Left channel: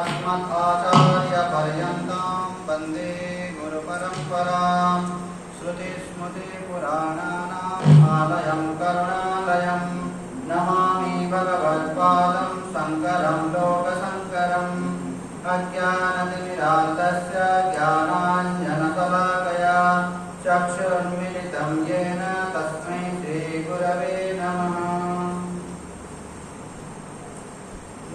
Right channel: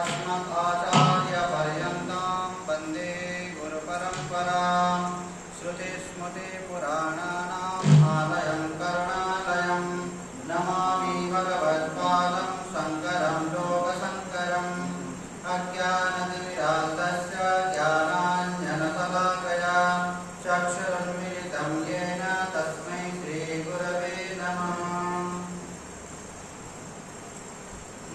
अस्मदाचार्यपर्यन्तां वन्दे गुरुपरम्परां श्रुतिस्मृतिपुराणानाम् आलयं करुणालयं नमामि भगवत्पादं शङ्करं लोकशङ्करम् अज्ञानतिमिरान्तस्य ज्ञानाञ्जनशलाकया चक्षुरुन्मिलितं येन तस्मै श्रीगुरवे नमः।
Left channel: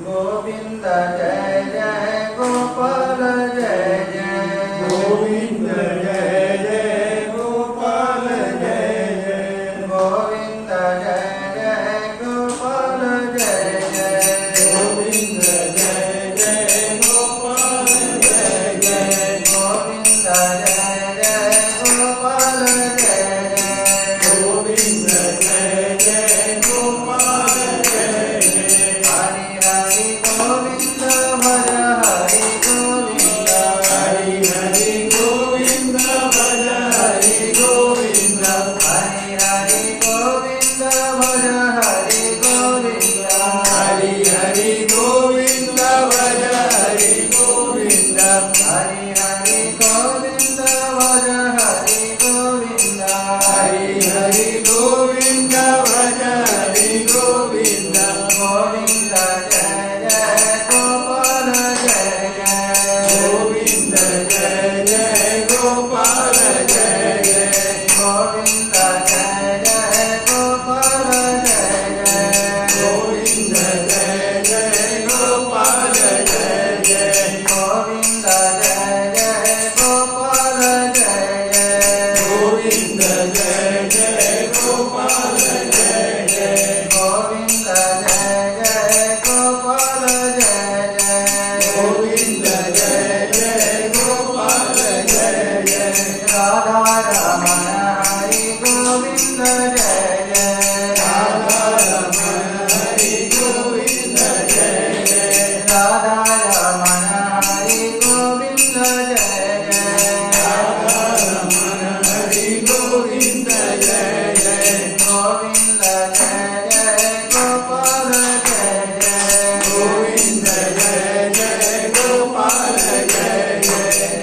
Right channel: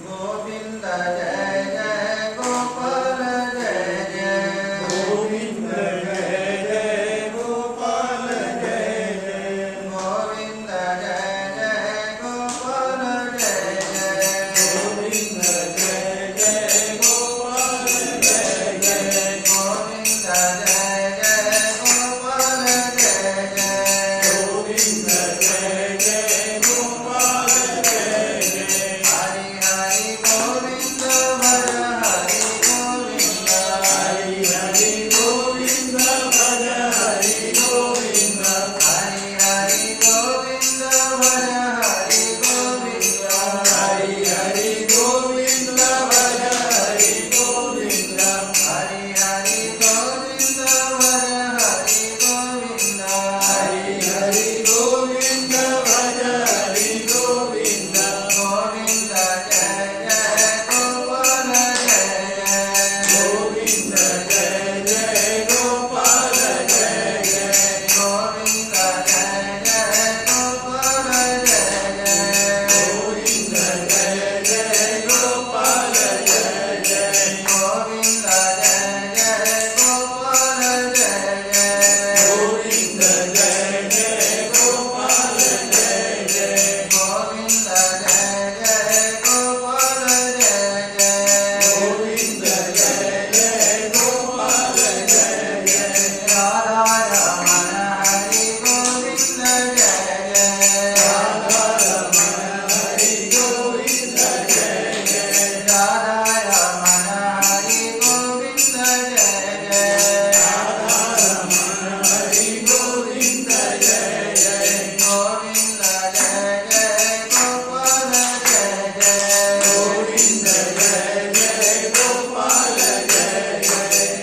गोविन्द जय जय गोपाल जय जय गोविंद जय जय गोपाल जय जय गोविन्द जय जय गोपाल जय जय गोविंद जय जय गोपाल जय जय गोविन्द जय जय गोपाल जय जय गोविंद जय जय गोपाल जय जय हरि हरि गोविन्द भज हरि गोविन्द हरि हरि गोविंद भज हरि गोविंद हरि हरि गोविन्द भज हरि गोविन्द हरि हरि गोविंद भज हरि गोविंद हरि हरि गोविन्द भज हरि गोविन्द हरि हरि गोविंद भज हरि गोविंद गोविन्द जय जय गोपाल जय जय गोविंद जय जय गोपाल जय जय गोविन्द जय जय गोपाल जय जय गोविंद जय जय गोपाल जय जय गोविन्द जय जय गोपाल जय जय गोविंद जय जय गोपाल जय जय गोविन्द जय जय गोपाल जय जय गोविंद जय जय गोपाल जय जय राधा रमण हरि गोविन्द जय जय राधा रमण हरि गोविंद जय जय राधा रमण हरि गोविन्द जय जय राधा रमण हरि गोविंद जय जय गोविन्द जय जय गोपाल जय जय गोविंद जय जय गोपाल जय जय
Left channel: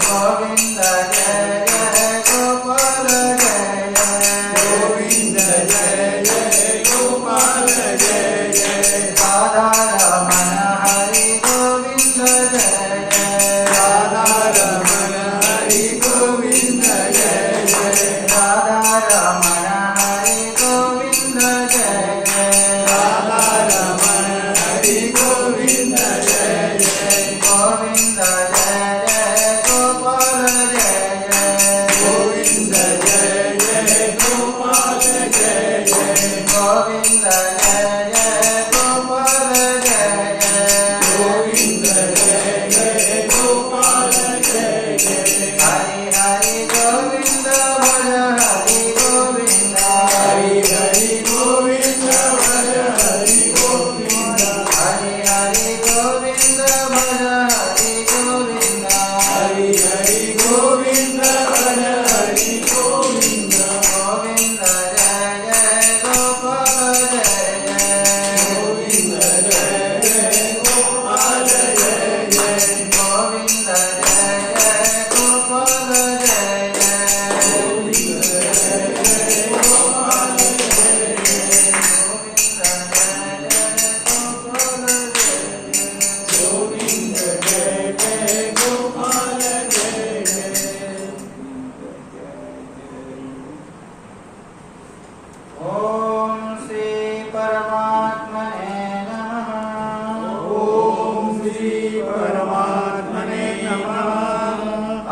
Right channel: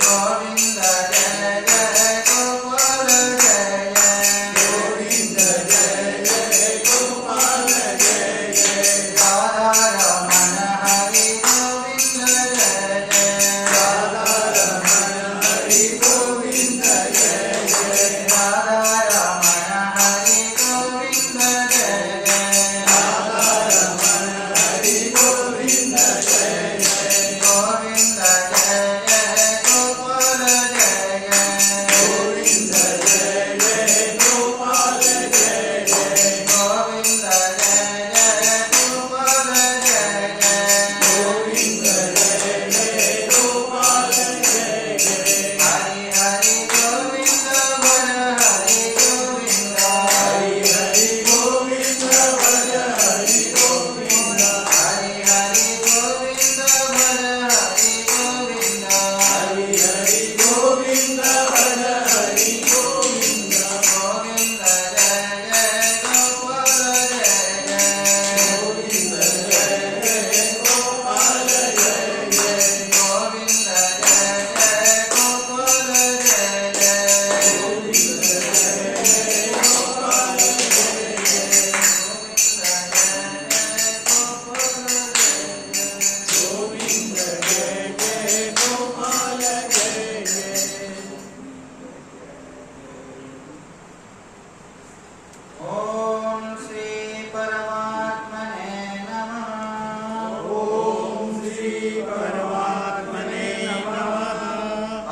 गोविन्द जय जय गोपाल जय जय गोविंद जय जय गोपाल जय जय राधा रमण हरि गोविन्द जय जय राधा रमण हरि गोविंद जय जय राधा रमण हरि गोविन्द जय जय राधा रमण हरि गोविंद जय जय गोविन्द जय जय गोपाल जय जय गोविंद जय जय गोपाल जय जय गोविन्द जय जय गोपाल जय जय गोविंद जय जय गोपाल जय जय हरि हरि गोविन्द भज हरि गोविन्द हरि हरि गोविंद भज हरि गोविंद हरि हरि गोविन्द भज हरि गोविन्द हरि हरि गोविंद भज हरि गोविंद गोविन्द जय जय गोपाल जय जय गोविंद जय जय गोपाल जय जय गोविन्द जय जय गोपाल जय जय गोविंद जय जय गोपाल जय गोविंद जय जय गोपाल जय जय ॐ श्री परमात्मने नमः ॐ श्री परमात्मने नमः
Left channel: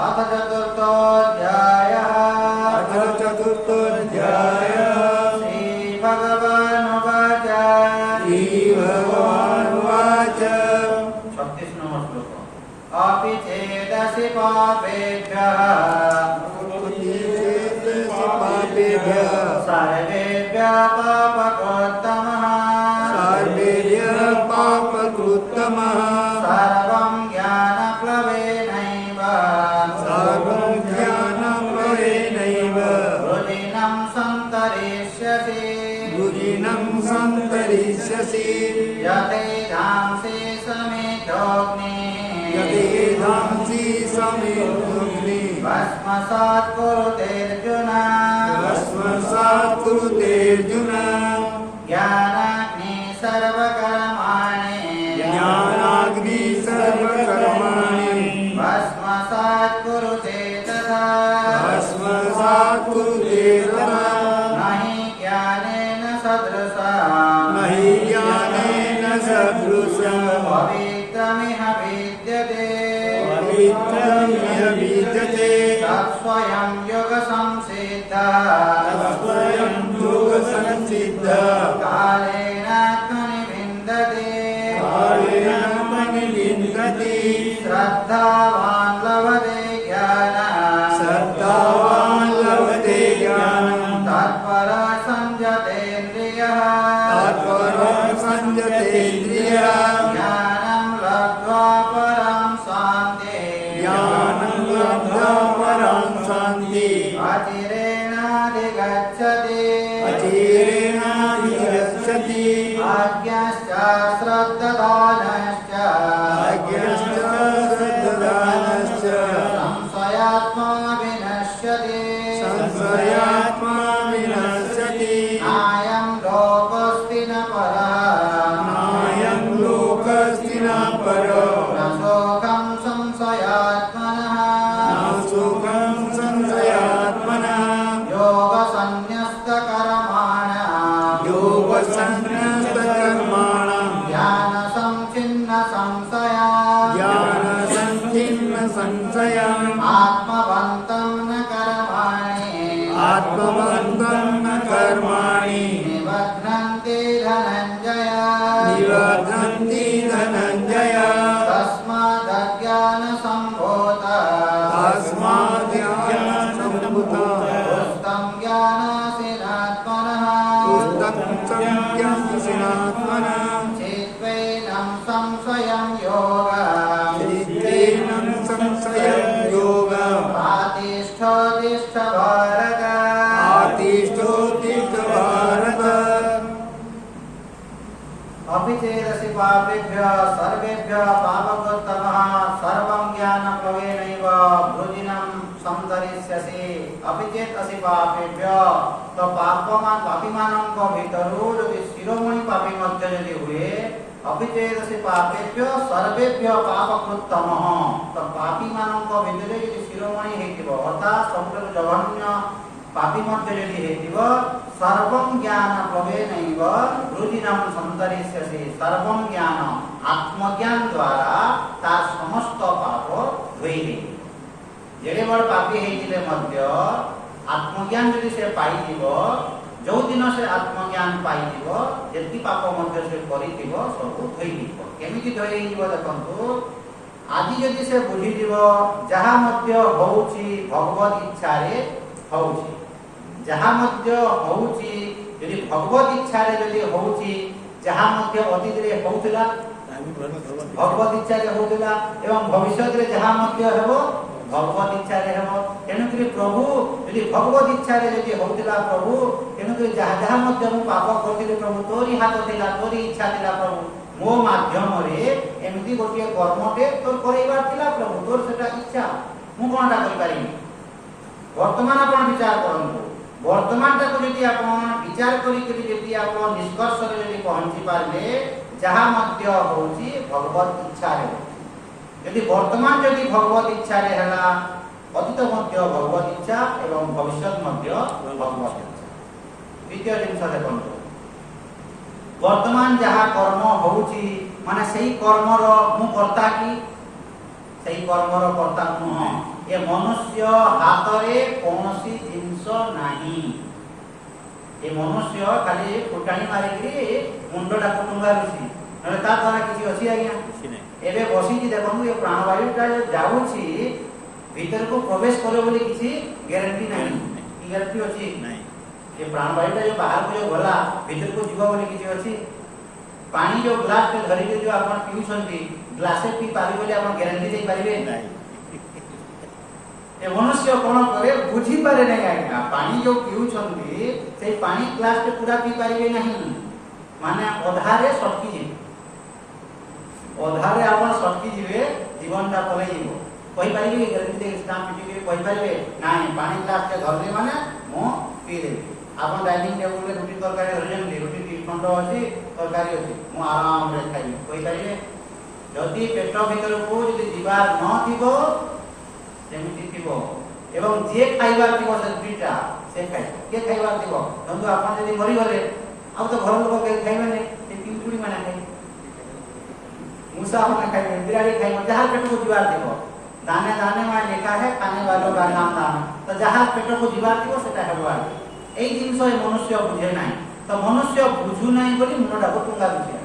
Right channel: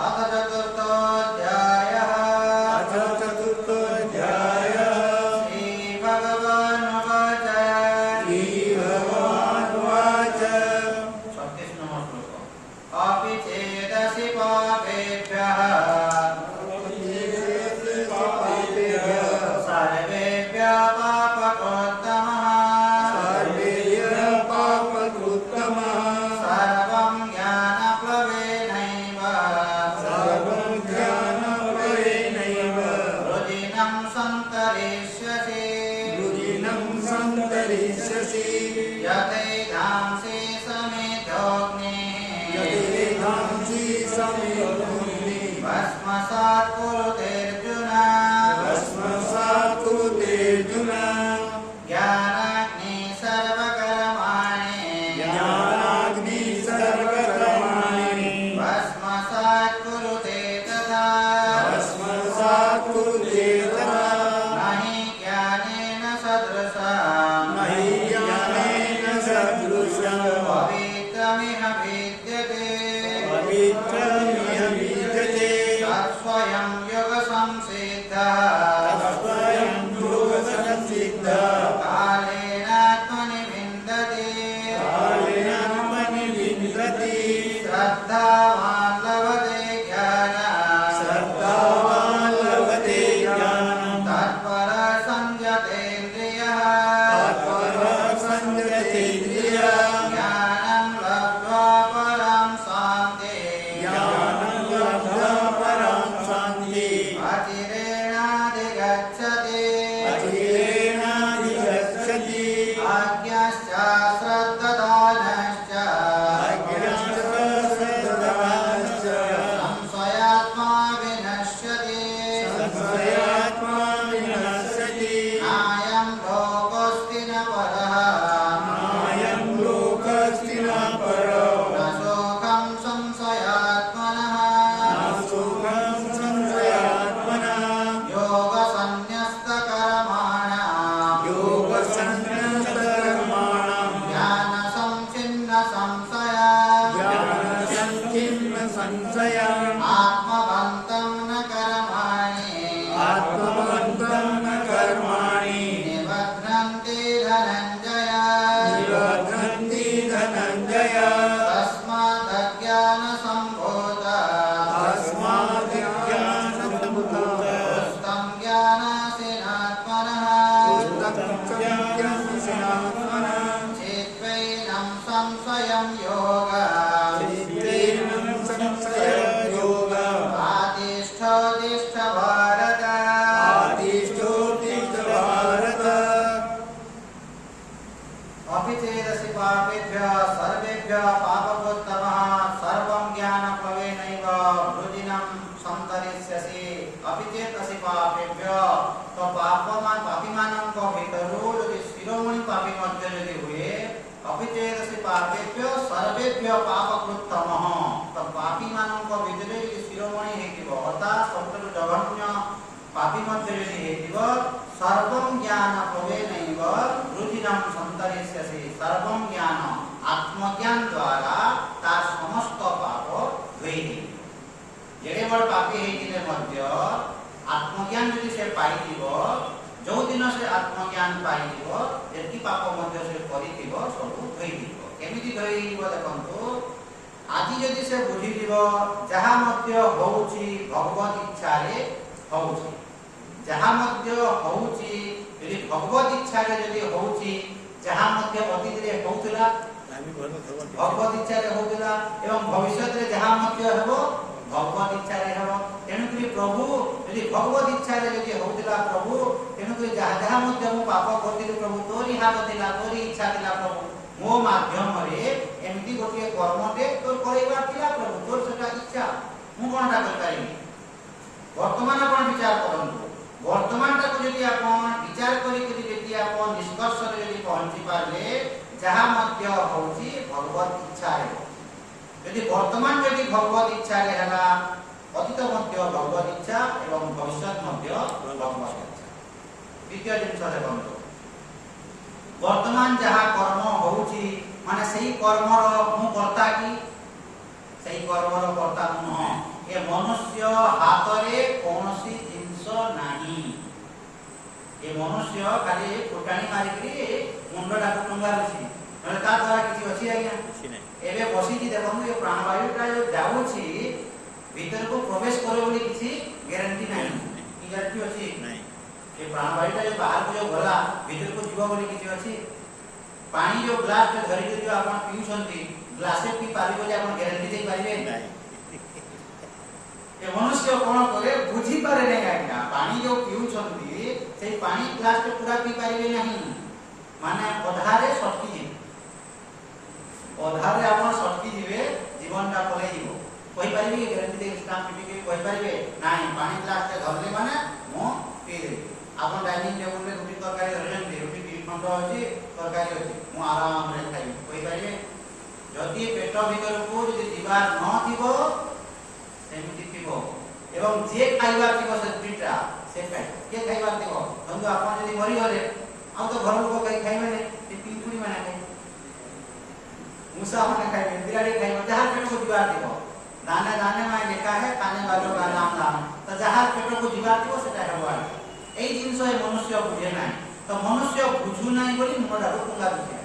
अथ चतुर्थोऽध्यायः अथ चतुर्थोऽध्यायः श्रीभगवानुवाच श्रीभगवानुवाच 36 श्लोक अपि चेदसि पापेभ्यः सर्वेभ्यः पापकृत्तमः सर्वेभ्यः पापकृत्तमः सर्वं ज्ञानप्लवेनैव सर्वं ज्ञानप्लवेनैव रुदिनं सन्तरिष्यसि रुदिनं सन्तरिष्यसि यथैधांसि समिधोऽग्निः यान्ति संविद्धि भस्मसात् कुरुतेऽर्जुन भस्मसात् कुरुते अर्जुन ज्ञानाग्नि सर्वकर्माणि ज्ञानाग्नि सर्वकर्माणि भस्मसात् कुरुते तथा भस्मसात् कुरुते तथा न हि ज्ञानेन सदृशम् नहि ज्ञानेन सदृशम् पवित्रमिह विद्यते पवित्रमिह विद्यते तत्स्वयं योगसंसिद्धः तत्स्वयं योगसंसिद्धः कालेनात्मनि विन्दते कालेनात्मनि विन्दति श्रद्धावान् लभते ज्ञानम् श्रद्धावान् लभते ज्ञानम् तत्परः संयतेन्द्रियः तत्परः संयतेन्द्रियः ज्ञानं लब्ध्वा परां शान्तिं ज्ञानं लब्ध्वा परां शान्तिम् अचिरेणाधिगच्छति अचिरेणाधिगच्छति आज्ञश्च श्रद्धानश्च अज्ञश्च संशयात्मा विनश्यति संशयात्मा विनश्यति नायं लोकोऽस्ति न परः नायं लोकस्ति न परो न शोकं संशयात्मनः न सुखं संशयात्मनः योगसन्न्यस्तकर्माणः योगसंन्यस्तकर्माणं ज्ञानसंच्छिन्न संशया ज्ञानसंच्छिन्न संशयम् आत्मवन्तं न कर्माणि आत्मवन्तं न कर्माणि निबध्नन्ति धनञ्जय निबध्नन्ति धनञ्जय तस्मादज्ञानसम्भूतः तस्मादज्ञानसम्भूतः पुस्तं ज्ञानासीनात्मनः पुस्तकं चित्वैनं संशयं योगः चित्तेन संशयं योगः आतिष्ठ तिष्ठ भारत आतिष्ठोत्तिष्ठ भारत अपि चेदसि पापेभ्यः सर्वेभ्यः पापकृत्तमः सर्वं ज्ञानप्लवेनैव भृजिनं सन्तरिष्यसि अपि चेत् असि पापेभ्यः तो पापीମାନଙ୍କ ଭିତରୁ ଯଦି ଶିରୋମଣି ପାପୀ ମଧ୍ୟ ଯଦି ହୁଏ अपि चेदसि पापेभ्यः सर्वेभ्यः पापकृत्तमः तो पापीମାନଙ୍କ ଭିତରେ ଯଦି ଶିରୋମଣି ହେଇଥିବ ଅର୍ଥାତ୍ ସବୁଠାରୁ ଜଘନ୍ୟ पापी मध्य यदि हेतिव सर्वं ज्ञान प्रवेनैव रुजिनं सन्तरिष्यसि सर्वं ज्ञान आत्मज्ञान द्वारा तार समस्त पाप धोई जेडे बड़ पापी हेतिले मध्य आत्मज्ञान यदि से पाइथिव जो दिन से आत्मज्ञान पाइथिव जेति पाप मध्य से करिथिव सब धोईथिव केमिति धोईथिव देखंतु आज यदि से बुझिथिव जहा मध्य होउची भगवत इच्छा रे होउची जहा मध्य होउची यदि भगवत इच्छा रे यदि होउची जहा मध्य अतीत रे होउतला भगवत इच्छा रे होउतला एवं भविष्य रे जहा मध्य हेबो भगवत इच्छा रे हेबो तेणुकरी प्रभु यदि भगवत इच्छा रे यदि होउतला प्रभु तेणुकरी जहा जहा मध्य मु पाप करथिले प्रभु तोरी हाथ थिला तोरी इच्छा थिला प्रभु मो माध्यम रे एमिति गोटिए कर्मटे तोर करैबार थिला प्रभु तोर सेटा इच्छा मु कोनटा करि पारिनी वर्तमान आपण विचार करंतु वर्तमान टाको यदि आपण विचार करी करी यदि आपण निष्कर्ष रे यदि पहुंची पारले जहा मध्य होची भगवत इच्छा रे यदि वर्तमान यदि भगवत इच्छा रे हला अतीत मध्य भगवत इच्छा एवं भविष्य मध्य भगवत इच्छा द्वितीय जिंस देखंतु वर्तमान जहा कर्म होची माने सही कर्म रो मु करता की सही कर्म रो करता नु ए मनुष्य हाथ रे कोनोसी जिंस नाही ए मनुष्य खाली फुटाणी मारी करी मुंडडा को टंगारुची नले ता द्वारा किछि अछि आज्ञा एबे बसी जी देखनु ए प्राणवायु का जो जाउची भीतर को प्रवेश करे बोली किछि ग्यारंटी नाही की ग्यारंटी अछि नाही ए प्राणवायु का जो बाहर को जो गला भीतर को जीवा बोली किछि अछि पानी जो ग्लास के धरि जो आपण पिउछंती ग्लासे पी पारि बोली आपण ग्यारंटी दे पारिबे नाही ए मनुष्य कोन करे बुझी पारे नै आज्ञा पानी जो पिउछंती से पानी ग्लास के पूरा पी पारिबे नाही माने अधारे सटकी जे अधारे आपण सटकी जिवे जीवनटा पलई जीवो कहि परिबे ग्यारंटी दे स्टाम्प पिटी के कहि परिबे नाही पानी ग्लास के धरले माने मो पी देबी आपन डाइनिंग टेबल रे रोटी तरकारी रजन रोटी दी खंड अछि तरकारी अछि मो आराम रे खाइबी कहि परिबे जदि पेट भीतर को जदि जीवार न थिबो सेमिति थिबो एवं जे खाइबार थिबो से दुटा से खाइ के खाइबार थिबो बंधु आपन जदि मरि गले अब तो घर लोग के खाइबे नै से तीन टुडी माने खाइ मूसा माने खाइबे बिराड़ी खाइबे जहां पेट को जीवार थिबो दाने दाने में लिखा है खाने वालों का नाम दान तो जहां पेट को जीवार थिबो सेटा हेबार এই জিনিস মনুষ্য বুঝে নাই তো মনুষ্য বুঝু নাই বলি মনটা টুঙ্গা বুঝে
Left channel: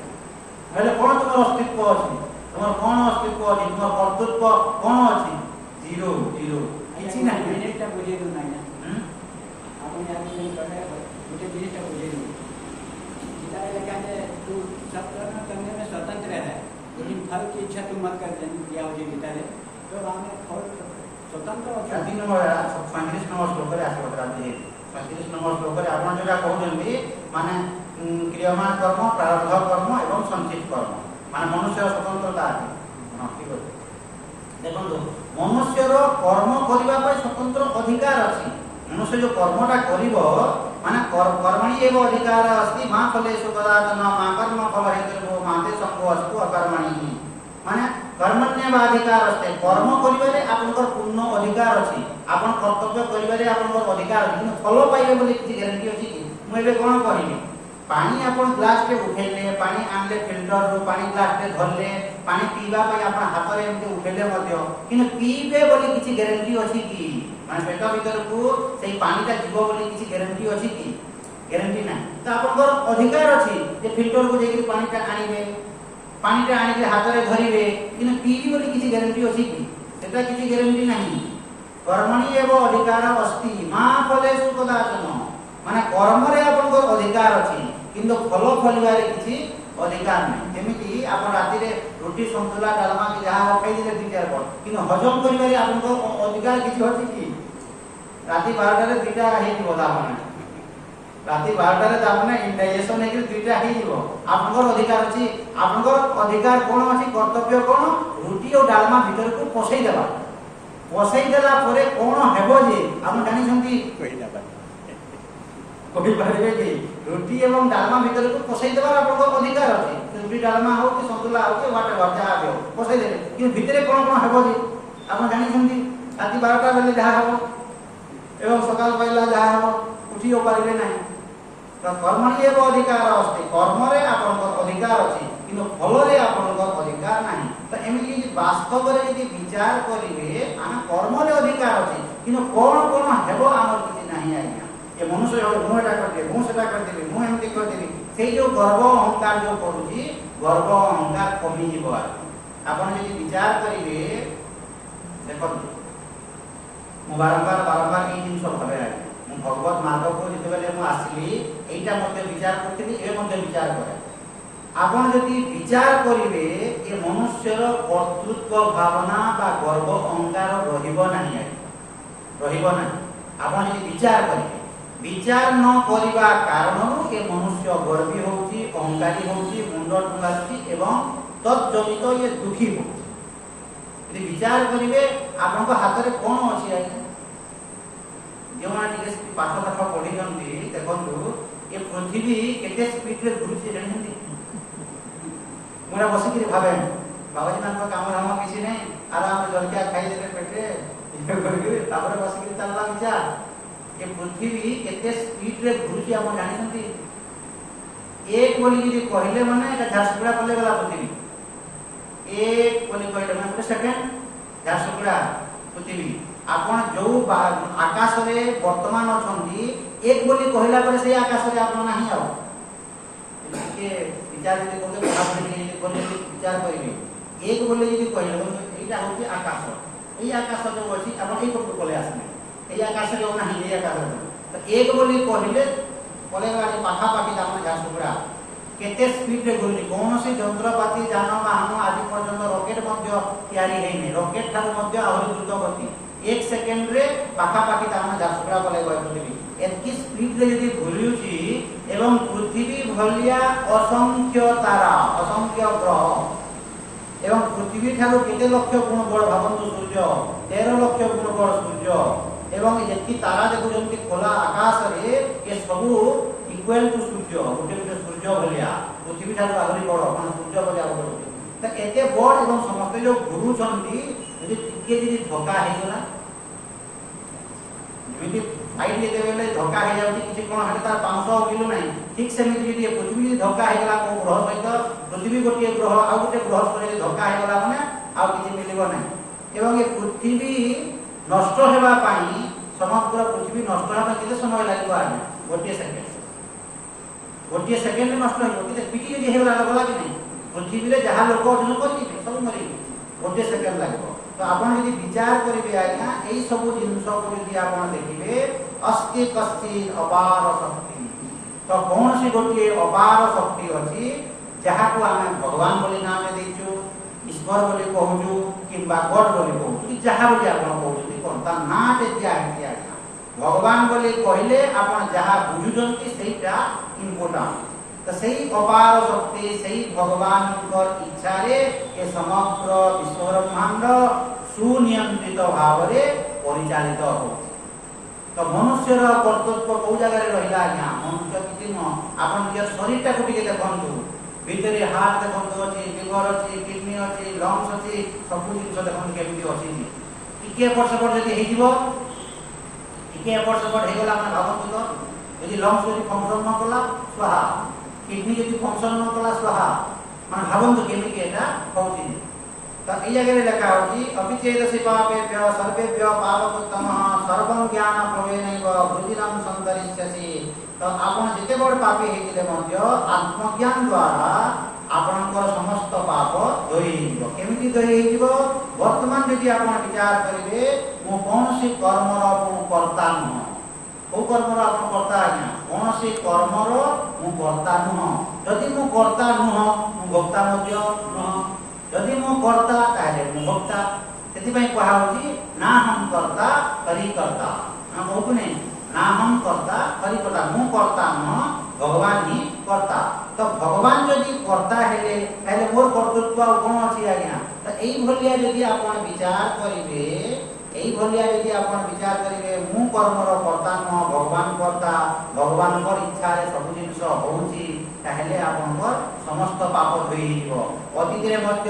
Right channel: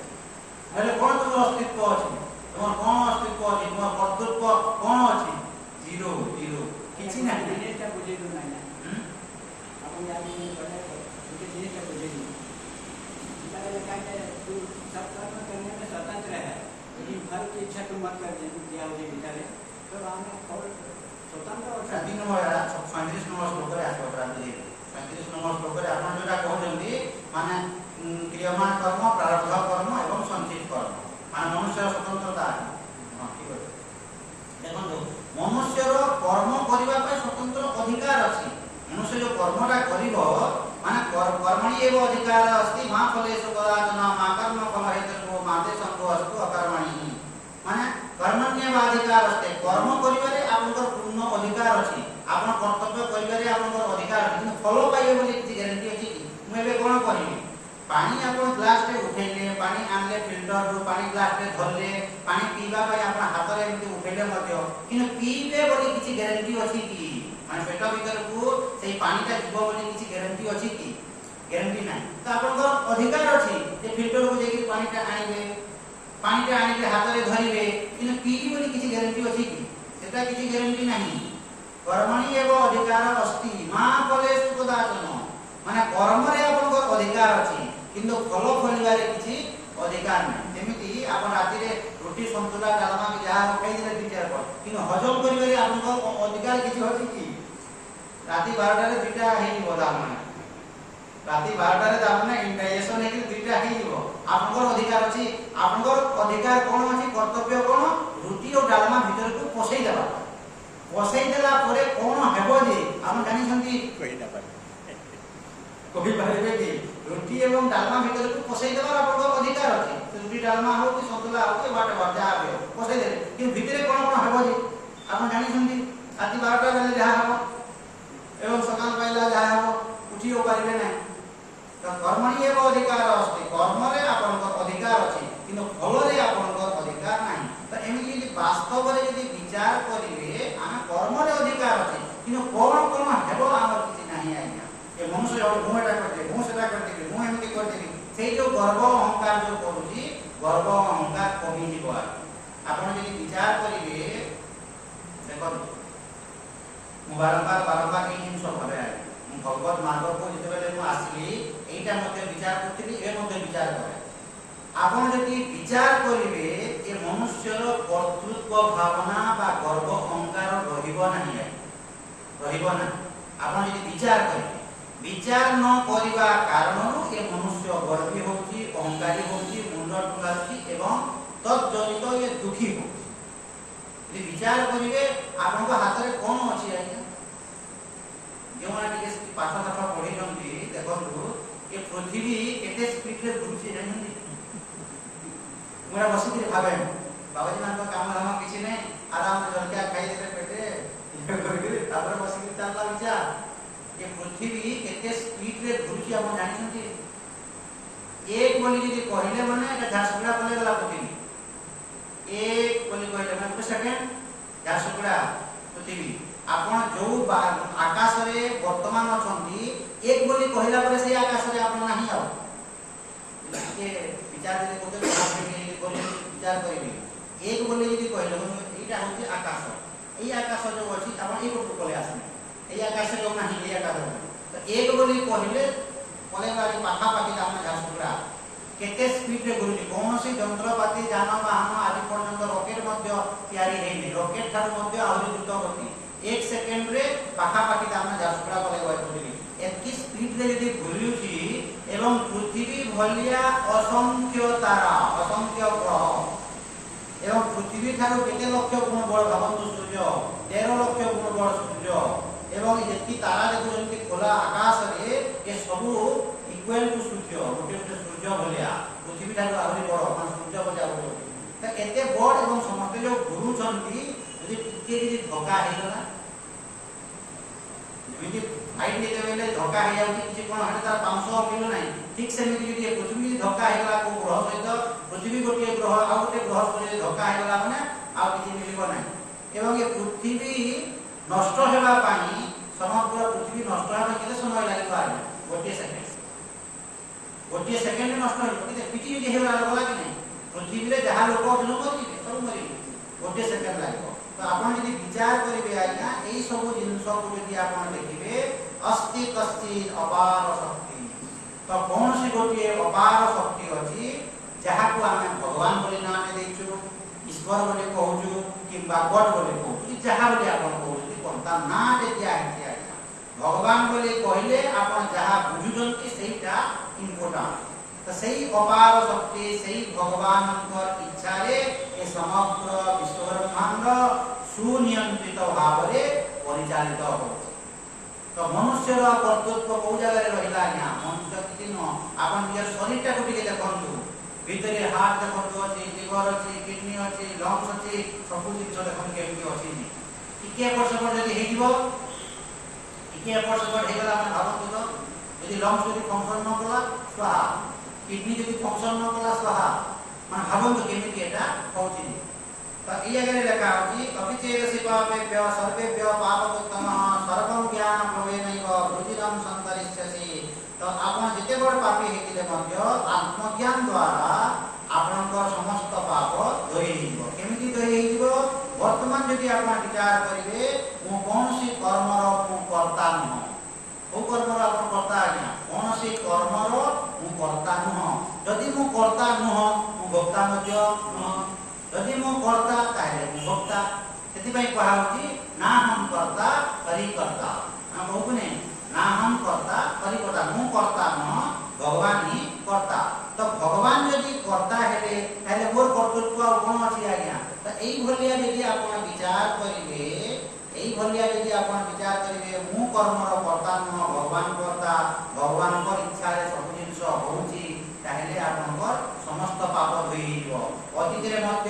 নহলে কোন তোমার অস্তিত্ব আছে তোমার কোন অস্তিত্ব আছে তোমার কর্তব্য কোন আছে জিরো জিরো কিছু নাই জিনিসটা বুঝে দিন না আপনি আপনি করে मुझे जिनिसটা বুঝে দিন इधर देखा है तू सब कर्म करने में स्वतंत्र है लेकिन फल की इच्छा तू मत कर दिया मुझे इधर है तो हमने फल स्वतंत्र और 3 নম্বর 35 নম্বর শ্লোকে আছে রাজি 35 নম্বর শ্লোকে আপন যেটা কହୁଛନ୍ତି মানে ক্রিয়ামান কর্ম প্রারব্ধ কর্ম এবং সঞ্চিত কর্ম মানে মনুষ্যর স্বতন্ত্রতা আছে হ্যাঁ ঠিক আছে দেখুন মনুষ্যর কর্ম করিবা পাই স্বতন্ত্র অধিকার আছে মনুষ্য যে কর্মটা করিব মানে কর্মণি এব অধিকার अस्ति মা ফলেষু কদাচন মা কর্ম ফল হেতু মাতে সঙ্গ অস্তু অকর্মণি মানে কর্মণ্যবাধিকার আছে কর্ম করিবারে আপনার পূর্ণ অধিকার আছে আপন কর্তব্য করিবারে আপনার অধিকার আছে কিন্তু ফল পাইবে বলি কিছু গ্যারান্টি আছে কি মু এবে কোন করিবি পানি আপন গ্লাস তে উঠাইলে পানি আনলে ফিল্টার রু পানি গ্লাস তে ধরলে পানি পিবা পাই আপন হাতরে এমতি উঠাইলে মধ্য কিন্তু পিবে বলি কিছু গ্যারান্টি আছে কি মানে পেট ভিতর কো সেই পানিটা দিব বলি কিছু গ্যারান্টি আছে কি গ্যারান্টি নাই তো আপনার অধিকার আছে যে ফিল্টার কো যাই পানিটা আনিবে পানিটা আনিকে হাতরে ধরিবে কিন্তু পিবি বলি কিছু গ্যারান্টি আছে কি সেটা কিছু গ্যারান্টি নাই কর্মণি এব অধিকার अस्ति মা ফলেষু কদাচন মানে কর্মরে আপনার অধিকার আছে কিন্তু ফল ফলিবারে কিছু অধিকার নাই যেমিতি আপন রাতিরে রুটি সন্তুলা ডালমা কি যাহা খাই দিলে দুই চার পর কিন্তু হজম করিবারে আপনার অধিকার কিছু আছে কি রাতি 12 রে দুইটা হেই দিব দামনে রাতি 12 রে দামনে ইনডাইজেশন হেকি দুইটা হেই দিব আপনার অধিকার আছে আপনার অধিকার কোন আছে কর্তব্য কোন রুটি ও ডালমা ভিতরକୁ পছাই দেবা পছাই দেলা পরে কোন হেবো যে আপনি জানিছন্তি কই না পারে কবি পারিবে কি রুটি এবং ডালমা ভিতরକୁ পছাই দেবার আপনার অধিকার আছে রুটি ডালমা হোক কি সন্তুলা হোক কি ওয়াটা ওয়াটা যাহা বিও পছাই দেলে কিন্তু ভিতরে কোন কোন হেবো যে আপনি জানিছন্তি রাতি 12টা বেলে যাহা হবে এবং সকাল পাইলা যাহা হবে উঠিও পারিবে নাই তো কর্মণি এব অধিকার अस्ति কর্মরে আপনার অধিকার আছে কিন্তু ফলরে আপনার অধিকার নাই তো এমিতি যদি বাস্তবরে যদি বিচার করিবে আমি কর্মরে অধিকার আছে কিন্তু কোন কোন হেব আমার কিছু নাই আজ্ঞা যে মনুষ্য হলে মু এটা করতে মু সেটা করতে মু এমিতি করতে সেই যে গর্ব অহংকার যে করুছি গর্ব অহংকার কমি যাব আপন যদি বিচার করিবে দেখুন মু বারবার এই জিনিস ভাবে মু ভগবত মাধবকে যেতবেলে মু আসলি এইটা মধ্যে বিচার করতেলি এর মধ্যে বিচার করে আপন যদি বিচার করিবে যে মনুষ্যর কর্তৃত্ব ভাবনা বা গর্ব অহংকার রহিব নাই রহিব না আপন যদি বিচার করিবে বিচার ন করিবা কারণରୁ এ মনুষ্য গর্বী হউছি অহংকারী হউছি মুন্ড টুঙ্গাছি এবং তৎজনিত এ দুঃখী হউছি যদি বিচার করিবে আপনার হাতরে কোন আছে আজ্ঞা যেমন টিকে পাঠ পাঠ পড়িছন্তি দেখন্তু এ পৃথিবী কেতে স্পিড রে ঘুরছে জানেন মোরা বসিকি ভাবে বাবাজি ମାନଙ୍କ কাম ধাম কিছু নাই আরাম রে জলকিয়া খাই দেবে পেটে তারপরে বসিকি চাললা বিচার এ পৃথিবী কেতে স্পিড রে ঘুরছে আমরা জানিছন্তি এক বলি যদি কহিলে মানে এটা ঝাড়সুগুড়া বলে গলা পৃথিবী এক বলি কহিলে মানে একটা সেকেন্ড ঝাড়সুগুড়া পৃথিবী আপন जो आकाश रे वर्तमान अछंती एक बोली कहिला परे से आकाश रे आपन नाही आव के विचार जे कोते बोली विचार करिवे एक बोली यदि कहिला एटा होती आकाश एई आकाश जो अछि आपन एई कोट कोले आसने एई आकाश जो नाही एई आकाश तो एक बोली कहिले कोले वाले पाखा पाखी दाम झासुगुड़ा केते स्पीड रे घुरुची कोनोसी यंत्रपाती जानवाहन आदि पर्यंत रॉकेट मध्य तयारी हेने रॉकेट थार मध्य आहुरी द्रुत गति एक सेकंड रे पाखा पाखी दाम झासुगुड़ा कोले पृथ्वी एतकी स्पीड रे यदि घुरुची एवं पृथ्वी भलिया असंख्य तारा असंख्य ग्रह এবং পৃথিবী ঠাରୁ কেতে লক্ষ গুণ বড় ভাবন্তু সূর্য 13 লক্ষ গুণ বড় সূর্য এবং যেতি তারা দেখুଛନ୍ତି খোলা আকাশରେ ଏ ସବୁ ଇକ୍ୱାଲ ଟୁ ସୂର୍ଯ୍ୟ ଗୋଟେ ଗୋଟେ ସୂର୍ଯ୍ୟ ଭଳିଆ ପୃଥିବୀ ଠାରୁ ଆହୁରି ବଡ଼ ମାନେ ସୂର୍ଯ୍ୟ ଭଳିଆ ବଡ଼ ତ ଏତେ ବଡ଼ ଏବଂ ସମସ୍ତେ ଯୋଉ ଘୁରୁଛନ୍ତି ଯଦି ଟିକେ ଯଦି ଧକ୍କା ହେଇଗଲା ଯେମିତି ଲାଇଟ୍ ଯେତେବେଳେ ଧକ୍କା ହେଇଯାଉଛି କିଛି କ'ଣ ହେଲେ ତାର ପାଉଁଶ ମିଳୁ ନାହିଁ ଠିକ ସେମିତି ଯଦି ପୃଥିବୀ ଯଦି ଧକ୍କା ହେଇଗଲା କୋଉ ଗ୍ରହ ସହିତ ପୃଥିବୀ ଗୋଟିଏ ଗ୍ରହ ଆଉ ଗୋଟେ ଗ୍ରହ ସହିତ ଧକ୍କା ହେଇଗଲା ମାନେ ଆଉ କିଛି ମିଳିବ ନାହିଁ ଏବଂ ଏ ପୃଥିବୀ ନଷ୍ଟ ହେବା ପାଇଁ ସମଗ୍ର ପୃଥିବୀ ନଷ୍ଟ ହେବା କେତେ ସମୟ ଲାଗିବ ଆଜ୍ଞା ଗୋଟିଏ ସେକେଣ୍ଡ ନଷ୍ଟ ହେବ କେତେ ପିଟି ଯଦି ହେଇଗଲା ଗଲା କି ନାହିଁ ପୃଥିବୀରେ ଯାହା ଲୋକ ଅଛନ୍ତି ମରିଯିବେ ସବୁ ମରିଯିବେ ଗୋଟିଏ ସେକେଣ୍ଡ ଲାଗିବ ତ ଆପଣ ଯଦି ବିଚାର କରିବେ ଆଜ୍ଞା ଏଇ ସବୁ ଜିନିଷକୁ ଯଦି ଆପଣ ଦେଖିବେ ଅସ୍ତି କସ୍ତି ଅପାର ଶକ୍ତି ତ କୌଣସି ଗୋଟିଏ ଅପାର ଶକ୍ତି ଅଛି ଯାହାକୁ ଆମେ ଭଗବାନ ବୋଲି ନାମ ଦେଇଛୁ ଈଶ୍ୱର ବୋଲି କହୁଛୁ କିମ୍ବା ଗଡ ବୋଲି କହୁଛୁ କି ଯାହା ବୋଲି ଆପଣ କହୁଛନ୍ତି କ'ଣ ତା ନାଁଟେ ଦିଆହେଇଛି ଆଜ୍ଞା ଭଗବାନ ବୋଲି କହିଲେ ଆପଣ ଯାହା ବୁଝୁଛନ୍ତି ସେଇଟା ଇମ୍ପୋର୍ଟାଣ୍ଟ ତ ସେଇ ଅପାର ଶକ୍ତି ସେଇ ଭଗବାନଙ୍କର ଇଚ୍ଛାରେ ଏ ସମଗ୍ର ବିଶ୍ୱ ବ୍ରହ୍ମାଣ୍ଡ ସୁନିୟନ୍ତ୍ରିତ ଭାବରେ ପରିଚାଳିତ ହେଉଛି ତ ମନୁଷ୍ୟର କର୍ତ୍ତବ୍ୟ କୋଉ ଜାଗାରେ ରହିଲା ଆଜ୍ଞା ମନୁଷ୍ୟ କିଛି ନୁହଁ ଆପଣ ନିଜର ଶରୀରଟାକୁ ଟିକେ ଦେଖନ୍ତୁ ଭିତରେ ହାର୍ଟ ଦେଖନ୍ତୁ ଅଛି ଲିଭର ଅଛି କିଡନୀ ଅଛି ଲଙ୍ଗସ ଅଛି ସବୁ ଜିନିଷ ଦେଖନ୍ତୁ କେମିତି ଅଛି ଟିକେ ଏପଟ ସେପଟ ଯଦି ହେଇଯିବ ଟିକେ ଏପଟ ସେପଟ ହେଇଗଲା ମାନେ ଭାବନ୍ତୁ ତ ଯଦି ଲଙ୍ଗସ ଯଦି ଫଙ୍କସନ ନ କଲା ସ୍ୱାହା କିଡନୀ ଯଦି ଫଙ୍କସନ ନ କଲା ସ୍ୱାହା ମାନେ ଭାବନ୍ତୁ କେମିତି ଏଟା ହଉଛି ତ এই জায়গায় লেখা হচ্ছে অবিচেদসি পাপেভ্য সর্বেভ্য পাপকোত্তমঃ সর্বং জ্ঞান প্রবেনৈব বৃদ্ধিরং সন্তরিষ্যসি তো আপন যেতে বড় পাপী হইতিলে মধ্য আত্মজ্ঞান দ্বারা আপনার সমস্ত পাপ ধୋଇ ହେଇଯିବ କେମିତି ଧୋଇ ହେଇଯିବ ବର୍ତ୍ତମାନ ଯଦି ଆପଣ ବିଚାର କରିବେ ମୁଁ କୌଣସି କର୍ମର ମୁଁ କର୍ତ୍ତା ନୁହଁ କୋଉ କର୍ମର ଆପଣ କର୍ତ୍ତା ଆଜ୍ଞା କୌଣସି କର୍ମର ମୁଁ କର୍ତ୍ତା ନୁହଁ ଯଦି ମୁଁ କର୍ତ୍ତା ନୁହଁ ମୁଁ ଭୋକ୍ତା ମଧ୍ୟ ନୁହଁ ଯଦି ମୁଁ କର୍ତ୍ତା ତାହେଲେ ମୁଁ ଭୋକ୍ତା ସେଥିପାଇଁ କୁହା ହଉଛି ନା ହମ୍ କର୍ତ୍ତା ହରି କର୍ତ୍ତା ଆମେ କହୁଛୁ ନାହିଁ ନା ହମ୍ କର୍ତ୍ତା ହରି କର୍ତ୍ତା ମୁଁ କର୍ତ୍ତା ନୁହଁ ଭଗବାନ ହିଁ କର୍ତ୍ତା ତ ଭଗବାନ ଯଦି କର୍ତ୍ତା ହେଲେ ତାହେଲେ ମୋର କର୍ତ୍ତୃତ୍ୱ ଆଉ କ'ଣ ଅଛି ଆଜ୍ଞା ତ ଏଇଭଳିଆ ଯଦି ଆପଣ ବିଚାର କରିବେ এইভাবে যদি আপন বিচার করিবে মু কর্মর কর্তা নহ ভগবান কর্তা ভগবানଙ୍କର ইচ্ছারে ସବୁ ଜିନିଷ ହଉଛି ତାହେଲେ ଆପଣଙ୍କର ସମସ୍ତ ପାପ ଧୋଇ ହେଇଯିବ ଅତୀତରେ ମଧ୍ୟ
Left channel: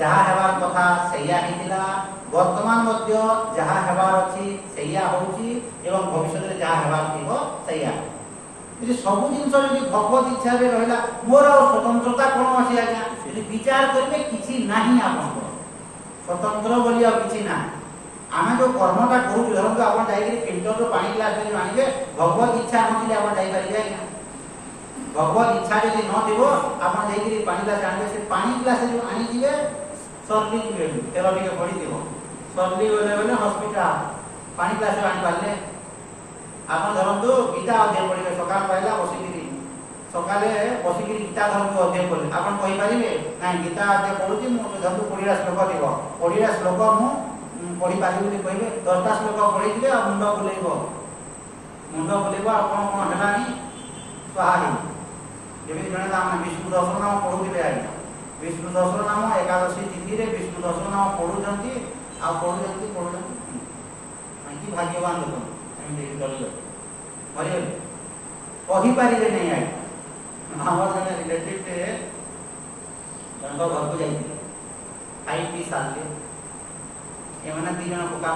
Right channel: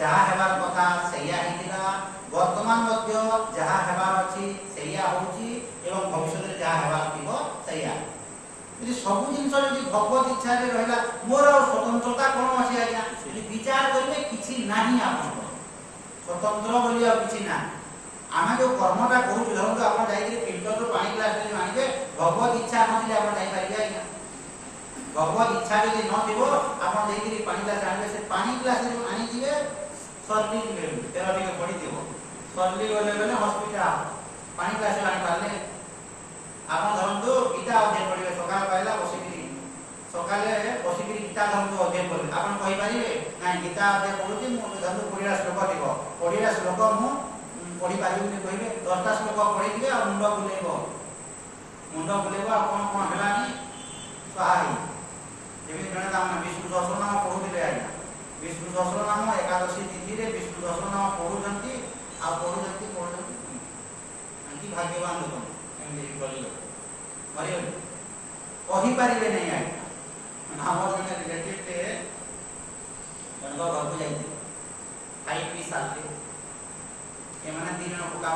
ଯାହା ହେବାର କଥା ସେଇଆ ହେଇଥିଲା ବର୍ତ୍ତମାନ ମଧ୍ୟ ଯାହା ହେବାର ଅଛି ସେଇଆ ହଉଛି ଏବଂ ଭବିଷ୍ୟତରେ ଯାହା ହେବାର ଥିବ ସେଇଆ ଯଦି ସବୁ ଜିନିଷ ଯଦି ଭଗବତ ଇଚ୍ଛାରେ ରହିଲା ମୋର ଆଉ ସ୍ୱତନ୍ତ୍ରତା କ'ଣ ଅଛି ଆଜ୍ଞା ଯଦି ବିଚାର କରିବେ କିଛି ନାହିଁ ଆପଣଙ୍କର ସ୍ୱତନ୍ତ୍ର ବୋଲି ଆଉ କିଛି ନାହିଁ ଆମେ ଯୋଉ କର୍ମଟା କରୁଛୁ ଧରନ୍ତୁ ଆପଣ ଯାଇକି ଫିଲ୍ଟରରୁ ପାଣି ଗ୍ଲାସ ଧରି ଆଣିବେ ଭଗବତ ଇଚ୍ଛା ନଥିଲେ ଆପଣ ଯାଇପାରିବେ ଆଜ୍ଞା ଭଗବତ ଇଚ୍ଛା ଯଦି ନଥିବ ଆପଣ ଯାଇକି ପାଣି ଗ୍ଲାସ ଆଣିବେ ସେ ପାଣି ଗ୍ଲାସ ଯୋଉ ଆଣିଯିବେ ସର୍ଲି ଯିବେ ତେଲ ଟିକେ ପଡ଼ିଥିବ ସର୍ଲି ଗଲେ ଗଲେ ହସ୍ପିଟାଲ ପାଣି ଗ୍ଲାସ ଆଣିପାରିଲେ ଆପଣ ଧରନ୍ତୁ ଗୀତା ଅଧ୍ୟୟନ କରିବେ ସକାଳ ପାଇଲା ବସିକିରି ସକାଳେ ବସିକିରି ଗୀତା ଧରନ୍ତୁ ଅଧ୍ୟୟନ କରିବେ ଆପଣ କହିପାରିବେ ନାଇଁ ଗୀତା ଅଧ୍ୟୟନ କରୁଛି ମୁଁ ଧରନ୍ତୁ 20ଟା ଶ୍ଲୋକ ଥିବ 20ଟା ଶ୍ଲୋକ ମୁଁ ପଢି ପାରିବି ବୋଲି କହିବେ 10ଟା ଶ୍ଲୋକ ପଢିଥିବେ ଆଉ ମୁଣ୍ଡ ବୁଲେଇବ ଆଉ କ'ଣ କ'ଣ ହେଲାନି ସ୍ୱାହା ହେଇ ଯେମିତି ଜଣେ ଆମେ ବିଷ୍ଣୁ ସହସ୍ରନାମ ପଢୁଥିଲେ ଆଜ୍ଞା ବିଷ୍ଣୁ ସହସ୍ରନାମ ଏକାଦଶୀ ତିଥିରେ ବିଷ୍ଣୁ ସହସ୍ରନାମ ପଢୁଛନ୍ତି ଆଉ ପଢୁଛନ୍ତି କି ଭାଗ୍ୟବାନ ଲୋକ ଏମିତି ଚଳିଗଲେ ମରିଗଲେ କହିପାରିବେ ନାହିଁ ଆଜ୍ଞା ଆମର ଜଣେ ରିଲେଟିଭରେ ଜଣଙ୍କ ଘରକୁ ଯାଇଥିଲେ ଖାଇ ପିଇ ସାରିଲେ ଏମାନେ ଦି ଜଣ କକା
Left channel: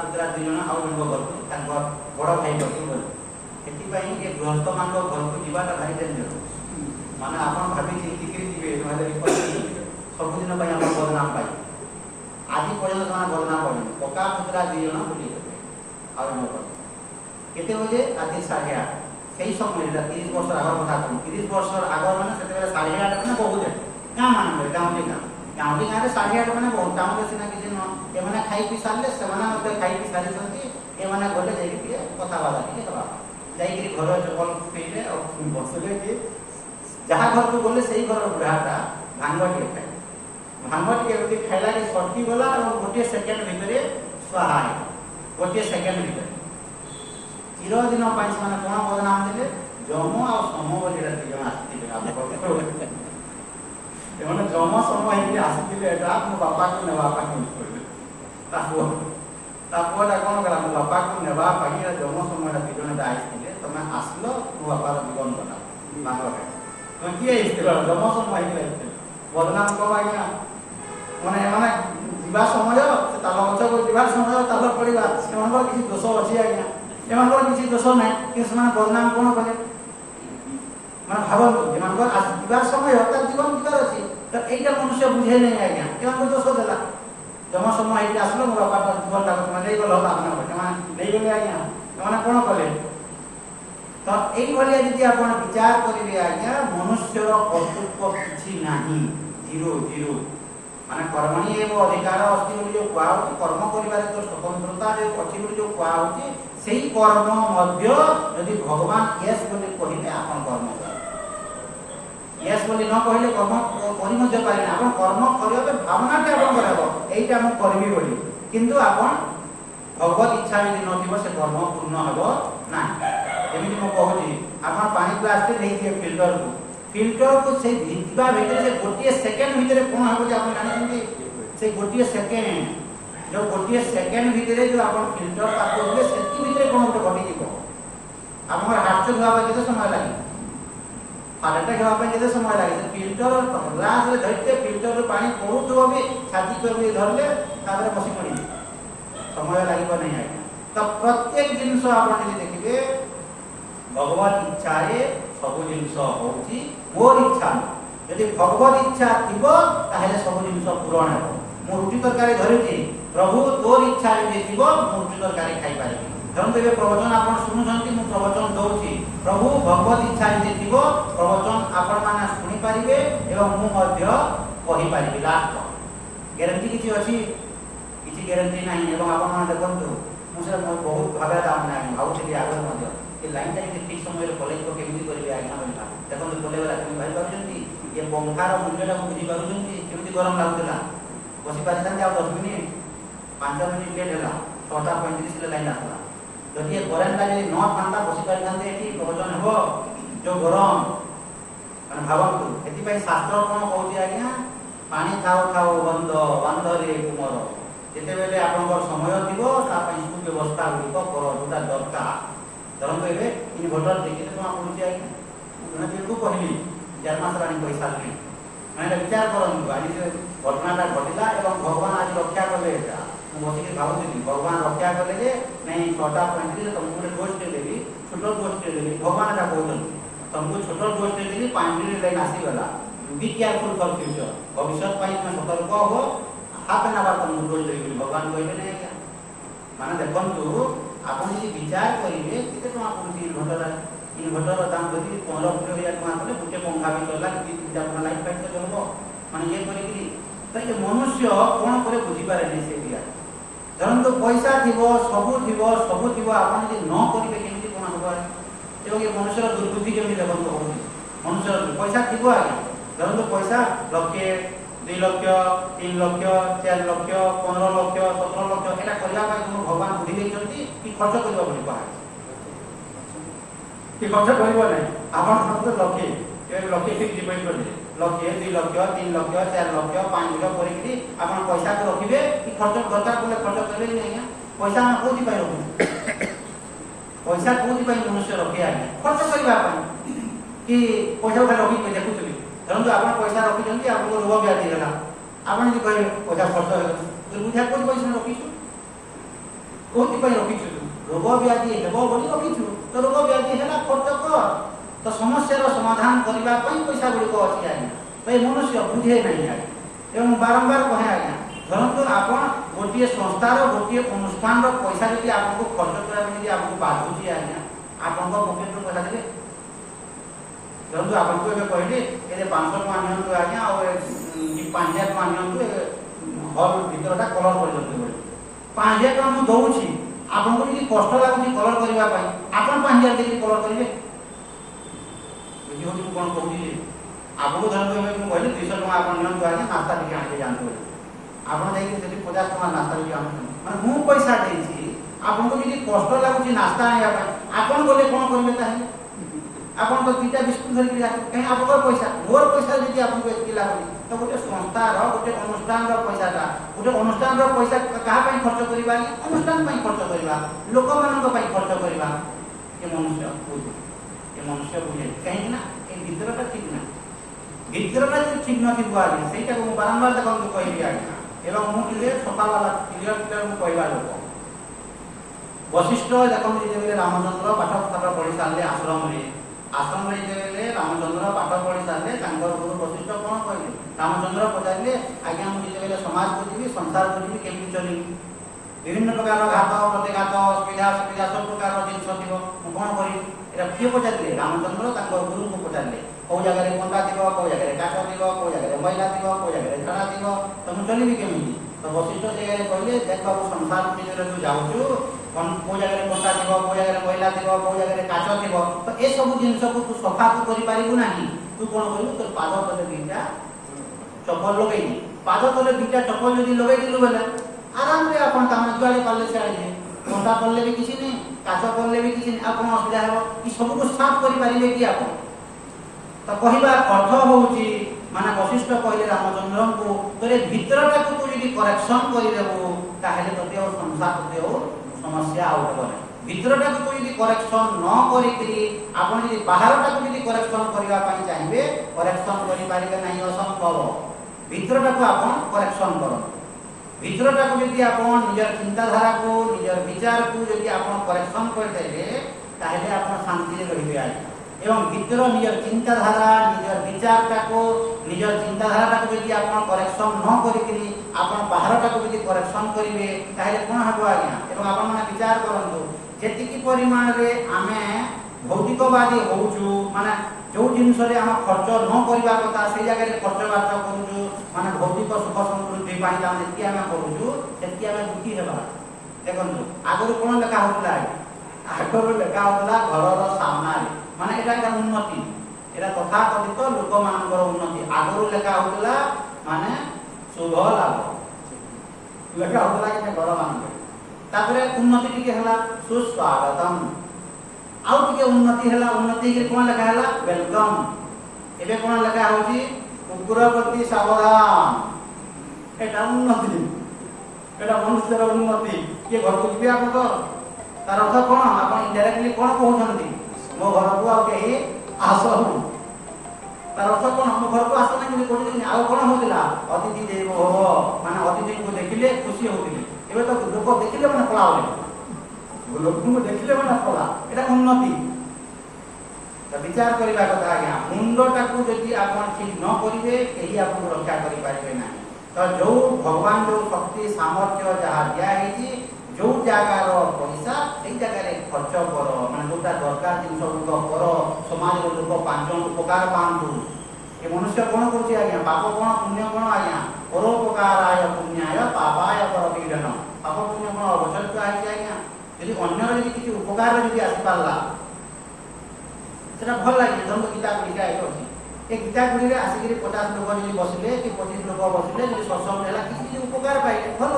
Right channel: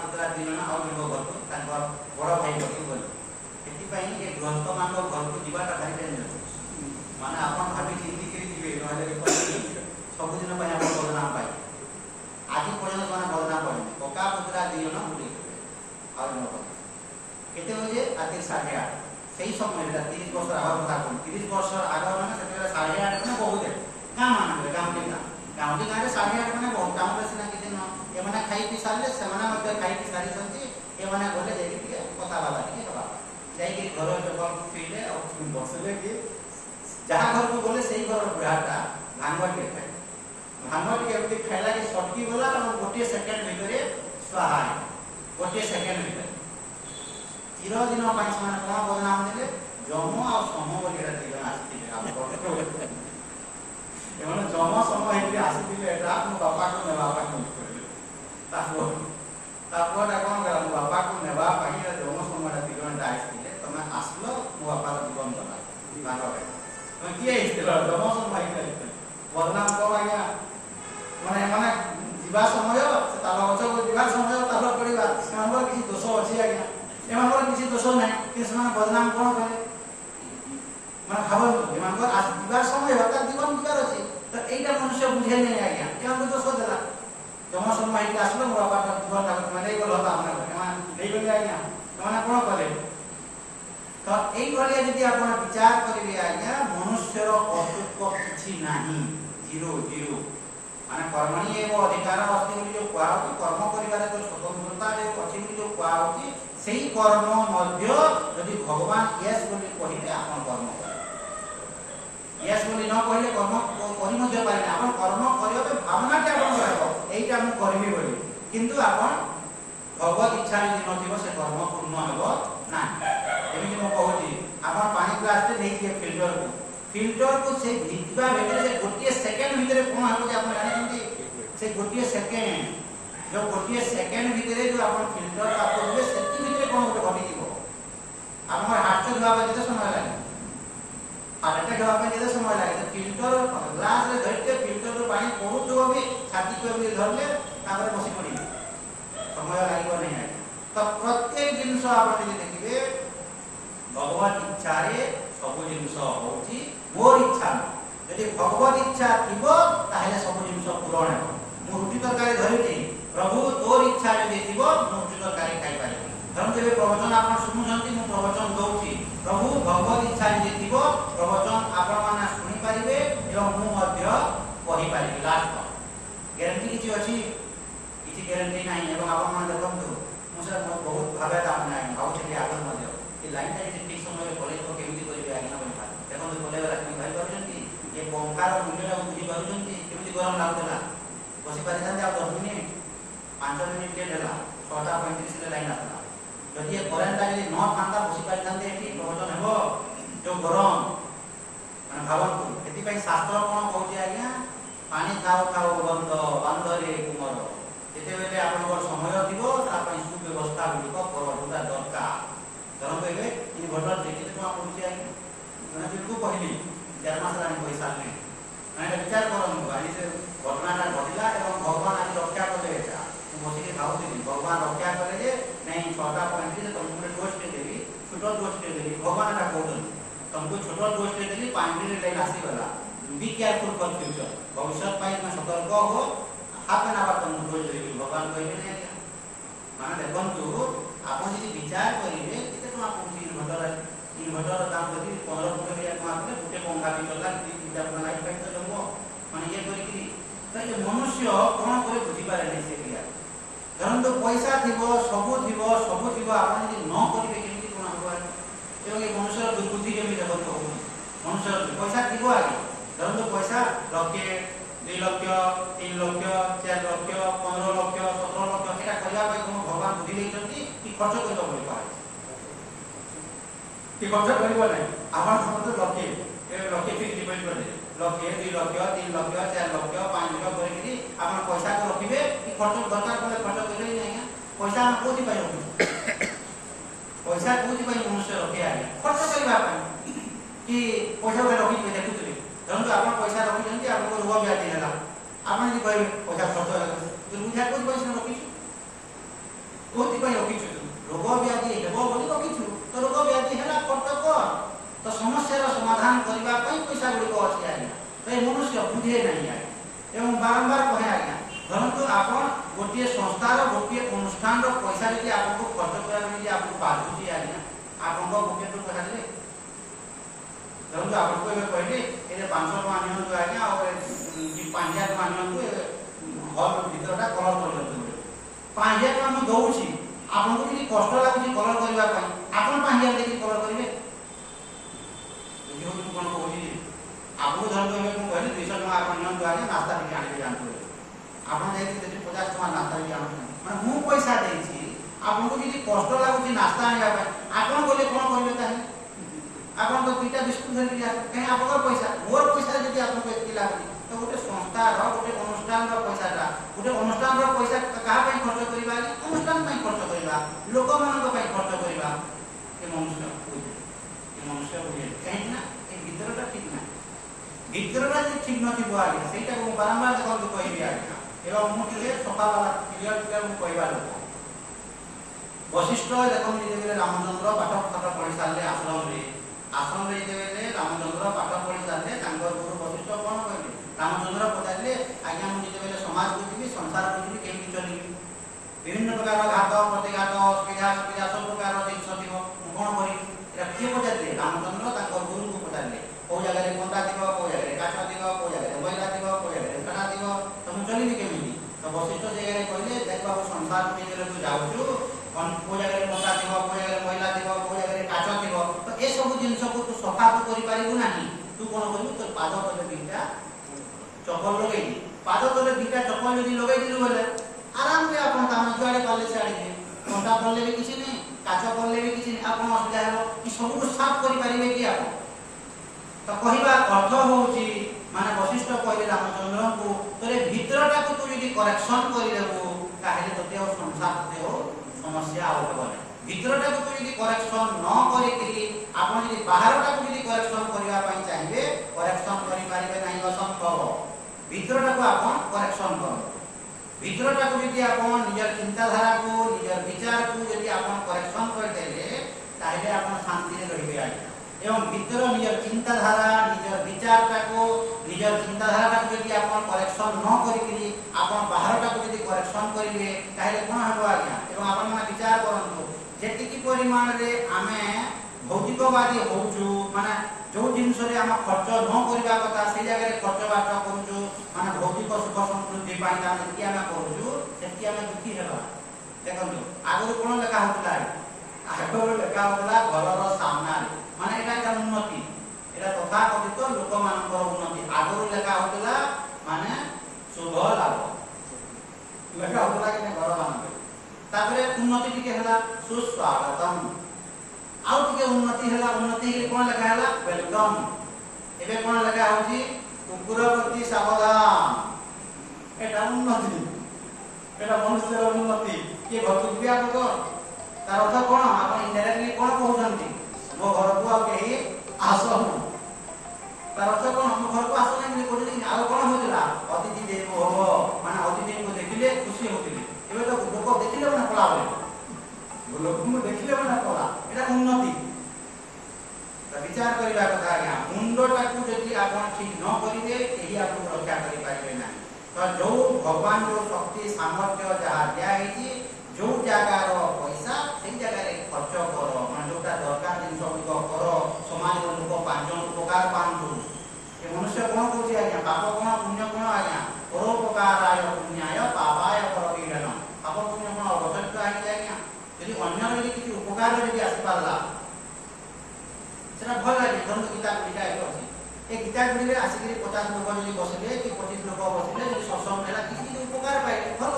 ପୁତୁରା ଦି ଜଣ ଆଉ ଜଣଙ୍କ ଘରକୁ ତାଙ୍କର ବଡ଼ ଭାଇ ପକେଇ ଗଲେ ସେଥିପାଇଁ ଏ ଗୃହସ୍ଥମାନଙ୍କ ଘରକୁ ଯିବାଟା ଭାରି ଡେଞ୍ଜର ମାନେ ଆପଣ ଭାବି ଚିନ୍ତିକିରି ଯିବେ ନହେଲେ ସବୁଦିନ ପାଇଁ ଆପଣ ବଦନାମ ପାଇବେ ଆଜି ପର୍ଯ୍ୟନ୍ତ ସେମାନେ ବଦନାମ ପଡ଼ିନି କକା ପୁତୁରା ଦି ଜଣ ବୁଲିଗଲେ ଆଉ ଜଣଙ୍କ ଘର କେତେ ବଜେ ରାତି 8:30 ସେଇ ସମୟରେ 30 ବର୍ଷ আগর কথা করি 30 ବର୍ଷର আগর ମାନେ ସେତେବେଳେ 8:30 ମାନେ ବହୁତ ଗାଁ ମାନଙ୍କରେ ଗାଉଁଲି ଗାଁରେ 8:30 ମାନେ ବହୁତ କାମରେ ସିନା କିଛି ନୁହଁ ଏମାନେ ଖାଇ ପିଇ ସାରିଲେ ସେମାନେ ମଧ୍ୟ ଖାଇ ପିଇ ସାରିଛନ୍ତି ଏମାନେ ଗଲେ ଯାଇକି ଟିକେ କଥାବାର୍ତ୍ତା ଟିକେ ହେବା ଯାଇକି ଘର ଭଲ ପିଇଲେ ଆଉ ବସିଲେ କି ଯାହା ଘରକୁ ଗଲେ ସେଇ ଘରର ବୁଢ଼ାଟା ଭାଙ୍ଗ ଟିକେ ଖାଏ ଭାଙ୍ଗ ଟିକେ ଏମିତି ଖାଇଲା କି ସଟକି ଗଲା ଆଉ ଗୋଟିଏ ସେକେଣ୍ଡ ଭିତରେ ସ୍ୱାହା ହେଇଗଲା ଗୋଟିଏ ସେକେଣ୍ଡ ଭିତରେ ଚିରଦିନ ପାଇଁ ସେମାନେ କ'ଣ ବଦନାମ ଦେଲେ ଯମ ଆଉ ସମ ବୋଲି ଦି ଜଣ ଆସିଥିଲେ ଏମାନେ ଜମ ସମୟ ହେଇକି ଆସିଥିଲେ ଏଟା ମୋ ବାପାକୁ ନେବା ପାଇଁ କହିଲେ। ତା ପୁଅଟା କ'ଣ କଲା, ମୋ ବାପାକୁ ନେବା ପାଇଁ ଜମ ସମୟଟା ଦି ଜଣ ଆସିଥିଲେ, ତମେ ଆସିଲ ମୋ ବାପାର ଜୀବନ ଗଲା ବାହାରେ। ତମେ କିଏ ହେଇଥିଲ? ଜମ ସମୟ ହେଇକି ଆସିଥିଲେ। ବଦନାମ କମ ଆଜ୍ଞା, ମାନେ ଏମାନେ ଯିବା ସମୟ, ସେ ତାଲ ଗଛକୁ ଯିବା ସମୟ, ତାଲ ପଡ଼ିବା, ସେମାନଙ୍କର କିଛି ଦୋଷ ଅଛି ଆଜ୍ଞା? ଏମାନଙ୍କର କିଛି ଦୋଷ ନାହିଁ, କିନ୍ତୁ ସେମାନେ ବଦନାମ କ'ଣ କଲେ? ମାନେ ଭାବନ୍ତୁ, ଏମାନଙ୍କର ଯିବାର ସମୟ, ତାର ଜୀବନ ଯିବାର ଅଛି, ତ এইটা ମନୁଷ୍ୟ ବୁଝେ ନାହିଁ ଆଜ୍ଞା, ଏମାନଙ୍କୁ ଦୋଷ ଦେଲା। ଜମ ସମୟ ହେଇକି ଆସିଲ ମୋ ବାପା ଜୀବନଟାକୁ ତମେ ନେଇଗଲ, ସେମାନେ ନେଇଗଲେ ଆଜ୍ଞା, ସେମାନେ କ'ଣ କଲେ? ତ এইଭଳିଆ ଯଦି ଆପଣ ବିଚାର କରିବେ ଆଜ୍ଞା, ମନୁଷ୍ୟର କର୍ତ୍ତୃତ୍ୱ କିଛି ନାହିଁ, ଜିରୋ ଜିରୋ। ମାନେ କର୍ମଣି ଏବ ଅଧିକାର ଅଛି ବୋଲି ଯେଉଁ କୁହାହଉଛି, କର୍ମ କରିବାରେ ଯେଉଁ ସ୍ୱତନ୍ତ୍ରତା ଯେଉଁ ଅଛି ବୋଲି ଯେଉଁ କୁହାହଉଛି, ସେଇ କର୍ମ ମଧ୍ୟ ଯଦି ଭଗବାନ ୟେସ୍ ବୋଲି କହିଲେ ଆପଣ କର୍ମ କରିବେ। ୟେସ୍ ବୋଲି ନ କହିଲେ କର୍ମ କରି ମଧ୍ୟ ପାରିବେ। ଆପଣ କର୍ମ କରିବା ପାଇଁ ଭାବନାଟି ଆପଣଙ୍କର ହେବ, ଏଇଟା ମୁଁ କରିବି ବୋଲି, କିନ୍ତୁ ଆପଣ ଭଗବତ ଇଚ୍ଛା ଯଦି ନଥିବ ସେ କର୍ମ ପୂର୍ଣ୍ଣ ହେବ ନାହିଁ। ଯେମିତି ମୁଁ କହୁଛି, ଆପଣ ପାଣି ଗ୍ଲାସଟେ ନେଇଯିବେ ଫିଲ୍ଟରକୁ ସେ ଭିଜିବା ଭିତରେ ଗୋଟିଏ ସେକେଣ୍ଡ ଭିତରେ କ'ଣ ହେବ ଯେ ଆପଣ ଜାଣିଛନ୍ତି? ସେ ଗୋଟିଏ ସେକେଣ୍ଡ, ଯେଉଁ ଗୋଟିଏ ସେକେଣ୍ଡ ଭିତରେ ଯେଉଁ ଆପଣ ଫିଲ୍ଟର ତାକୁ ଦେବେ, ସେତିକି ଭିତରେ କ'ଣ ଗୋଟେ ଘଟିଯିବ। ଆପଣଙ୍କର ହାର୍ଟଚୋକ୍ ହେବା ପାଇଁ କେତେ ସମୟ ଲାଗେ? ହାର୍ଟ ଆଟାକ୍ ହେବା ପାଇଁ କେତେ ସମୟ ଲାଗେ? ଫିଲ୍ଟର ଗ୍ଲାସରେ ଧରିଲେ ଫିଲ୍ଟରରୁ ପାଣି ପଡ଼ୁଥିବ ବି ଛାତି ବି ଧରିଲେ ତାପରେ ବସି ପଡ଼ିବେ, ସମୟ ଲାଗିବ ନାହିଁ ଆଜ୍ଞା। ତ ପ୍ରତ୍ୟେକ ଜିନିଷ ଆପଣ ଯଦି ଦେଖିବେ, ଭଗବାନ ଇଚ୍ଛାରେ ସବୁ ଜିନିଷ ହଉଛି, ମୋର ଇଚ୍ଛା ନୁହଁ। ଯଦି ଭଗବତ ଇଚ୍ଛା ଥିବ ତାହେଲେ ସବୁ ଜିନିଷ ପୂରଣ ହେବ। ମୁଁ ରୁଟି ତରକାରୀ ଧରିଛି, ପ୍ରଭୁ ତୋର ଇଚ୍ଛା ଯଦି ଥିବ ମୁଁ ରୁଟି ତରକାରୀ ଖାଇପାରିବି। ଧରନ୍ତୁ ଏବେ ପ୍ରବଚନ ଆପଣ ଶୁଣୁଛନ୍ତି, ମୁଁ ପ୍ରବଚନ ଦଉଛି, ପ୍ରଭୁ ଭଗବତ ଇଚ୍ଛା ଯଦି ଥିବ ପ୍ରବଚନ ଆପଣମାନେ ଶୁଣିପାରିବେ ଏବଂ ମୁଁ ମଧ୍ୟ କହିପାରିବି। ଲାଷ୍ଟ ଗ୍ୟାରେଣ୍ଟି କିଛି ଅଛି? କିଛି ଗ୍ୟାରେଣ୍ଟି ନାହିଁ। ଏବଂ ଆପଣମାନେ ଦେଖନ୍ତୁ, ମୁଁ ସେଟା ବହୁତ ଭାବେ ଭାବୁଥିଲି ଆଗରୁ ମଧ୍ୟ, ଏ ଲାଇନଟା ଯଦି ଠିକ୍ ସମୟରେ କଲେଜ କେମିତି କରିବେ ଆଜ୍ଞା ବୋଲିବା। ଦେଖନ୍ତୁ କଲେଜରା କେମିତି ଭାବିପାରୁଛନ୍ତି, ଏ ପଙ୍ଖାର ମୂଲ୍ୟଟାକୁ ବୁଝିପାରୁଛନ୍ତି, କେମିତି ଗରମ ଲାଗୁଥିଲା। ବସି ପାରିଥାନ୍ତେ ଆଉ 10 ମିନିଟ୍, 5 ମିନିଟ୍ ଲେଟ୍ ହେଲା, 6:35ରେ ଲାଇନ୍ ଆସିଲା। ଯଦି ଏ କରେଣ୍ଟଟା ଯଦି ନ ଥାନ୍ତା ବସି ପାରିଥାନ୍ତେ, ଏଠି ପ୍ରବଚନ ହେବ। ଯେଉଁ ଗରମ ମାନେ ଭାବନ୍ତୁ। ସେଥିପାଇଁ ଶାସ୍ତ୍ର କ'ଣ କହୁଛି ଆଜ୍ଞା? ପାଣି ଥାଉ ଥାଉ ବନ୍ଧ ବାନ୍ଧରେ କୁମର। ଯେତେବେଳେ ଆପଣଙ୍କର ସମୟ ଥିବ ତା ପାଇଁ ସୁବ୍ୟବସ୍ଥା ଗୁଡ଼ିକ କରଟା ଦରକାର। ଧରନ୍ତୁ ଏବେ ଇନଭର୍ଟର କେତେ ଟଙ୍କା ପଡ଼ୁଛି ଆଜ୍ଞା? ମୁଁ ଯେହେତୁ କହିଲି 4 ମାସ ହେଲାଣି ପଇସା ନାହିଁ। ମାନେ ବିଚାର କରନ୍ତୁ, ଆଜି ସେ ଘଟଣାଟା ଘଟିଲା ଏବଂ ଭଗବାନ ଆଜି ରକ୍ଷା କଲେ। ଏଇଟା ମୁଁ ବସିକି ଭାବୁଥିଲି, ଭଗବାନ ରକ୍ଷା କଲେ ଯେ ନାଇଁ 6:35ରେ ତମକୁ ଗୋଟେ ଡୋଜ୍ଟେ ଦେବି, ଛୋଟ ଡୋଜ୍ଟେ ଦେବି। ଭଗବାନ ଏଟା କହୁଛନ୍ତି, ତମକୁ ଛୋଟ ଡୋଜ୍ଟେ ଦେବି, 5 ମିନିଟ୍ ଲାଇନ୍ ଆସିଗଲା। ବି କେୟାରଫୁଲ୍ ଫର୍ ଫ୍ୟୁଚର। ଭବିଷ୍ୟତ ପାଇଁ ତୁମେ ସତର୍କ ହୁଅ, ହାଫ୍ ଆନ୍ ଆୱାର ତମକୁ ଡୋଜ୍ ଦେବି। ଭଗବାନ କହିଲେ ନାହିଁ ଆଜ୍ଞା। ମାନେ ଦେଖନ୍ତୁ, ଆପଣ ଯଦି ବିଚାର କରିବେ କେତେ ଟଙ୍କା ପଡ଼ୁଛି ଇନଭର୍ଟର ଦାମ ଯଦି 15-20 ହଜାର ଟଙ୍କା କଲେ ଗୋଟେ ପଙ୍ଖା ବି ଚଳିଲା, 2-3ଟା ପଙ୍ଖା ଲାଇଟ୍ ଫାଇଟ୍ ତ ଚଳିବ। ମାନେ ଇଏ କରିକିରି ତ ଏ ମନୁଷ୍ୟ କ'ଣ করে ବୁଝିପାରେନି ସେ ବିଷୟ। ଧରନ୍ତୁ ପଇସା ଥିବ, ସବୁ ଥିବ, ଆପଣ ଯଦି ନ କରିବେ କେମିତି କ'ଣ ହେବ? ଏବଂ ଏ ମନୁଷ୍ୟର ଦୁର୍ବୁଦ୍ଧି କେମିତି ଦେଖନ୍ତୁ ହଉଛି। ମନୁଷ୍ୟର ପଇସା ଥିବ ଆଜ୍ଞା, ଧରନ୍ତୁ ପଇସା 1,00,000, 2 ଲକ୍ଷ, 3 ଲକ୍ଷ, 4 ଲକ୍ଷ, 15 ଲକ୍ଷ, 17 ଲକ୍ଷ, এটা କରିବା ପାଇଁ ତୁମ ଭଗବାନ ବୁଦ୍ଧି ଦେଇଛନ୍ତି କି ଖର୍ଚ୍ଚ କରିବା ପଡ଼ିବ? କି ଖର୍ଚ୍ଚ କରିବ ନାହିଁ। ଆପଣ ଧରନ୍ତୁ ଲକ୍ଷେ ଫିକ୍ସ ଡିପୋଜିଟ୍ କରିବେ, 1,00,000, 2 ଲକ୍ଷ, 3 ଲକ୍ଷ, 4 ଲକ୍ଷ, 5 ଲକ୍ଷ କରିକି ଆପଣ ପଇସାକୁ ରଖିବେ। କି ଖର୍ଚ୍ଚ ଦରକାର ପଡ଼ିଲେ ଖର୍ଚ୍ଚ କରିବେ କି ଆଜ୍ଞା? ପଇସା ଆମେ କୋଉଥିପାଇଁ ରଖୁ? ପଇସା କୋଉଥିପାଇଁ ମନୁଷ୍ୟ ରଖେ ଆଜ୍ଞା? ଖର୍ଚ୍ଚ କରିବା ପାଇଁ। କି ପଇସା ଗୋଟେ ରଖିକି ଦେଖୁଥିବେ, ଧରନ୍ତୁ ଆପଣ ପଇସା ରଖିଛନ୍ତି, ଆପଣଙ୍କୁ ରୋଗ ବ୍ୟାଧି ହେଲା, ଆପଣ ଯଦି କହିବେ ପଇସା ଖର୍ଚ୍ଚ ହେଲା, ଦୁର୍ବୁଦ୍ଧିଆ କୋଉଠି ପଇସା ରଖିଛୁ? କୋଉଥିପାଇଁ ରଖିଛୁ? ରୋଗ ବ୍ୟାଧି ହେବ ବୋଲି ରଖିଛୁ, ତ ରୋଗ ବ୍ୟାଧି ହେଲା ଖର୍ଚ୍ଚ କର। ତ ସମସ୍ୟାର ସମାଧାନ କରିବା ପାଇଁ ପଇସା ଗୁଡ଼ିକ ଅଛି ଆଜ୍ଞା। ତ ଏ ମନୁଷ୍ୟ ବୁଝେ ନାହିଁ ଆଜ୍ଞା। ଏବଂ ବାରମ୍ବାର କହେ ଆଜ୍ଞା, ଧରନ୍ତୁ ଆପଣ ଗୋଟିଏ ସଂସ୍ଥାର ଗୋଟିଏ ଅନୁଷ୍ଠାନର ପଇସା ଯଦି ଆପଣଙ୍କୁ ଖର୍ଚ୍ଚ କରିବା ପାଇଁ ଯଦି ଆପଣଙ୍କୁ ବାଧୁଛି ଆଜ୍ଞା, ଆପଣଙ୍କ ପକେଟରୁ ପଇସା ଦେବେ? ଧରନ୍ତୁ ଆପଣଙ୍କୁ ଏବେ କହିଲି ଏ 500 ଟଙ୍କା ନିଅନ୍ତୁ ଆଜ୍ଞା, ଆଉ 5,000 ଟଙ୍କା ନିଅନ୍ତୁ, ହଲ୍ ଭିତରଟା କଲର କରିଦିଅନ୍ତୁ ବୋଲି। 5,000 ଟଙ୍କା ମୁଁ ଦଉଛି, ଆପଣଙ୍କୁ ଯଦି କଷ୍ଟ ଲାଗୁଛି କଲର କରିବା ପାଇଁ, ଆପଣ 5,000 ଦେଇକି କଲର କରିବେ? ବୁଝିବ କି ମୁଁ କ'ଣ କହୁଛି? ଆପଣଙ୍କୁ ଧରନ୍ତୁ ଏବେ ମୁଁ କହିଲି 200 ଟଙ୍କା ଆପଣ ନିଅନ୍ତୁ ଆଜ୍ଞା, ନାସ୍ତା ଟିକେ ଆଣିକି ଯାଆନ୍ତୁ। ଆପଣ ଯାଇକି ଯଦି 50 ଟଙ୍କା ନାସ୍ତା ଟିକେ ଆଣୁଛନ୍ତି, ମାନେ ମୁଁ ପଇସା ଦେଇଛି, ଆପଣଙ୍କୁ ଯଦି କଷ୍ଟ ଲାଗୁଛି ନାସ୍ତା ଆଣିବା ପାଇଁ, ଆପଣ ଗଲେ କ'ଣ କରିବେ ତାହେଲେ? ଆପଣ ତ 2ଟା ବିସ୍କୁଟ ଧରିକି ଯାଆନ୍ତୁ, କାହିଁକି ଆପଣଙ୍କର ପଇସା, ମୋର ପଇସା ଯଦି ଆପଣଙ୍କୁ ଏତିକି ଲାଗୁଛି, ତ तो गोटे संस्थार गोटे अनुष्ठान पैसा गोटे अनुष्ठान पैसा क्या खर्च करवा अनुष्ठान खर्च करवा लोक मान खर्च करवा ये मनुष्य बुझे कहीं ना ये भितरटा ठीक ना भितरटा जो ठीक नथी आगे सहीटा को बारंबार देखो कहबी आज्ञा एवं मुझे सफा वाला क्लियर कहवा लोक वशिष्ठ देखते रामचंद्र पाठ पाठ पढ़ी सारे आश्रम रे रामचंद्र पाठ पढ़ी सारे गुरु वशिष्ठ कौन कहले रामचंद्र पचारे आज्ञा मुझे समाज को जी संसार को जी केमी चलि विभिन्न प्रकार घात प्रतिघात सुविधा सुविधा सब प्रकार जिन थी कौन करी किए पचारे रामचंद्र गुरु को पचारे कौ जगह कंटा थी कौ जगह काच थी कौ जगह मैला थी कौ जगह छड़ा थी तो मुझे चलि केमी तो वशिष्ठ जगह कहले देख बाबू संसार जो जाऊँ कौ जगह कंटा थी कौ जगह मैला थी कौ जगह काच थी तो ये सब जिनस को तू सफा तू करू ना तू कौन करू तो पाद तले दीटा चप्पल लगे पाद तले दीटा चप्पल जो लगे बोले आराम से आप जुआड़े पाले सियाड़े कंटा पड़े भी किसी नहीं काच पड़े भी किसी नहीं आप असुविधा हे सब को साफ करें कि आप तो कहवा अर्थ होची माने वशिष्ठ कहले रामचंद्र को तोरे भीतरटा को तू यदि करेक्शन करदेबू ताहेले तोते और संसार तोते और समस्या आउट करे भीतरटा को तू यदि करेक्शन न करिकरी आपण यदि बाहरटा को यदि करेक्शन करबा पई चाहिए करेक्शन करि पारिबे नाही असंभव भीतरटा को आपण करेक्शन करो भीतरटा को यदि आपण निजर चिंताधारा को निजर विचार को यदि आपण करेक्शन कर देबे ताहेले आपण शांति रे रहिबे आइ एवं भीतर निजर चिंताधारा निजर विचारटा को निजर चिंताधारा को यदि आपण करेक्शन न करिकरी आपण बाहरटा को यदि करेक्शन करिवे ताहेले कोन हबो आज्ञा एवं आपण माने विचार करंतु जेतिकी परिमाण रे आमे भौतिकवादी होउछु माने जो जिनस रे हम खर्च न करबा कथा से जगह रे खर्च बात करूछु माने भौतिक सुख समृद्धि पाई ता जेतिकी आमे करूछु जेतिकी आमे दुखी हेबा देखंतु आगरु कोन लेखा होतला आगरु लेखा होतला घरर सामना रे माने एटा का उन्नति एटा तथाकथित लोक मानकर उन्नति आगरु लेखा होतला माने शुभ लाभ लेखा होतला के घर मानकर तापरे उन्नति टिके हला सुस्वागतम आउ टिके उन्नति हला उन्नति के कोन लेखा हला वेलकम एबे कोन लेखा होची कुकुरपति सावधान एटा उन्नति एटा मनुष्यर उन्नति के घर को दिया को तार अर्थ कोन आपण इनडायरेक्टली कोन कहउछंती मो घर को आ के आसहु तार अर्थ कोन मो घर को आसना कि कोठी आ कोन होतिला अतिथि देव हो माने अतिथि को देखिले खुशी होतिले एबे तो लोक देखिले माने पलावे लोक को देखिले माने पला एटा उन्नति त विचार करिबा कथा आज्ञा मुंडटा को जदि आपण ठीक न करिवे एही आपण रक्षा करि पारिबे नाही तो जो भगवान जो शक्ति सामर्थ्य जहा दिया हेची जो जगार पैसा से जगह खर्च कर मैं जो दरकार जिन कर समाज लोक पांच उपकार पातु ये मनुष्य कौन कर आज्ञा पाप कौन पुण्य कौन आज्ञा परोपकाराय पुण्याय पापाय प्रतिघटन पाप पुण्य कौन अवसर आज्ञा यदि अन्यर यदि किसी उपकार यदि आसी पारला सेटा भल लगे धर्म गीता गुड़िका एक अच्छी ये गीता गुड़ी में आसिक 50 लोक जो बसिले कि 25 लोक बसिले जो सत्संग है किसी उपकार पाइले भल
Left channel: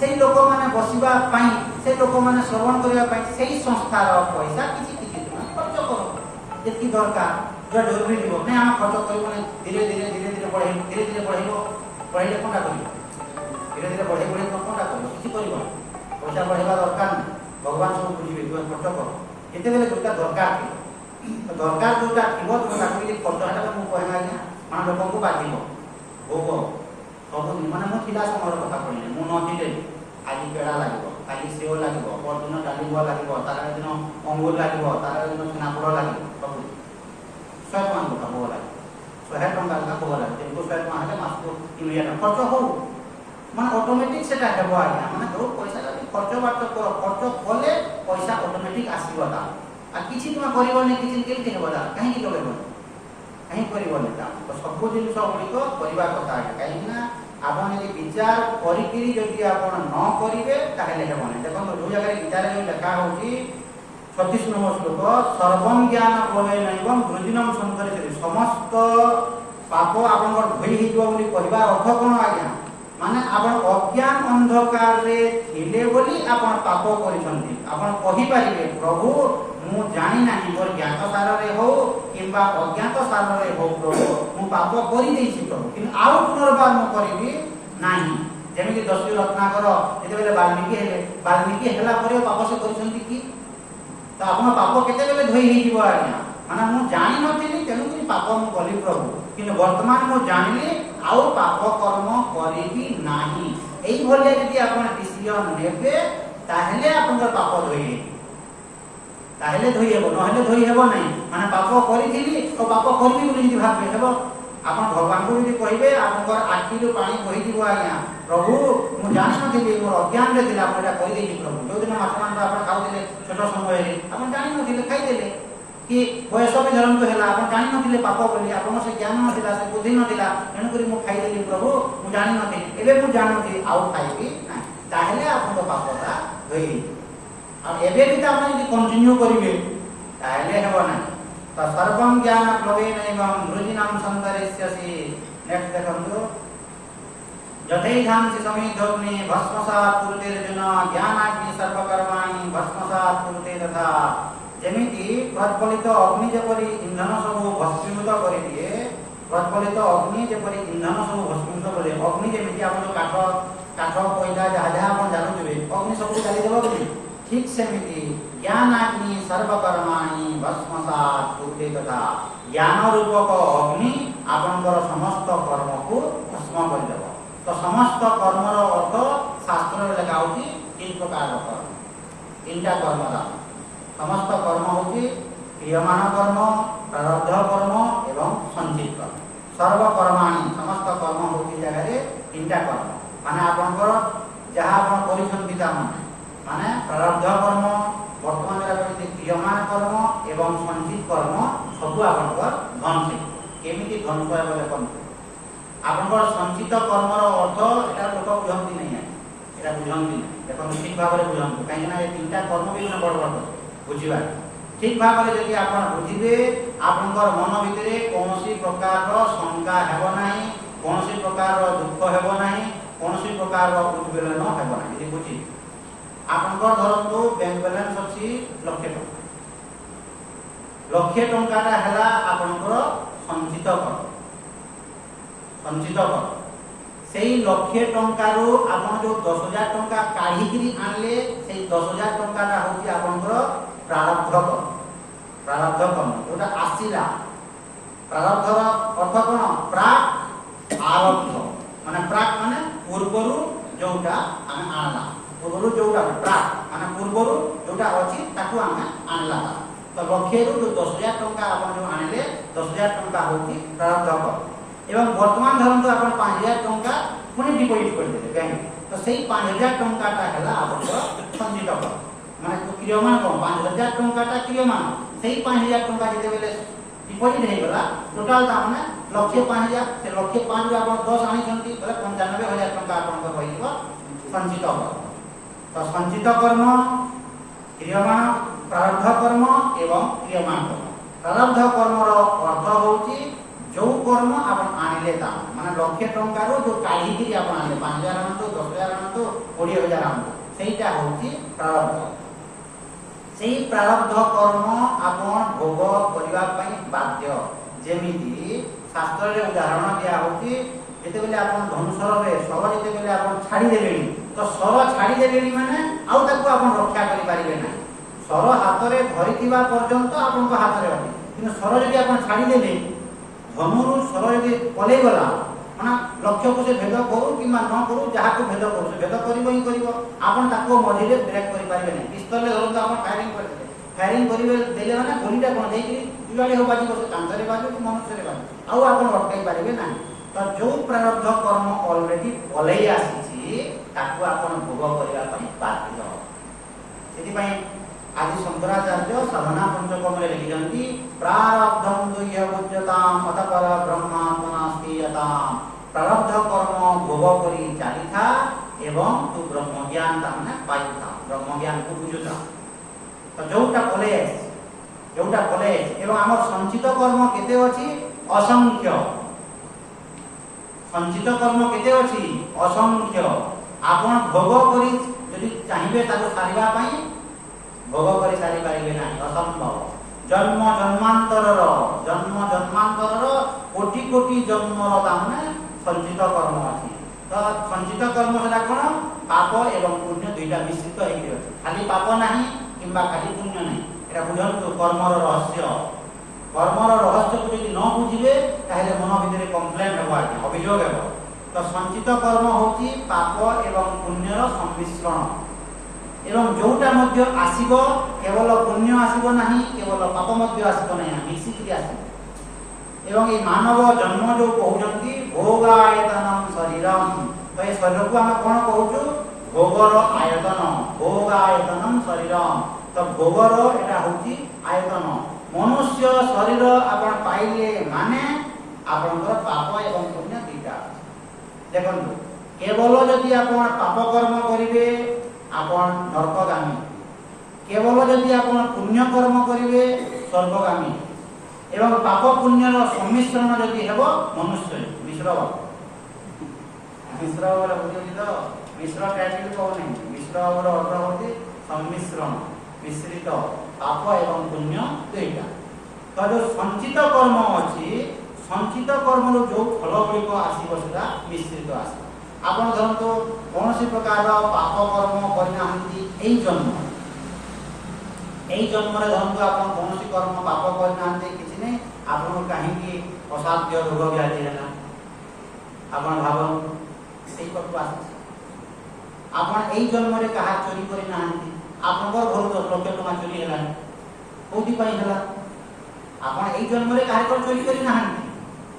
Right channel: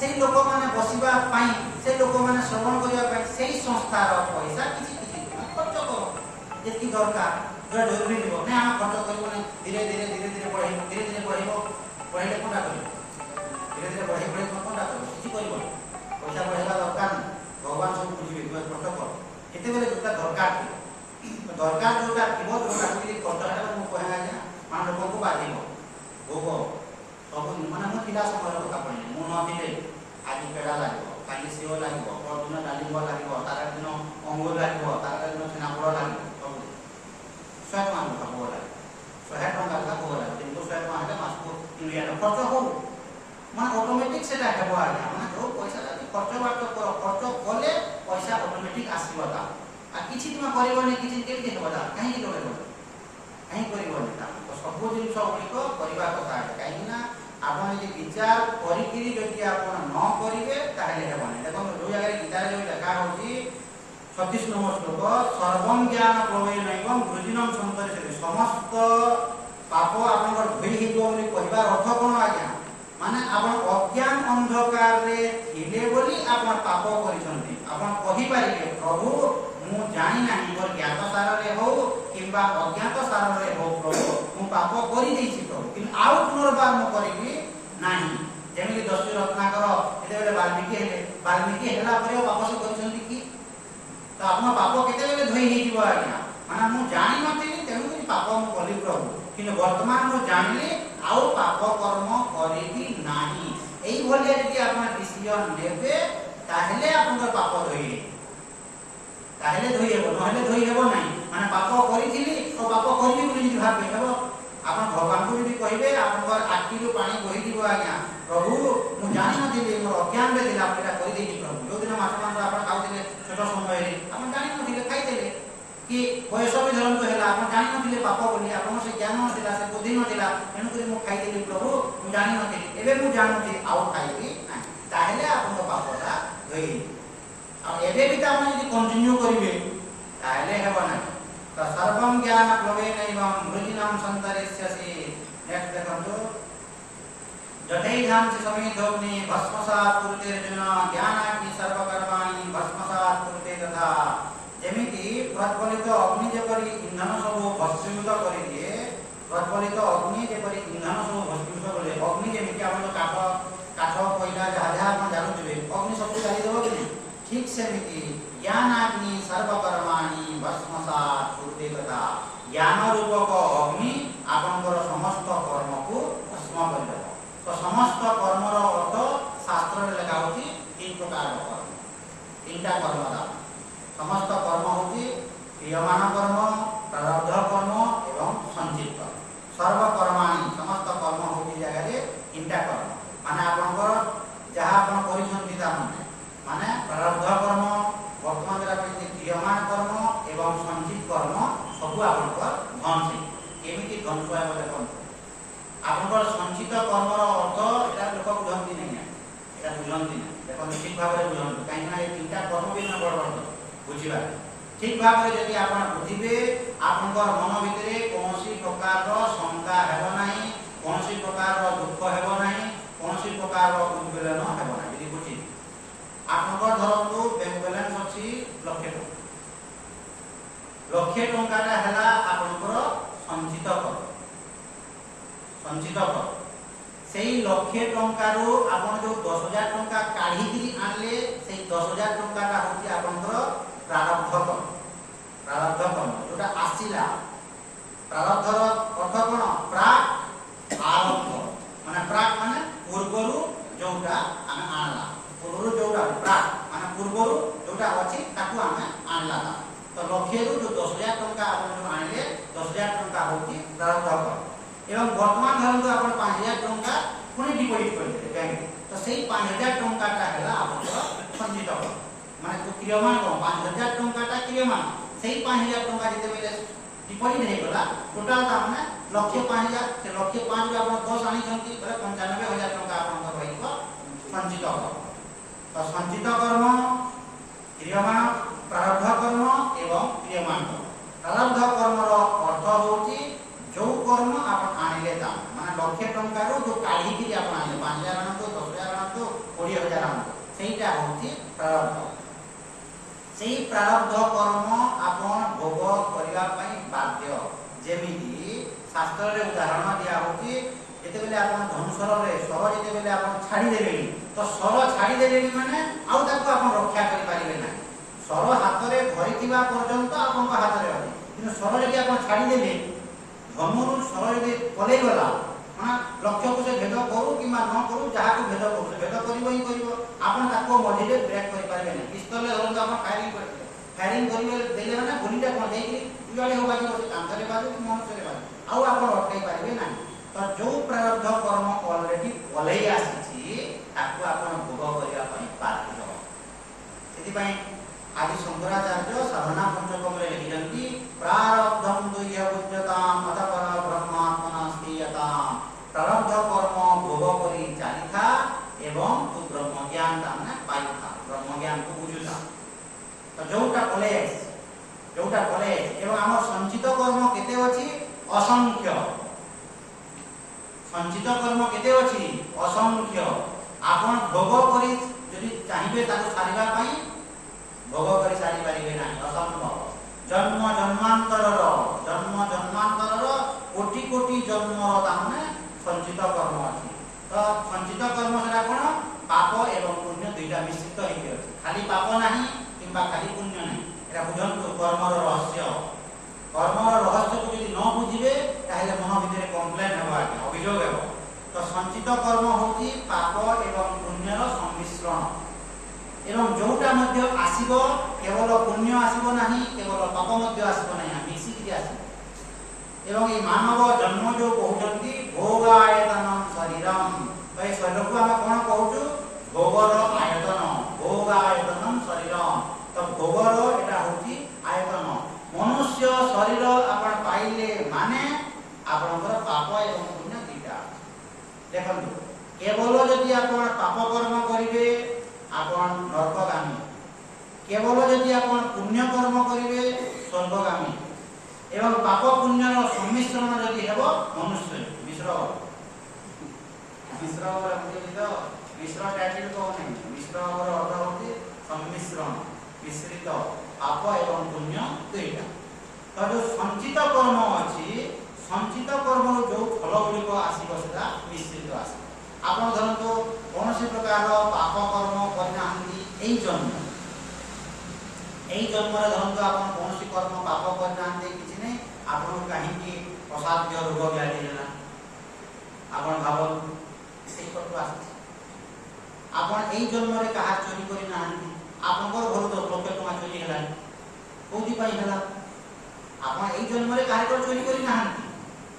से लोक माने बसिबा पई से लोक माने श्रवण करिया पई सेही संस्थार पैसा किछि किछि खर्च करो जेति दरकार जो डोरी दिबो ने हम खर्च करबो धीरे धीरे बढ़ाइबो बढ़ाइले कोनटा करियो धीरे धीरे बढ़ाइ कोनटा करियो किछि करियो पैसा बढ़ाइबा दरकार भगवान सब बुझिबे तू खर्च कर एते बेले जोटा दरकार दरकार जोटा थिबो तोरा कि खर्च हटा मु कहबा जे मान लोक को बाधिबो भोगो सब माने मो पिला समय कथा कहले मु न दिले आज पेड़ा लागो काली सेव लागो परदिन डालिबा लागो तार दिन अंगूर लागो तार दिन छनापोड़ लागो सब 100 टका भोग लागो 100 टका का भोग लागो तेको 100 टका हटे मासको 3000 खर्च हो माने ऑटोमेटिक सेटा हेबो आज्ञा माने जो पैसा जदी खर्च बात कर खर्च कले पैसा ऑटोमेटिक आसीबो ता आ किछि तुम करबोनी किछि केति हेबो ता कहीं की लगेबो कहीं करबोनी ता तो सब जिनिस गुड़िक करबा कथा कहीं ना आपण जे विचार करिकिरी जदि आपण न करिवे ताहेले हेबोनी देखो जो जगह गीता रे जो लिखा होची 36 नंबर श्लोक सर्वं ज्ञान प्लवे नैवं वृजिनं संतरिते समस्त पाप आपण धोई हिजो बोली कहबा अर्थ कोन आज्ञा माने आपण अज्ञान अंधकार रे थिले बोली आपण पाप करिसंती आपण कहि पारिबे प्रभु मु जानी नाही मोर ज्ञात साररे हो किंबा अज्ञात साररे हो प्रभु मु पाप करि देछि प्रभु कि आउ पुनर्बार मु करिबि नाही जेमिति दस्यु रत्नाकर एते बेले वाल्मीकि हेला परे पाप से करिसंती कि त आपन पाप केते बेले धोई हि जीव आज्ञा माने मु जानि नथिनि तेनु कि पाप मु कली प्रभु कि वर्तमान मु जानिले आउ पाप कर्म करिबि नाही एई भलिया जदि आपन डिसिजन नेबे ताहेले आपन पाप धोई ताहेले धोई हेबो नहेले धोई हेबो नाही माने पाप करिथिली ओ पाप करिबि बोली जदि भाबे हेबो आपन भगवान को भी कहिबे आपन आखिरु पानी बहि जीव आज्ञा प्रभु मु जानि नथिली मोर अज्ञान रे दिला आपन करि देछि प्रभु जो दिन माछ मांस आपन खाउथिले छोट समय रे आपन जानि नथिले खाइ देले कि बयस भी धर्म तो हेला आपन जानि नथिले पाप बोली आपन से ज्ञान नथिला से बुद्धि नथिला एनु करी मु खाइ देली प्रभु मु जानि नथिली एबे मु जानि नथिली आउ खाइबि नाही ताहेले आपन पापटा धोई और एबे भी आपन यदि कंटिन्यू करिवे ताहेले हेबो नाही तो सर्वं ज्ञान प्लवेनैवं मृजिनं सन्तरिष्यसि नेक्स्ट देखंतु जठैधांसि समेधोग्नि भस्मसात् कुरुते अर्जुन ज्ञानाग्नि सर्वकर्माणि भस्मसात् कुरुते तथा जेमिति प्रज्वलित अग्नि जेपरि इंधन सब भस्मीभूत करि दिए प्रज्वलित अग्नि जेपरि इंधन सब भस्मीभूत करे अग्नि जेमिति आपण काठ कोयला जहा आपण जानुथिबे अग्नि सब डाली देबो कि ठीक सेमिति ज्ञानाग्नि सर्वकर्माणि भस्मसात् कुरुते तथा ज्ञान रूपक अग्नि आपनकर समस्त कर्म को भस्म कर देबो तो समस्त कर्मर अर्थ शास्त्र में लिखा होची तीन प्रकार कर्म तीनटा कर्म दा समस्त कर्म होची क्रियमाण कर्म प्रारब्ध कर्म एवं संचित कर्म सर्व कर्माणि समस्त कर्म होची जगह रे तीनटा कर्म माने आपनकर जहा आपण करिसंती ता माने प्रारब्ध कर्म वर्तमान रे क्रियमाण कर्म एवं संचित कर्म सब आपनकर धन से केमिति धन पाए बोले कोन आपनकर संचित कर्मर अर्थ एटा लोक बुझंती नै एटा बुझंती नै देखो ठीक भाव रे बुझंतु काहे ना ए तीनटा कर्म भी न बड़ बड़ बुझिबा ठीक भाव रे जदि आपण बुझिबे आपनकर मन भितरे कोनोसी प्रकार रो शंका हेबो नाही कोनोसी प्रकार रो दुख हेबो नाही कोनोसी प्रकार रो उद्वेलन हेबो नाही यदि बुझि आपनकर धरंतु बैंक बैलेंस अछि लक्ष टंकाटा हला आपनकर संचित कर सेई लक्षे टंकारु आपण जो 10,000 टंका काढी करी आनले सेई 10,000 टंकाटा होची आपनकर प्रारब्ध कर ओटा आसीला प्रारब्धर अर्थ कोन प्राक आरब्ध माने प्राक माने पूर्वरु जोटा आमे आनला पूर्वरु जोटा प्राक माने पूर्वरु जोटा अछि ताकू आमे आनला तो लक्षेरु जो 10,000 टंका आपण जो आनले 10,000 टंका होची प्रारब्ध कर एवं वर्तमान धरन तो आपण 5,000 टंका पुनी डिपॉजिट कर देले बैंक तो सेही 5,000 टंकाटा हला आपण संचित कर माने क्रियमान को 5,000 टंकाटा क्रियमान सेही 5,000 टंका जते बेले डिपॉजिट हे गला टोटल ता माने लक्ष्य 5,000 से लक्ष्य 5 रे आपण 10 आनी छंती बोले 95,000 टंका आपण को रहितो संचित कर तो संचित कर्म क्रियमान प्रारब्ध कर्म एवं क्रियमान कर्म प्रारब्ध कर्मर अर्थ होची जो कर्म आपण आनिले ता माने लक्ष्य टंका रो जो काढी कि आपण आनिले 5,000 आनतो 10,000 आनतो 20,000 आनतो सेईटा होची प्रारब्ध सेई प्रारब्ध कर्म आपण भोग करिवा पई बाध्य जेमिति शास्त्र रे उदाहरण दिया होची जेते बेले आपण धनुषर रे सर जेते बेले आपण छाडी देबेनी तो सर छाडी देबेनी माने आउ ताको आपण रक्षा करि पारिबे ना सर हाथ रे धरिथिबा पर्यंत आपण को हाथ रे अछि किनु सर जदि आपण छाडी देले धनुरु सर यदि पले गला माने लक्ष्य को से भेद करू कि न करू जहा को भेद करू से भेद करिवो ही करिवो आपण ताको मझिरे ब्रेक करि पारिबे नै पिस्तल ले धरन आपण फायरिंग करिवे देले माने गुलिटा कोन देई कि जुगाली हो बाजी बसे कांतरे बाजू कि मनुष्य रे बाजू आउ आपण अटकाई पारिबे नै तो जो प्रारब्ध कर्म ऑलरेडी पलेई आसी ताको आपण भोग करिया पई बाध्य सेति पई आदि शंकराचार्य साधना पंचकम रे लिखिरंती प्रारब्धं दुह्य बुद्धताम अतपर ब्रह्मात्मनास्तीयताम प्रारब्ध कर्म भोग करी चालिथा एवं तु ब्रह्म ज्ञान ताने पाइथा ब्रह्म ज्ञान को बुझुता तो जोटा पले एवं हमर संचित कर्म केते अछि असंख्य संचित कर्म केते अछि असंख्य आपण भोग करी जदि चाहिबे ताको सारिबा पई ভোগ করে সারি পারিবে না, অসম্ভব। জন্ম জন্মান্তরর কোটি কোটি জন্মর তামনে সঞ্চিত কর্ম আছে। তো সঞ্চিত কর্ম সেটা কোন? পাপ এবং পুণ্য দুইটা মিশ্রিত হয়ে আছে। খালি পাপ ନାହିଁ কিংবা খালি পুণ্য ନାହିଁ। এটা বুঝন্তু কর্মর রহস্য। কর্মর রহস্যকে যদি ন বুঝিবে তাহলে মন ভিতরে কমপ্লেন ହେବ, অভিযোগ ହେବ। তো সঞ্চিত কর্ম হচ্ছে পাপ এবং পুণ্যর সম্মিশ্রণ। এবং যোଉটা ମଧ୍ୟ ଆସିବ কেবল পুণ্য ଆସିବ ନାହିଁ, কেবল পাপ ମଧ୍ୟ ଆସିବ ନାହିଁ, ମିଶିକି ଆସିବ। এবং এই মানব জন্ম ଯୋଉ କହୁଛନ୍ତି ভোগায়তনম শরীরম, তো এই শরীরକୁ ଆମେ କ'ଣ କହୁଛୁ? ভোগର ଆୟତନ, ভোগায়তনম শরীরম। তো ভোগର এটা হଉଛି ଆୟତନ। ମନୁଷ୍ୟ ଶରୀର ଆପଣ ପାଇଲେ ମାନେ ଆପଣଙ୍କର ପାପ ଏବଂ ପୁଣ୍ୟ ଦୁଇଟା। ଦେଖନ୍ତୁ କେବଳ ଯଦି ଆପଣ ପାପ କର୍ମ କରିବେ ଆପଣ ନରକଗାମୀ, କେବଳ ଯଦି ଆପଣ ପୁଣ୍ୟ କର୍ମ କରିବେ ସ୍ୱର୍ଗଗାମୀ। ଏବଂ ପାପ ପୁଣ୍ୟର ସମ୍ମିଶ୍ରଣ ଯଦି ହେବ ମନୁଷ୍ୟ ମିଶ୍ର ମିଶ୍ର ମିଶ୍ର ଟାଇଟଲ କହୁନି, ମିଶ୍ର ଅର୍ଥ ହଉଛି ସମ୍ମିଶ୍ରଣ, ମିଶ୍ରିତ ପାପ ଏବଂ ପୁଣ୍ୟ ଦୁଇଟା। ତ ଯୋଉ ସଞ୍ଚିତ କର୍ମ ଅଛି, ସଞ୍ଚିତ କର୍ମର ଯୋଉ ଫଳ ଗୁଡ଼ିକ ଆସିବ ସେଟା ମିଶ୍ରିତ ଆସିବ। ଆପଣ ଧରନ୍ତୁ କୌଣସି ପ୍ରକାର ପାପ କର୍ମ କରିନାହାନ୍ତି ଏଇ ଜନ୍ମରେ ଧରନ୍ତୁ ଆପଣ କୌଣସି କର୍ମ ପାପ କରିନାହାନ୍ତି, କିଛି ନାହିଁ, ଆପଣଙ୍କୁ କାହିଁକି ଅସାଧ୍ୟ ରୋଗ ବ୍ୟାଧି ହେଲା? ଆପଣ ଭାବନ୍ତୁ ସେଇ କଟୁ ଆସୁଛି। ଆପଣ ଏଇ ଜନ୍ମରେ କାହା ଚୋରି କରିନାହାନ୍ତି, ଆପଣଙ୍କର ଘରୁ 10 ଲକ୍ଷ ଟଙ୍କା ଚୋରି ହେଲାନି, କୋଉଥିପାଇଁ ହେଲା? ଆପଣ ଏଇ ଜନ୍ମରେ କାହାର ଚୋରି କରିନାହାନ୍ତି,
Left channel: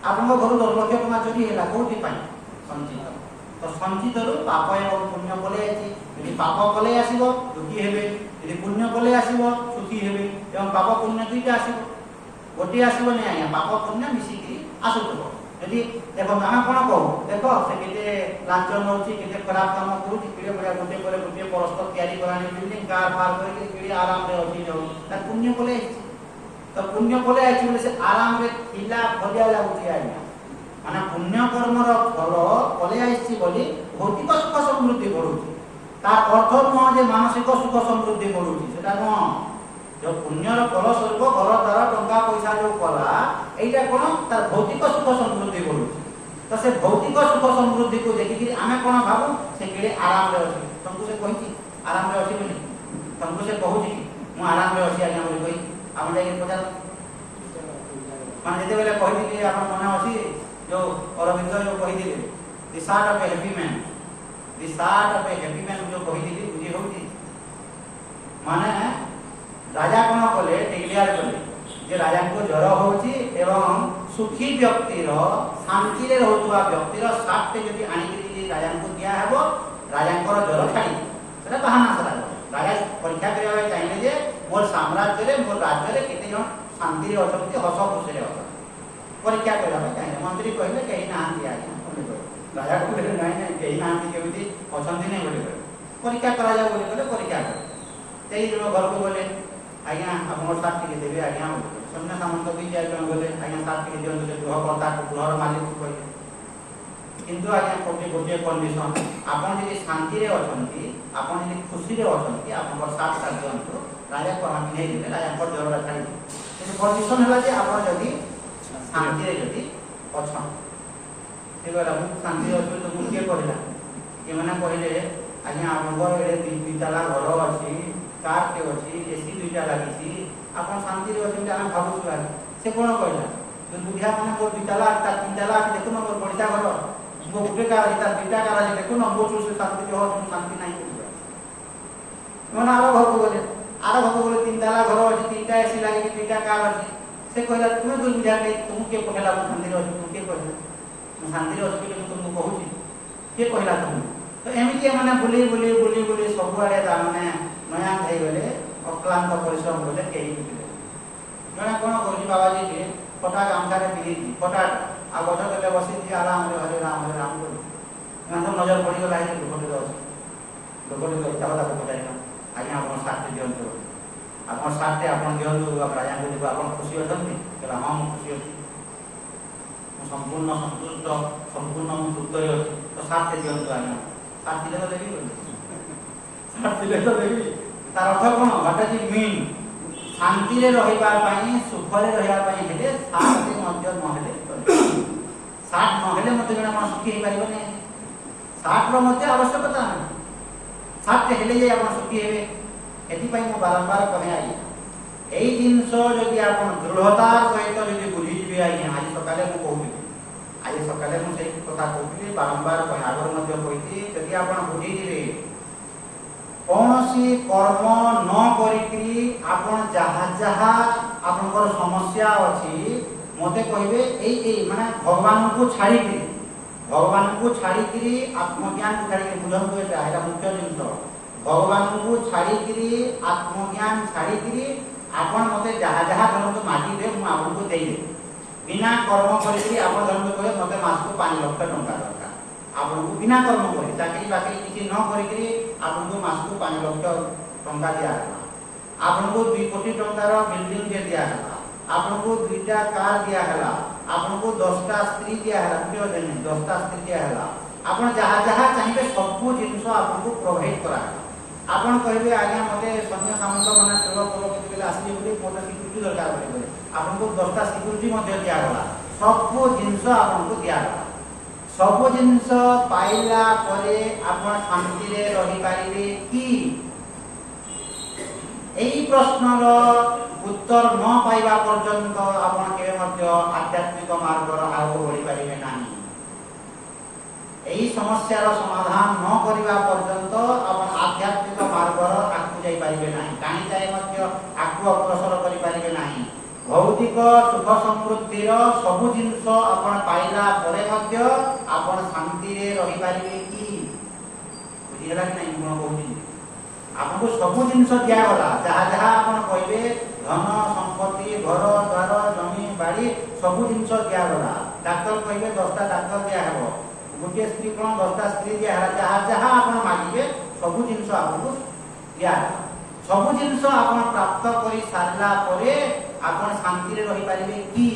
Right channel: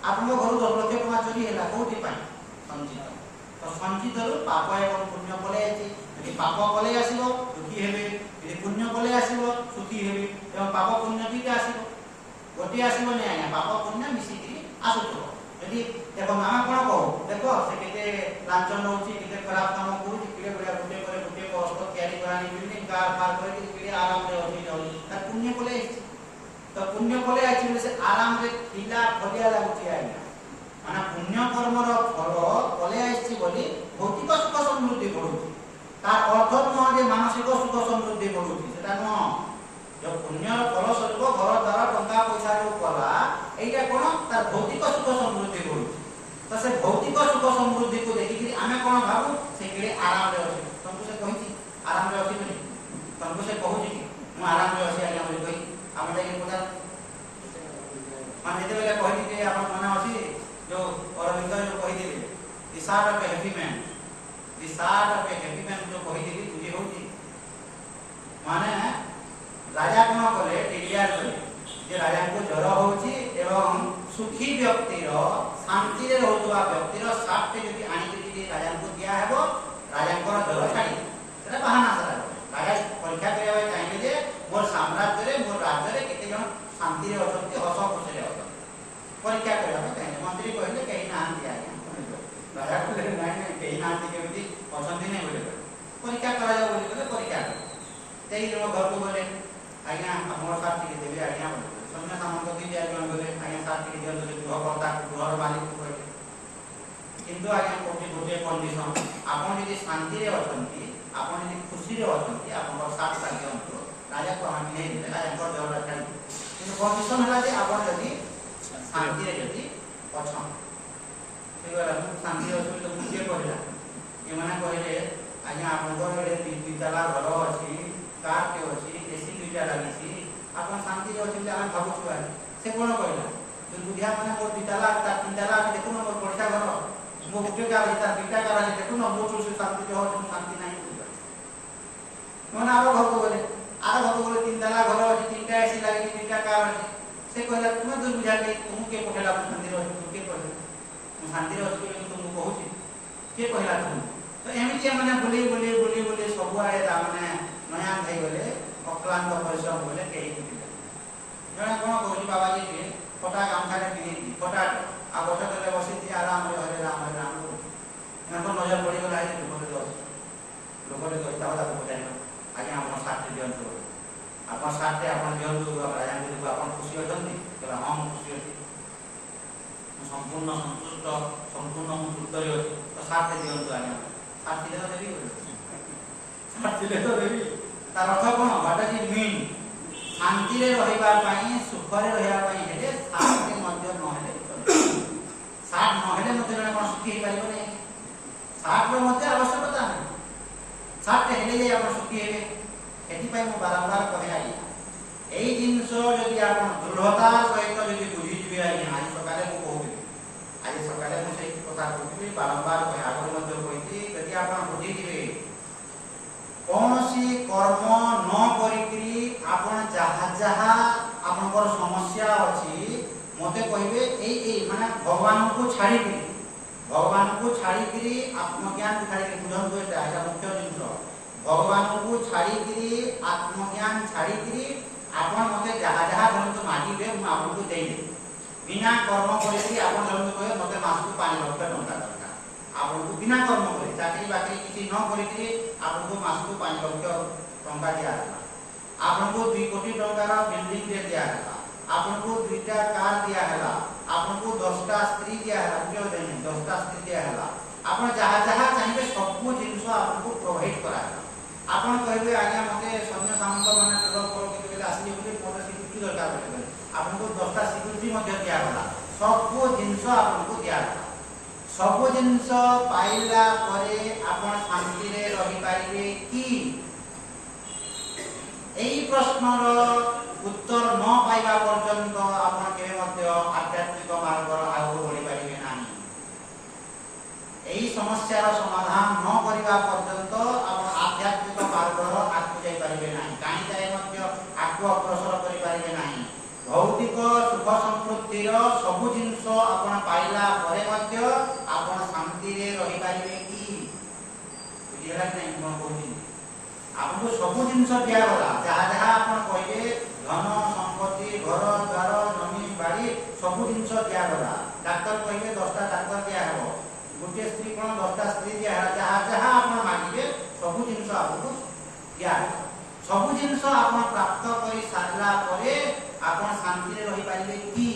ଆପଣଙ୍କ ଘରୁ 10 ଲକ୍ଷ ଟଙ୍କା ଚୋରି ହେଲା, କୋଉଥିପାଇଁ? ସଞ୍ଚିତ। ତ ସଞ୍ଚିତରୁ ପାପ ଏବଂ ପୁଣ୍ୟ ପଳେଇ ଆସିଛି। ଯଦି ପାପ ପଳେଇ ଆସିବ ଦୁଃଖୀ ହେବେ, ଯଦି ପୁଣ୍ୟ ପଳେଇ ଆସିବ ସୁଖୀ ହେବେ। ଏବଂ ପାପ ପୁଣ୍ୟ ଦୁଇଟା ଆସିବ, ଗୋଟିଏ ଆସିବନି ଆଜ୍ଞା, ପାପ ପୁଣ୍ୟ ମିଶିକି ଆସୁଥିବ। ଯଦି ଦେଖ ଆମେ କ'ଣ କହୁ, ଦେଖ ସେ କେତେ ଲାଞ୍ଚ ନେଉଛି, କେତେ ଖରାପ କାମ କରୁଛି, କେତେ ବଢ଼ିଆ ଗୋଟିଏ ପରେ ଗୋଟିଏ ପରସ୍ତ ତିଆରି କରାନି, ବିଲ୍ଡିଂ କାର ଫାର କରିକି କେତେ ଆରାମରେ ଅଛି ରହୁଛି, ତାର ପୁଣ୍ୟ ପଳେଇ ଆସିଛି। ତ ପୁଣ୍ୟ ପଳେଇ ଆସିଛି ବୋଲି ସେ ଆରାମରେ ଥିଲା ଭଲିଆ ଲାଗୁଛି ଆଜ୍ଞା। ମାନେ ପୁଣ୍ୟ କର୍ମର ଫଳ ପଳେଇ ଆସିଛି ବୋଲି ଭୌତିକ ସୁଖ ସମୃଦ୍ଧି ବଢୁଛି। ତାର ଅର୍ଥ ନୁହଁ ଯେ ମାନସିକ ସୁଖ ସମୃଦ୍ଧି ବଢୁଛି, ସେଟା ନୁହଁ। ଯୋଉ ପୁଣ୍ୟର ଫଳ ସ୍ୱରୂପ ଘର ଦ୍ୱାର ଟଙ୍କା ପଇସା ଯୋଉ କଲା, এইটা কোন তার ভৌতিক সুখ সমৃদ্ধি বলুଛି। তো সে ভৌতিক সুখ সমৃদ্ধিକୁ ଦେଖିକି ଆମେ କ'ଣ ଭାବୁ ସେ କିଏ ଆରାମରେ ଅଛି। ତମକୁ ସେ କହିଛି ଆରାମରେ ଅଛି ବୋଲି? ତମକୁ ସେ କହୁଛି କି ମୁଁ ଆରାମରେ ଅଛି ଆଜ୍ଞା ବୋଲି କହି? ଆମେ ଯାଇକି ପଚାର ମାନେ ଯେତେବେଳେ କହିଥିଲେ ଆପଣ ମନେ ଅଛି ଯୋଉ ଅରବିନ୍ଦ ଯୋଉ କହିଥିଲେ the shirt of a happy man, the shirt of a happy man ଯୋଉ କହିଥିଲି ବୁଝି ହଉଛି? ମାନେ ରାଜା କ'ଣ କଲେ, ଡିକ୍ଲେୟାର କଲେ ଯେ ରାଜାଙ୍କୁ ଜ୍ୱର ହଉଛି ଏବଂ ସୁଖୀ ବ୍ୟକ୍ତିର, ଶାନ୍ତିରେ ରହୁଥିବା ବ୍ୟକ୍ତିର ସାର୍ଟଟେ ଯଦି ଆଣିକି ଯଦି ରାଜାଙ୍କୁ ଦିଆହେବ ରାଜାଙ୍କର ଜ୍ୱର ଛାଡ଼ି, ସେଟା ବାହାନା ସେଟା। ରାଜା ପରୀକ୍ଷା କରିବା ପାଇଁ ଚାହିଁଲେ ଯେ ମୋର ସାମ୍ରାଜ୍ୟରେ, ମୋର ରାଜ୍ୟରେ କେତେ ଜଣ ଶାନ୍ତିରେ ଅଛନ୍ତି, ହସ ଖୁସିରେ ଅଛନ୍ତି, ପରୀକ୍ଷା କରିବା ପାଇଁ ଚାହିଁଲେ। ମନ୍ତ୍ରୀ କହିଲେ କେହି ନାହାନ୍ତି ଆଜ୍ଞା ବୋଲି କହିଲେ। ରାଜା କହିଲେ ନାଇଁ ନାଇଁ କେହି ନାହାନ୍ତି, କେମିତି ଅଛନ୍ତି ନାଇଁ ବୋଲି କହିଲେ। ପରୀକ୍ଷା କରାଯାଉ ବୋଲି କହିଲେ, ପରୀକ୍ଷା କଲେ। ସେଇଦିନ ଘରକୁ ଗଲେ, ଆଜ୍ଞା ଆପଣଙ୍କର ସାର୍ଟ ଟିକେ ଦେବେ ଆଜ୍ଞା। ସୈନ୍ୟ ସାମନ୍ତ 2-4 ଜଣ ଗଲେ, ଆଜ୍ଞା ସାର୍ଟ ଟିକେ ଦିଅନ୍ତୁ। ସେ ଗୃହକର୍ତ୍ତାକୁ, ଗୃହର ମାଲିକକୁ କହିଲେ। କିନ୍ତୁ ଆଜ୍ଞା ଗୋଟିଏ କଣ୍ଡିସନ, ଆପଣ ଯଦି ଶାନ୍ତିରେ ଅଛନ୍ତି, ଆପଣ ଯଦି ଖୁସିରେ ଅଛନ୍ତି, ଆପଣଙ୍କର ସାର୍ଟଟା ଦିଅନ୍ତୁ। ରାଜାକୁ ଆମେ ନେଇଦେଲେ ରାଜାଙ୍କର ଜ୍ୱରଟା ଛାଡ଼ିଯିବ। କିନ୍ତୁ କଣ୍ଡିସନ ହେଲା ଯେ ଆପଣ ଯଦି ଶାନ୍ତିରେ ଯଦି ଅଛନ୍ତି। ସେଇଭଳିଆ ମୁଁ ଶାନ୍ତିରେ ଅଛି ତ ମୁଁ କିଏ କହିଲା? ଏମାନେ କହିଲେ ଆଜ୍ଞା ଆପଣଙ୍କର ଏଡ଼େ 2 ତାଲା ଘର ଅଛି, କାରଟେ ଅଛି, ଏସି 2ଟା ଲାଗିଛି, ଆପଣ ଶାନ୍ତିରେ ଅଛନ୍ତି ଆମେ ଭାବୁଛୁ ଆଜ୍ଞା। ସେ କ'ଣ କହିଲା? ବୁଢିଆ ମାନେ ମୋର 2 ତାଲା 3 ତାଲା ଅଛି, ଦେଖୁନ ମୋର ପଡ଼ିଶା ଘର, ମୋ ଗୋଟେ କାର ଅଛି, ତାର 2ଟା କାର ଅଛି, ଦେଖୁନ ମୋ ସେ ଶାନ୍ତି ହଉ, ଶାନ୍ତି ନାହିଁ। ମାନେ ଆର ଘରକୁ ଗଲେ, 3 ତାଲା ଘର ଅଛି, 3ଟା ଏସି ଲାଗିଛି, 2ଟା କାର ଅଛି। ସେ କହିଲା ତୁମେ ଦୁର୍ବୁଝା କେହି, ତୁମକୁ କିଏ କହିଲା ମୁଁ ଶାନ୍ତିରେ ଅଛି? ତୁମକୁ କିଏ କହିଲା ମୁଁ ଶାନ୍ତିରେ ଅଛି ବୋଲି ମୁଁ ତୁମକୁ କହୁଛି? କିଏ କହିଲା ତୁମକୁ? ତ ଏମିତି ଏମାନେ ବୁଲି ବୁଲି ବୁଲି ବୁଲି ସବୁଆଡ଼େ ତାମାନେ ନୟାନ୍ତ ହେଇଗଲେ, ଅକ୍ଲାନ୍ତ ପରିଶ୍ରମ କଲେ, କେହି ଶିଖିଲେ। ଜଣେ କ'ଣ କରୁଛି ବାବାଜୀ ଫଟା ଗାମୁଛାରେ ପିନ୍ଧିଛି, ଫଟା ଆଉ ଗଛ ତଳେ ବସିଛି ଆରାମରେ ହରେ ରାମ କରୁଛି। ତାଙ୍କ ନଜର ପଡ଼ିଗଲା, ଏଇ ଲୋକଟେ ଅଛି, ଲୋକଟେ ଇଚ୍ଛା ହେଲା ତାକୁ ପଚାରିଲା ଆଜ୍ଞା ଆପଣ ସାର୍ଟଟେ ଦିଅନ୍ତୁ, ଆପଣ ସାର୍ଟଟେ ଆପଣ ଦିଅନ୍ତୁ ରାଜାଙ୍କୁ ଯିବୁ, ଆପଣ ଖୁସି ଅଛନ୍ତି? କହିଲା ହଁ ମୁଁ ଖୁସି ଅଛି, ମୁଁ ସମ୍ପୂର୍ଣ୍ଣ ସନ୍ତୁଷ୍ଟ, ସମ୍ପୂର୍ଣ୍ଣ ମୁଁ ତୃପ୍ତରେ ଅଛି। ତ ସାର୍ଟଟେ ଦିଅନ୍ତୁ ଆଜ୍ଞା। ସାର୍ଟ ଦିଲେ ତ ଦେବି, ସାର୍ଟ ଦିଲେ ତ ଦେବି। तार अर्थ कोन व्हाट इज इट मीन शांति रे रहिबा पई सुख रे रहिबा पई हेले शांति मध्य न हेले साथ न हेले मते जणा मन सुखी हे परिबो नै साथ रो मते आवश्यकता नै साथ हेले जे आपण सुखी हेबे एति पई मो बारंबार कहे आई एई जिंस जदि आपण दृढ़ता सहित जदि बुझी जिवे आई आज सकाले मो कहूली आज सकाले मो सेही कथा कहूली बारंबार कहे आगर मध्य कहिती जदि आपण बुझी जिवे कौनसी कर्म न करिकरी आपण जहा जहा आपनकर समस्या अछि मते कहिबे एई माने भगवान को छाड़ी करी आत्मज्ञान को छाड़ी बुझन को एटा मुख्य जिंस भगवान को छाड़ी करी आत्मज्ञान छाड़ी करी आपण मते जहा जहा धरंतु मागिबे मु आपन को देई दे बिना कर्म करिकरी आपण धरंतु कहे मते मास को 5 लाख टंका दरकार आपन को बिना कर्म करे चाकरी बाकरी किछि न करिकरी आपन को मास को 5 लाख टंका दिया आपन को 2 कोटी टंकार बिल्डिंग दे दिया आपन को 2टा कार दिया हला आपन को 10टा स्त्री दिया हला क्यों देने 10टा स्त्री दिया हला आपण जहा जहा चाहिए सब जिंस आपन को प्रोवाइड करा आपण कहबे आज्ञा मते सैन्य सामंत माने टोल पोलो केते आसी बोली मोटा सिक्युरिटी दरकार बोले आपन को 10टा सिक्युरिटी मध्ये दिया गला सब जिंस आपन को दिया गला सब जिंस पाइला परे आपण शांति रे रहि पारिबे की एई प्रश्नर उत्तर न पाइबा पर्यंत आपण केबे मध्ये आध्यात्मिक मार्ग रो आगो बढ़ी पारिबे नाही एई समस्यार समाधान न करिबा पर्यंत आपण आध्यात्मिक मार्ग रो आगु जाई पारिबे नाही कानी जाय मध्ये आगु अग्रसर करि पारिबे नाही भौतिक सुख समृद्धि रो सब जिंस आपण पाइला परे मध्ये आपण शांति रे रहि पारिबे की बुझिला कि नाही कोन कहूची आपन को सब जिंस दिया गला जहा जहा आपण कहबे धन संपत्ति घर द्वार जमी बाड़ी सब जिंस दिया गला डॉक्टर कहबे 10टा डॉक्टर दिया हेबो गोटे स्त्री कोन 10टा स्त्री दिया है जहा जहा आपण मागिबे सब जिंस आपको दिया सब जिंस आपण प्राप्त करि सारला परे आपण शांति रे रहि पारिबे की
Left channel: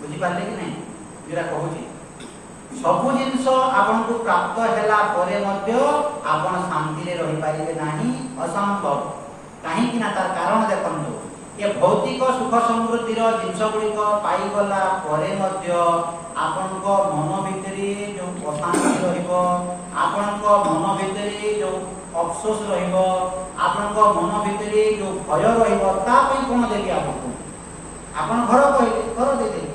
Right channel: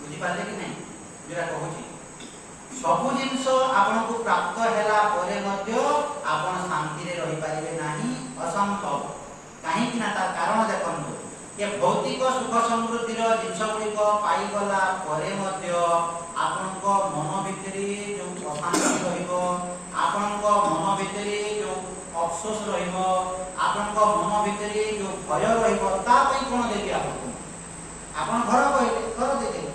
बुझी पाले कि नहीं जेरा कहूची सब जिंस आपण को प्राप्त हैला परे मध्ये आपण शांति रे रहि पारिबे नाही असंभव काहे कि ना तार कारण देखंतु ये भौतिक सुख समृद्धि रो जिंस गुडी को पाई गला परे मध्ये आपण को मन भितरी जो अशांति रहिबो आपण को मन भितरी जो अफसोस रहिबो आपण को मन भितरी जो भय रहिबो ता पई कोन देबी आपको आपण घर कहले घर दे दे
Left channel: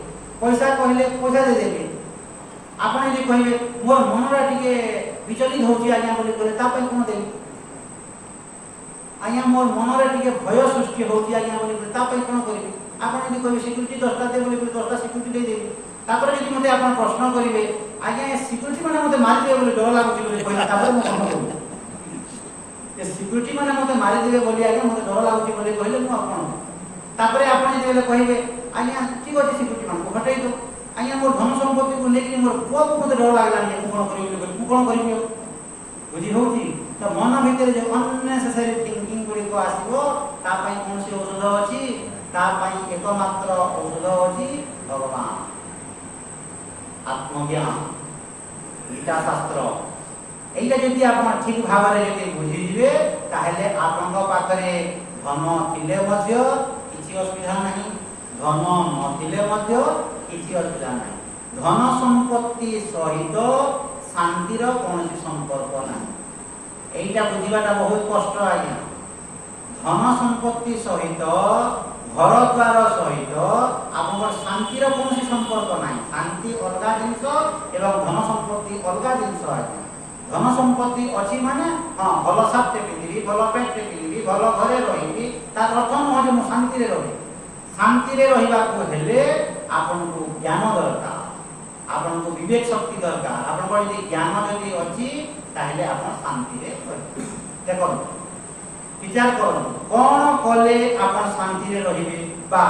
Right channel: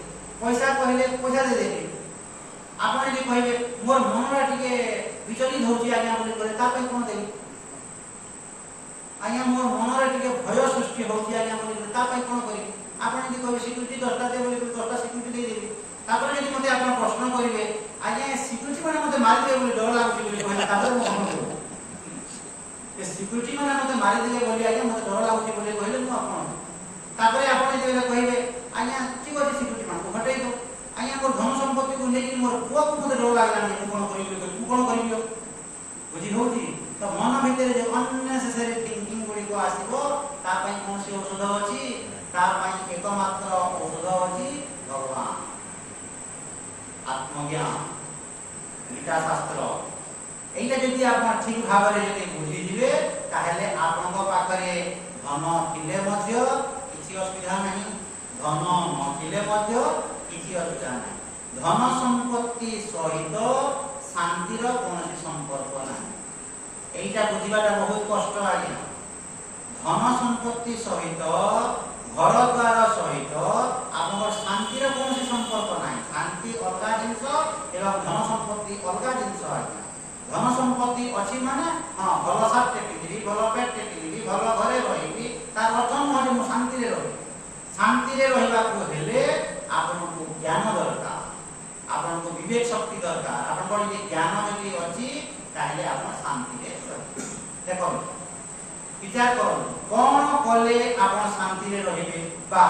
पैसा कहले पैसा दे देबी आपण जे कहबे मोर मनरा टिके विचलित होची आज्ञा बोली कहले ता पई कोन देबी आज्ञा मोर मनरे टिके भय सृष्टि होची आज्ञा बोली कहले ता पई कोन करबी आपण जे कहबे सिक्युरिटी 10टा दे बोली 10टा सिक्युरिटी दे देबी तापर जे मते आपण प्रश्न करिवे आज्ञा सिक्युरिटी माने मते मारि देबे बोली डर लागुची बोली कहले तापर मो कोन करबो ए सिक्युरिटी माने मते मारि देबे बोली आज्ञा मते डर लागुची बोली कहले मो आपण तापर आपण जे कहबे आज्ञा ठीक अछि सिक्युरिटी मान को हटाई दो आज्ञा मोर धन संपत्ति को लेके मोर पुआ को मते डर लागला नि कोन करिबो तू कोन करिबो बुझी होउची तो मन भीतर जे अननेसेसरी थिंकिंग गुडी को आसीबो ता पई कोनसी औषध अछि ता पई एकमात्र औषध अछि भगवान आत्मज्ञान गीता शास्त्र एइटा जदि आपण ठीक भाबरे जदि बुझी जिवे ताहेले आपनक पाखरे धन थिले मध्ये किछि असुविधा नाही धन नथिले मध्ये किछि असुविधा नाही धन संपत्ति सहित शांतिर कोनसी संपर्क नाही एइटा बुझिबाटा बहुत कष्ट आज्ञा धन संपत्ति सहित घर द्वार सहित आपनकर शांतिर कोनसी संपर्क नाही शांति अलगा जिंस एवं धन संपत्ति अलगा जिंस आज्ञा धन संपत्ति अछि माने हां भलो साथे पिलिबी भलो पेट पिलिबी भलो घरे रहिबी तार अर्थ न जे शांति रे रहि शांति रे रहिबा को हेले आपनको ज्ञान दरकार आपनको विवेक शक्ति दरकार आपनको यदि ज्ञान यदि अछि ताहले आपण शांति रे रहि देखो विचार करो कोन कले आपण शांति रे रहिबे बा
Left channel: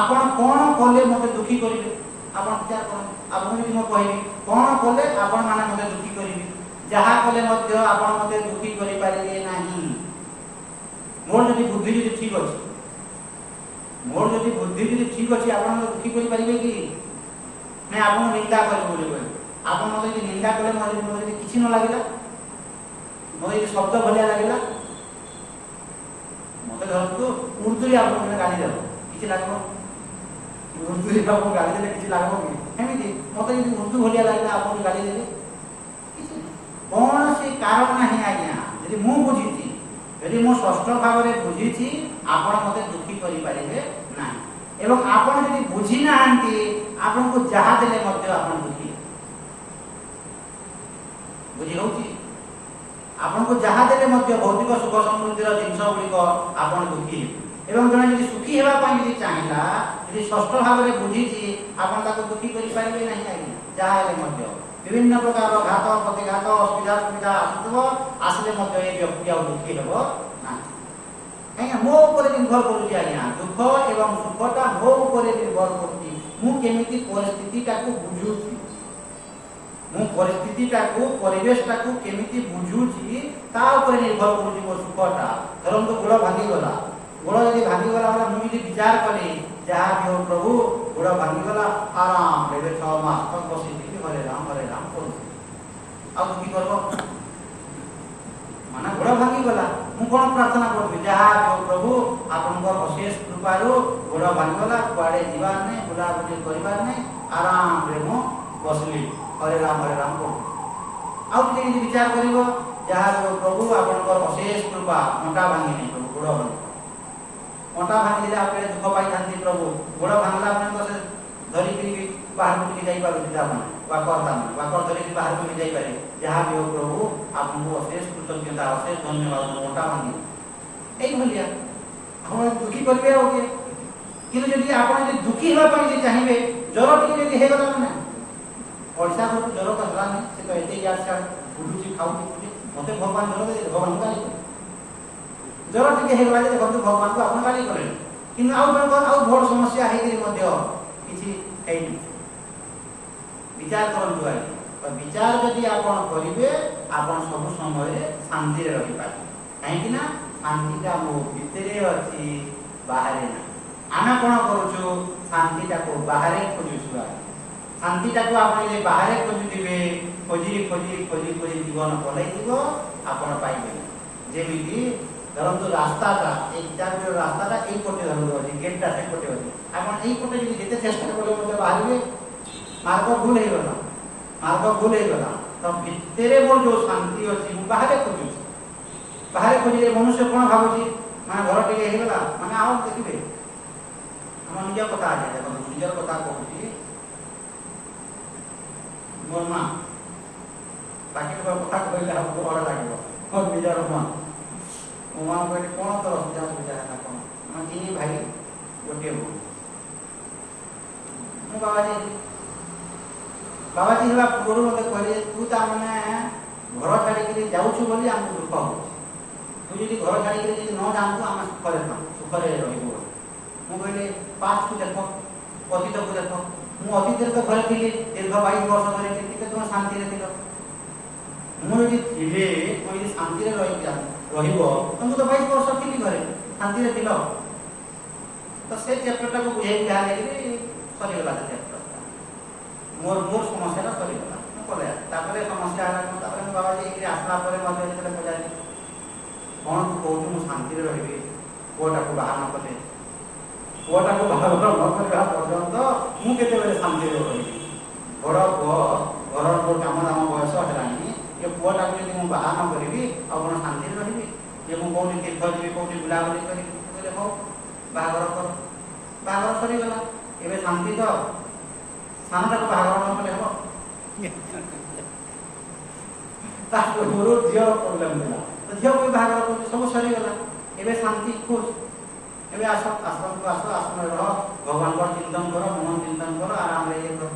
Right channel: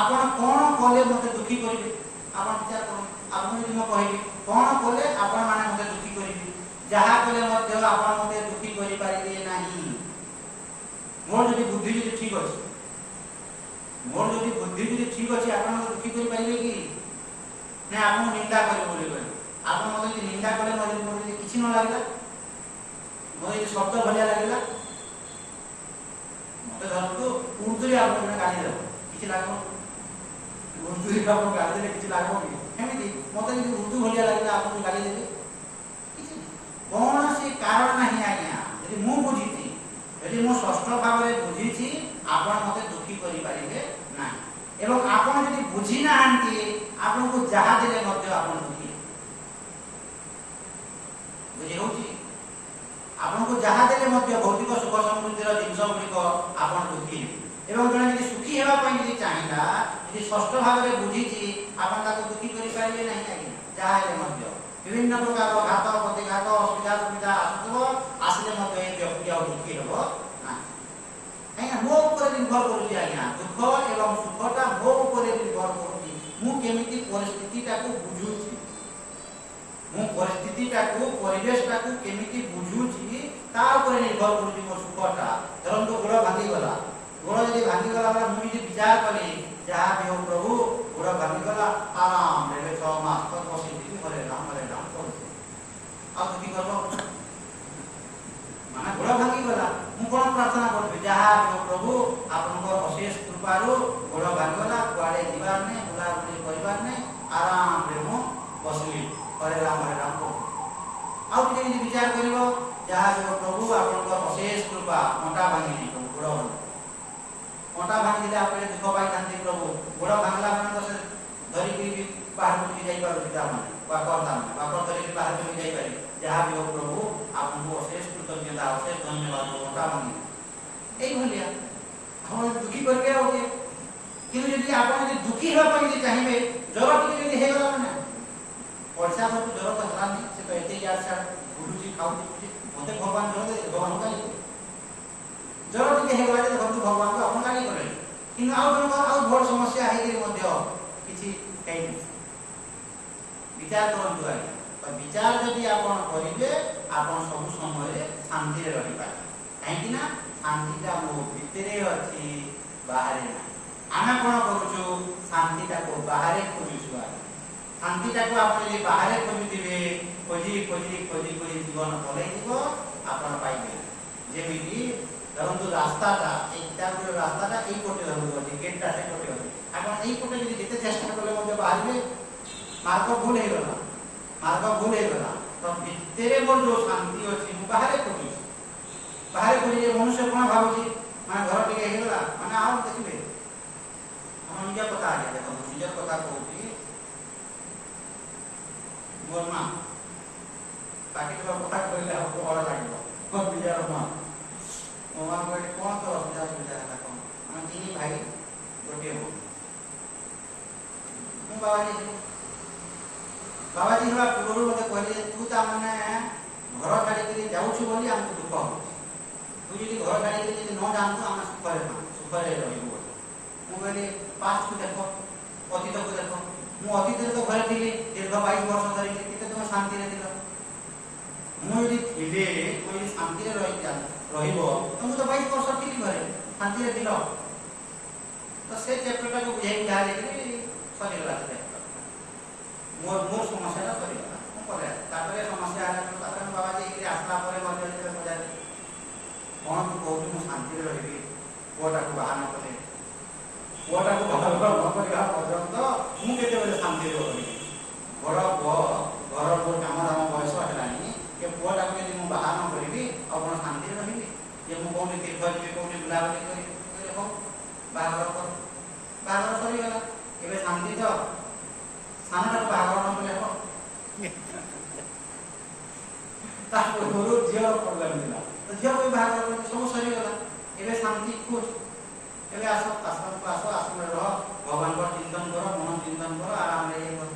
आपण कोन कले मते दुखी करिवे आपण विचार करो आपण यदि म कहिबी कोन कले आपण माने मते दुखी करिवे जहा कले मध्ये आपण मते दुखी करि पारिबे नाही मोर यदि बुद्धि यदि ठीक अछि मोर यदि बुद्धि यदि ठीक अछि आपण मते दुखी करि पारिबे कि नै आपण निंदा करि बोले बोले आपण मते यदि निंदा कले मते किछि न लागिला ମୋତେ ଏ ଶବ୍ଦ ଭଳିଆ ଲାଗିଲା, ମୋତେ ଧରନ୍ତୁ ଉର୍ଦ୍ଦୁରେ ଆପଣ ଜଣେ ଗାଳି ଦେବ, କିଛି ଲାଗିବ? ଉର୍ଦ୍ଦୁରେ ଆପଣଙ୍କୁ ଗାଳି ଦେଲେ କିଛି ଲାଗିବ କି? ଏମିତି ମୋତେ ଯଦି ଉର୍ଦ୍ଦୁ ଭଳିଆ ଲାଗିଲା ଆପଣଙ୍କୁ ଗାଳି ଦେଲେ କିଛି କୌଣସି କାରଣ ନାହିଁ ଆଜ୍ଞା। ଯଦି ମୁଁ ବୁଝିଛି, ଯଦି ମୁଁ ସ୍ପଷ୍ଟ ଭାବରେ ବୁଝିଛି, ଆପଣ ମୋତେ ଦୁଃଖୀ କରିପାରିବେ ନାହିଁ। ଏବଂ ଆପଣ ଯଦି ବୁଝି ନାହାନ୍ତି, ଆପଣଙ୍କୁ ଯାହା ଦେଲେ ମଧ୍ୟ ଆପଣ ଦୁଃଖୀ ହେବେ। ବୁଝି ହଉଛି? ଆପଣଙ୍କୁ ଯାହା ଦେଲେ ମଧ୍ୟ ଭୌତିକ ସୁଖ ସମୃଦ୍ଧିର ଜିନିଷ ଗୁଡ଼ିକ ଆପଣ ଦୁଃଖୀ ହେବେ। ଏବଂ ଜଣେ ଯଦି ସୁଖୀ ହେବା ପାଇଁ ଯଦି ଚାହିଁଲା, ଯଦି ସ୍ପଷ୍ଟ ଭାବରେ ବୁଝିଛି, ଆପଣ ତାକୁ ଦୁଃଖୀ କରିପାରିବେ ନାହିଁ ଆଜ୍ଞା। ଯାହା ହେଲେ ମଧ୍ୟ ବିଭିନ୍ନ ପ୍ରକାର ଘାତ ପ୍ରତିଘାତ ଅସୁବିଧା ସୁବିଧା ଆସୁଥିବ, ଆସିଲେ ମଧ୍ୟ ଏ ବ୍ୟକ୍ତି ଆଉ ଦୁଃଖୀ ହେବ ନାହିଁ। ଆଜ୍ଞା ମୋ ଉପରେ ନିର୍ଭର କରୁଛି ଆଜ୍ଞା, ଦୁଃଖ ଏବଂ ସୁଖଟା ମୋ ଉପରେ ନିର୍ଭର କରୁଛି। ମୁଁ କେମିତି ପରିସ୍ଥିତିଟାକୁ ବୁଝୁଛି, ମୁଁ ପରିସ୍ଥିତିଟାକୁ ପରିବେଶଟାକୁ କେମିତି ବୁଝୁଛି, ତା ଉପରେ ନିର୍ଭର କରୁଛି ମୋ ସୁଖଟା। ଧରନ୍ତୁ ଗୋଡ଼ ଭାଙ୍ଗିଗଲା, ଗୋଡ଼ ଯଦି ଭାଙ୍ଗିଗଲା ବୋଲେ ମୁଁ ଯଦି ବିଚାର କଲି, ଯାହା ବି ହଉ ପ୍ରଭୁ ଗୋଡ଼ ଭାଙ୍ଗିଗଲା, ଆରାମରେ 6 ମାସ ତକ ବସିଥିଲି ହରେ ରାମ କରୁଛି, ଆଉ ଦୁଃଖୀ କରିବ? ମାନେ ଗୋଡ଼ ଭାଙ୍ଗିଗଲା, ମୁଁ କ'ଣ ପ୍ରାର୍ଥନା କରିବି? ଯାହା ବି ହଉ ପ୍ରଭୁ ଆପଣଙ୍କ ଅଶେଷ କୃପାରୁ ଗୋଡ଼ ଭାଙ୍ଗିଗଲା, କୁଆଡ଼େ ଯିବାର ନାହିଁ, ବୁଲାବୁଲି କରିବାର ନାହିଁ, ଆରାମରେ ମୁଁ ବସିଲି ହରେ ରାମ କରୁଛି। ଆଉ ଟିକେ ଯଦି ବିଚାର କରିବ, ଯାହା ବି ହଉ ପ୍ରଭୁ ଆପଣଙ୍କ ଅଶେଷ କୃପା, ଅଣ୍ଟା ଭାଙ୍ଗିନି ପ୍ରଭୁ, ଗୋଡ଼ ଭାଙ୍ଗି, ଅଣ୍ଟା ଭାଙ୍ଗିଲେ ଆଉ ଟିକେ ଦୁଃଖ ପାଇଥାନ୍ତି ପ୍ରଭୁ, ଗୋଡ଼ ଭାଙ୍ଗିଲା ମାନେ ତ ସେ ଧରିକି ବାହାରକୁ ଟିକେ ଯାଇପାରୁଛି, ତାମାନେ ବାକର ଧରିକି ବାହାରକୁ ବି ଯାଇପାରିବେ। ଯାହା ବି ହଉ ପ୍ରଭୁ ଆପଣଙ୍କୁ ଅଶେଷ କୃତଜ୍ଞତା, ଅଶେଷ ଧନ୍ୟବାଦ, ଅଣ୍ଟା ଭାଙ୍ଗି এইভଳିଆ ଆପଣ ଦୁଃଖୀ କରିବେ ଆଉ କିଏ? କିନ୍ତୁ ଯଦି ଆପଣ ଯଦି ଦୁଃଖୀ ହେବା ପାଇଁ ଯଦି ଚାହିଁବେ, ଜ୍ୱର ଟିକେ ଯଦି ହେଇଗଲା ନା, ପଇସା ସବୁ ଜ୍ୱର ତ ହେଲାନି, ସେ ତ ଏତେ ଇଆଡ଼େ ସିଆଡ଼େ ବୁଲୁଛି ଖାଉଛି, ମୋତେ ଭଗବାନ ଜ୍ୱର ଦେଇ ଭଗବାନ ଗାଳି କଲେ। ଜ୍ୱର ଟିକେ ହେଇଗଲା ଯେ ଦେଖନ୍ତୁ ଭଗବାନଙ୍କୁ ଆପଣ ଗାଳି କଲେ, କିନ୍ତୁ ଆଉ ଜଣଙ୍କର ଆଉ ବଡ଼ ସମସ୍ୟା ହେଇକରି ମଧ୍ୟ କିଛି ହେଇନି। ବିଚାର କରନ୍ତୁ ଆଜ୍ଞା, ବିଚାର ଯଦି ଆପଣ କରିବେ, ଆପଣ ସବୁ ସମୟରେ ଶାନ୍ତିରେ ରହିପାରିବେ। କାହିଁକି ନା ଶାନ୍ତିଟା ମୋ ଭିତରେ ଅଛି, ବାହାରେ ନାହିଁ। ଆମେ କ'ଣ କରୁଛୁ? ଶାନ୍ତିଟାକୁ ବାହାରେ ଖୋଜୁଛୁ ଆଜ୍ଞା। ଶାନ୍ତିଟାକୁ ଆପଣ ଯଦି ବାହାରେ ଖୋଜୁଥିବେ, ଖୋଜି ଖୋଜି ଖୋଜି ଖୋଜି ଜୀବନ ପଳେଇଯିବ, ଆପଣ ପାଇବେ। ଯେମିତି ଧରନ୍ତୁ ରାସ୍ତାଟା, ଏଇ ରାସ୍ତାଟା ଏଇପଟେ ଅଛି, ଗେଟ୍ଟା ସେପଟେ ଅଛି, ଆପଣ ଏଇପଟେ ଯଦି ଯେତେ ଚେଷ୍ଟା କଲେ ମଧ୍ୟ ବାହାରିବେ, ମାର୍ଗ ଭୁଲ ହେଇଗଲା, ତ ଭିତରେ ମୋର ଯୋଉ ଶାନ୍ତି ଅଛି, ମୁଁ ବାହାରେ ଖୋଜୁଛି। ବାହାରେ ଖୋଜିଲେ ମନୁଷ୍ୟ କ'ଣ ଭାବୁଛି? ମାନେ ଘର ଟିକେ ହେଇଗଲା ମାନେ ଆଉ ଦେଖିବେ, ଆମ ନିଜ କଥା ଆଜ୍ଞା ଦେଖନ୍ତୁ, ନିଜର କଥା କହୁଛି। ମୋର ମା, ବାକି କଥା କହିଲେ ଆମକୁ ଭଲ ଲାଗିବ। ମୋର ନିଜର ମା, ମୋ ମା କହିଲେ କ'ଣ ତୋର ସୁବିଧା ହେଲା କ'ଣ? ଆମେ 3 ଭାଇ, ଗୋଟିଏ ବୋଉ। ମୁଁ ବାବାଜୀ ହେବା ପୂର୍ବରୁ ମୋତେ କହିଲେ, ତୁ ତାମାନେ ଘର ଛାଡ଼ିକିରି ଯାଉଛୁ ବୋଲି ଆମକୁ ଦୁଃଖ ହେଉଛି। ତୁ ଯଦି ଘର ଛାଡ଼ିକିରି ଯଦି ନ ଯାଆନ୍ତୁ, ଆମେ ସୁଖରେ ରହିବୁ। ମୁଁ କହିଲି ପାଷ୍ଟକୁ ଦେଖ, ଅତୀତକୁ ଦେଖ। ମୁଁ ଅତୀତରେ ତ ଘରେ ଥିଲି ଦୀର୍ଘ 22 ବର୍ଷ ଧରିକି, କେତେ ତୁମେ ଶାନ୍ତିରେ ଥିଲ। ମୁଁ ଯଦି ଶାନ୍ତିରେ ରହିବ, ତ ମୁଁ ତ 22 ବର୍ଷ ଥିଲି ଘରେ, ଶାନ୍ତିରେ ଥିଲ। ତ ସେ ଚ୍ୟାପ୍ଟରଟାକୁ ବୁଝେଇକି ଯାହା ନେଇକରି ସରିଗଲା। ମୋର ସମସ୍ୟାଟା ସରିଗଲା, ମୁଁ କଲେ। ତାପରେ ସମସ୍ୟା ହେଲା, ତାପରେ ମୁଁ ବାବାଜୀ ହେଇକିରି ଆସିଲା ପରେ ମଧ୍ୟ ଯେତେବେଳେ ପଚାରିଲି, କ'ଣ ତୁ କହୁଛୁ ମୁଁ ଶାନ୍ତିରେ ରହିବି, ପୁଅଟାକୁ ବାହା ନ କଲେ, ପୁଅଟାକୁ ବାହାଘର ନ କରିବା ପର୍ଯ୍ୟନ୍ତ ମୁଁ କେତେବେଳେ ଶାନ୍ତିରେ ରହିବି? ବଡ଼ ପୁଅ, ଘରର ଯେଉଁ କାମ ଦାମ ବୟସ ହେଲାଣି, ଏ ପୁଅଟାକୁ ଯଦି ମୁଁ ବାହା ନ କରିବି, ଆଉ କ'ଣ ଶାନ୍ତିରେ ରହିବି? ଯେ ମୁଁ କୋଉଠି ତୀର୍ଥ ଯିବି, କୋଉଠି ବୁଲାବୁଲି କରିବି, ହଉ ବାହାଘର କର। ବାହାଘର ସରିଗଲା, ଏବେ ଶାନ୍ତି ତ। ସାନଟାକୁ ବାହାଘର ନ କଲେ ହେବ? ତା ପୂର୍ବରୁ ଝିଅର ପ୍ରୋବ୍ଲେମ ଥିଲା, ତ ଝିଅକୁ ବି ବାହାଘର କରୁଛି, ସବୁ ସରିଗଲା। ଏବେ ଶାନ୍ତି ଖୁସ୍। ଏବେ ଆଶ୍ରମକୁ ଆସ, ଆଶ୍ରମରେ ରହ, ଭଗବାନଙ୍କର ଚିନ୍ତନ କର, ମନ ଚିନ୍ତନ କର, ଆରାମରେ ଇଏ କର।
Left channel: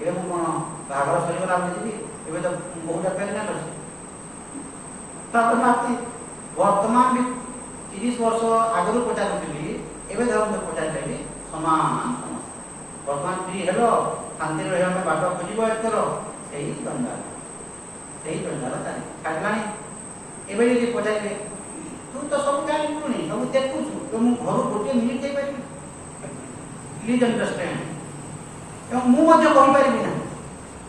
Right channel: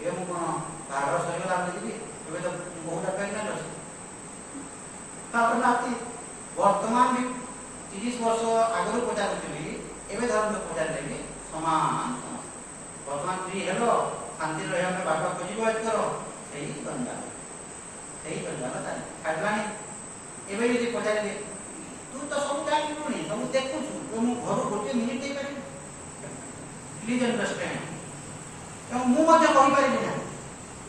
ଏବେ ମୁଁ କ'ଣ ବାହାଘର ସରିଗଲା ବୋଲି ଯିବି? ଏବେ ତ ବହୁଟା ପ୍ରେଗନେଣ୍ଟ ଅଛି। ତାପରେ ନାତି ବର୍ତ୍ତମାନ ବି 30 ବର୍ଷ ଆଗରୁ ପଚାରୁଥିଲି, ଏବେ ଧରନ୍ତୁ ପଚାରିଲେ ବି ସମାନ ସମସ୍ୟା। ବର୍ତ୍ତମାନ ଫ୍ରି ହେଲ, ଶାନ୍ତିରେ ରହିବା ପାଇଁ ବାଟ ଖୋଜିବ, ଏଥର ସେଇ ଜଞ୍ଜାଳ ଛାଡ଼ିଲାଣି। ଏବେ ଯଦି ପଚାରିବେ, ତୁ ତ ସବୁ ଜାଣିଲୁଣି, ସବୁ ଦେଖୁଛୁ, ମୁଁ ଘରୁ ଗୋଟିଏ ମିନିଟ୍ ଦେଇପାରିବି? Please understand. ଏବଂ ମୁଁ ମଧ୍ୟ କହିପାରିବି ନା।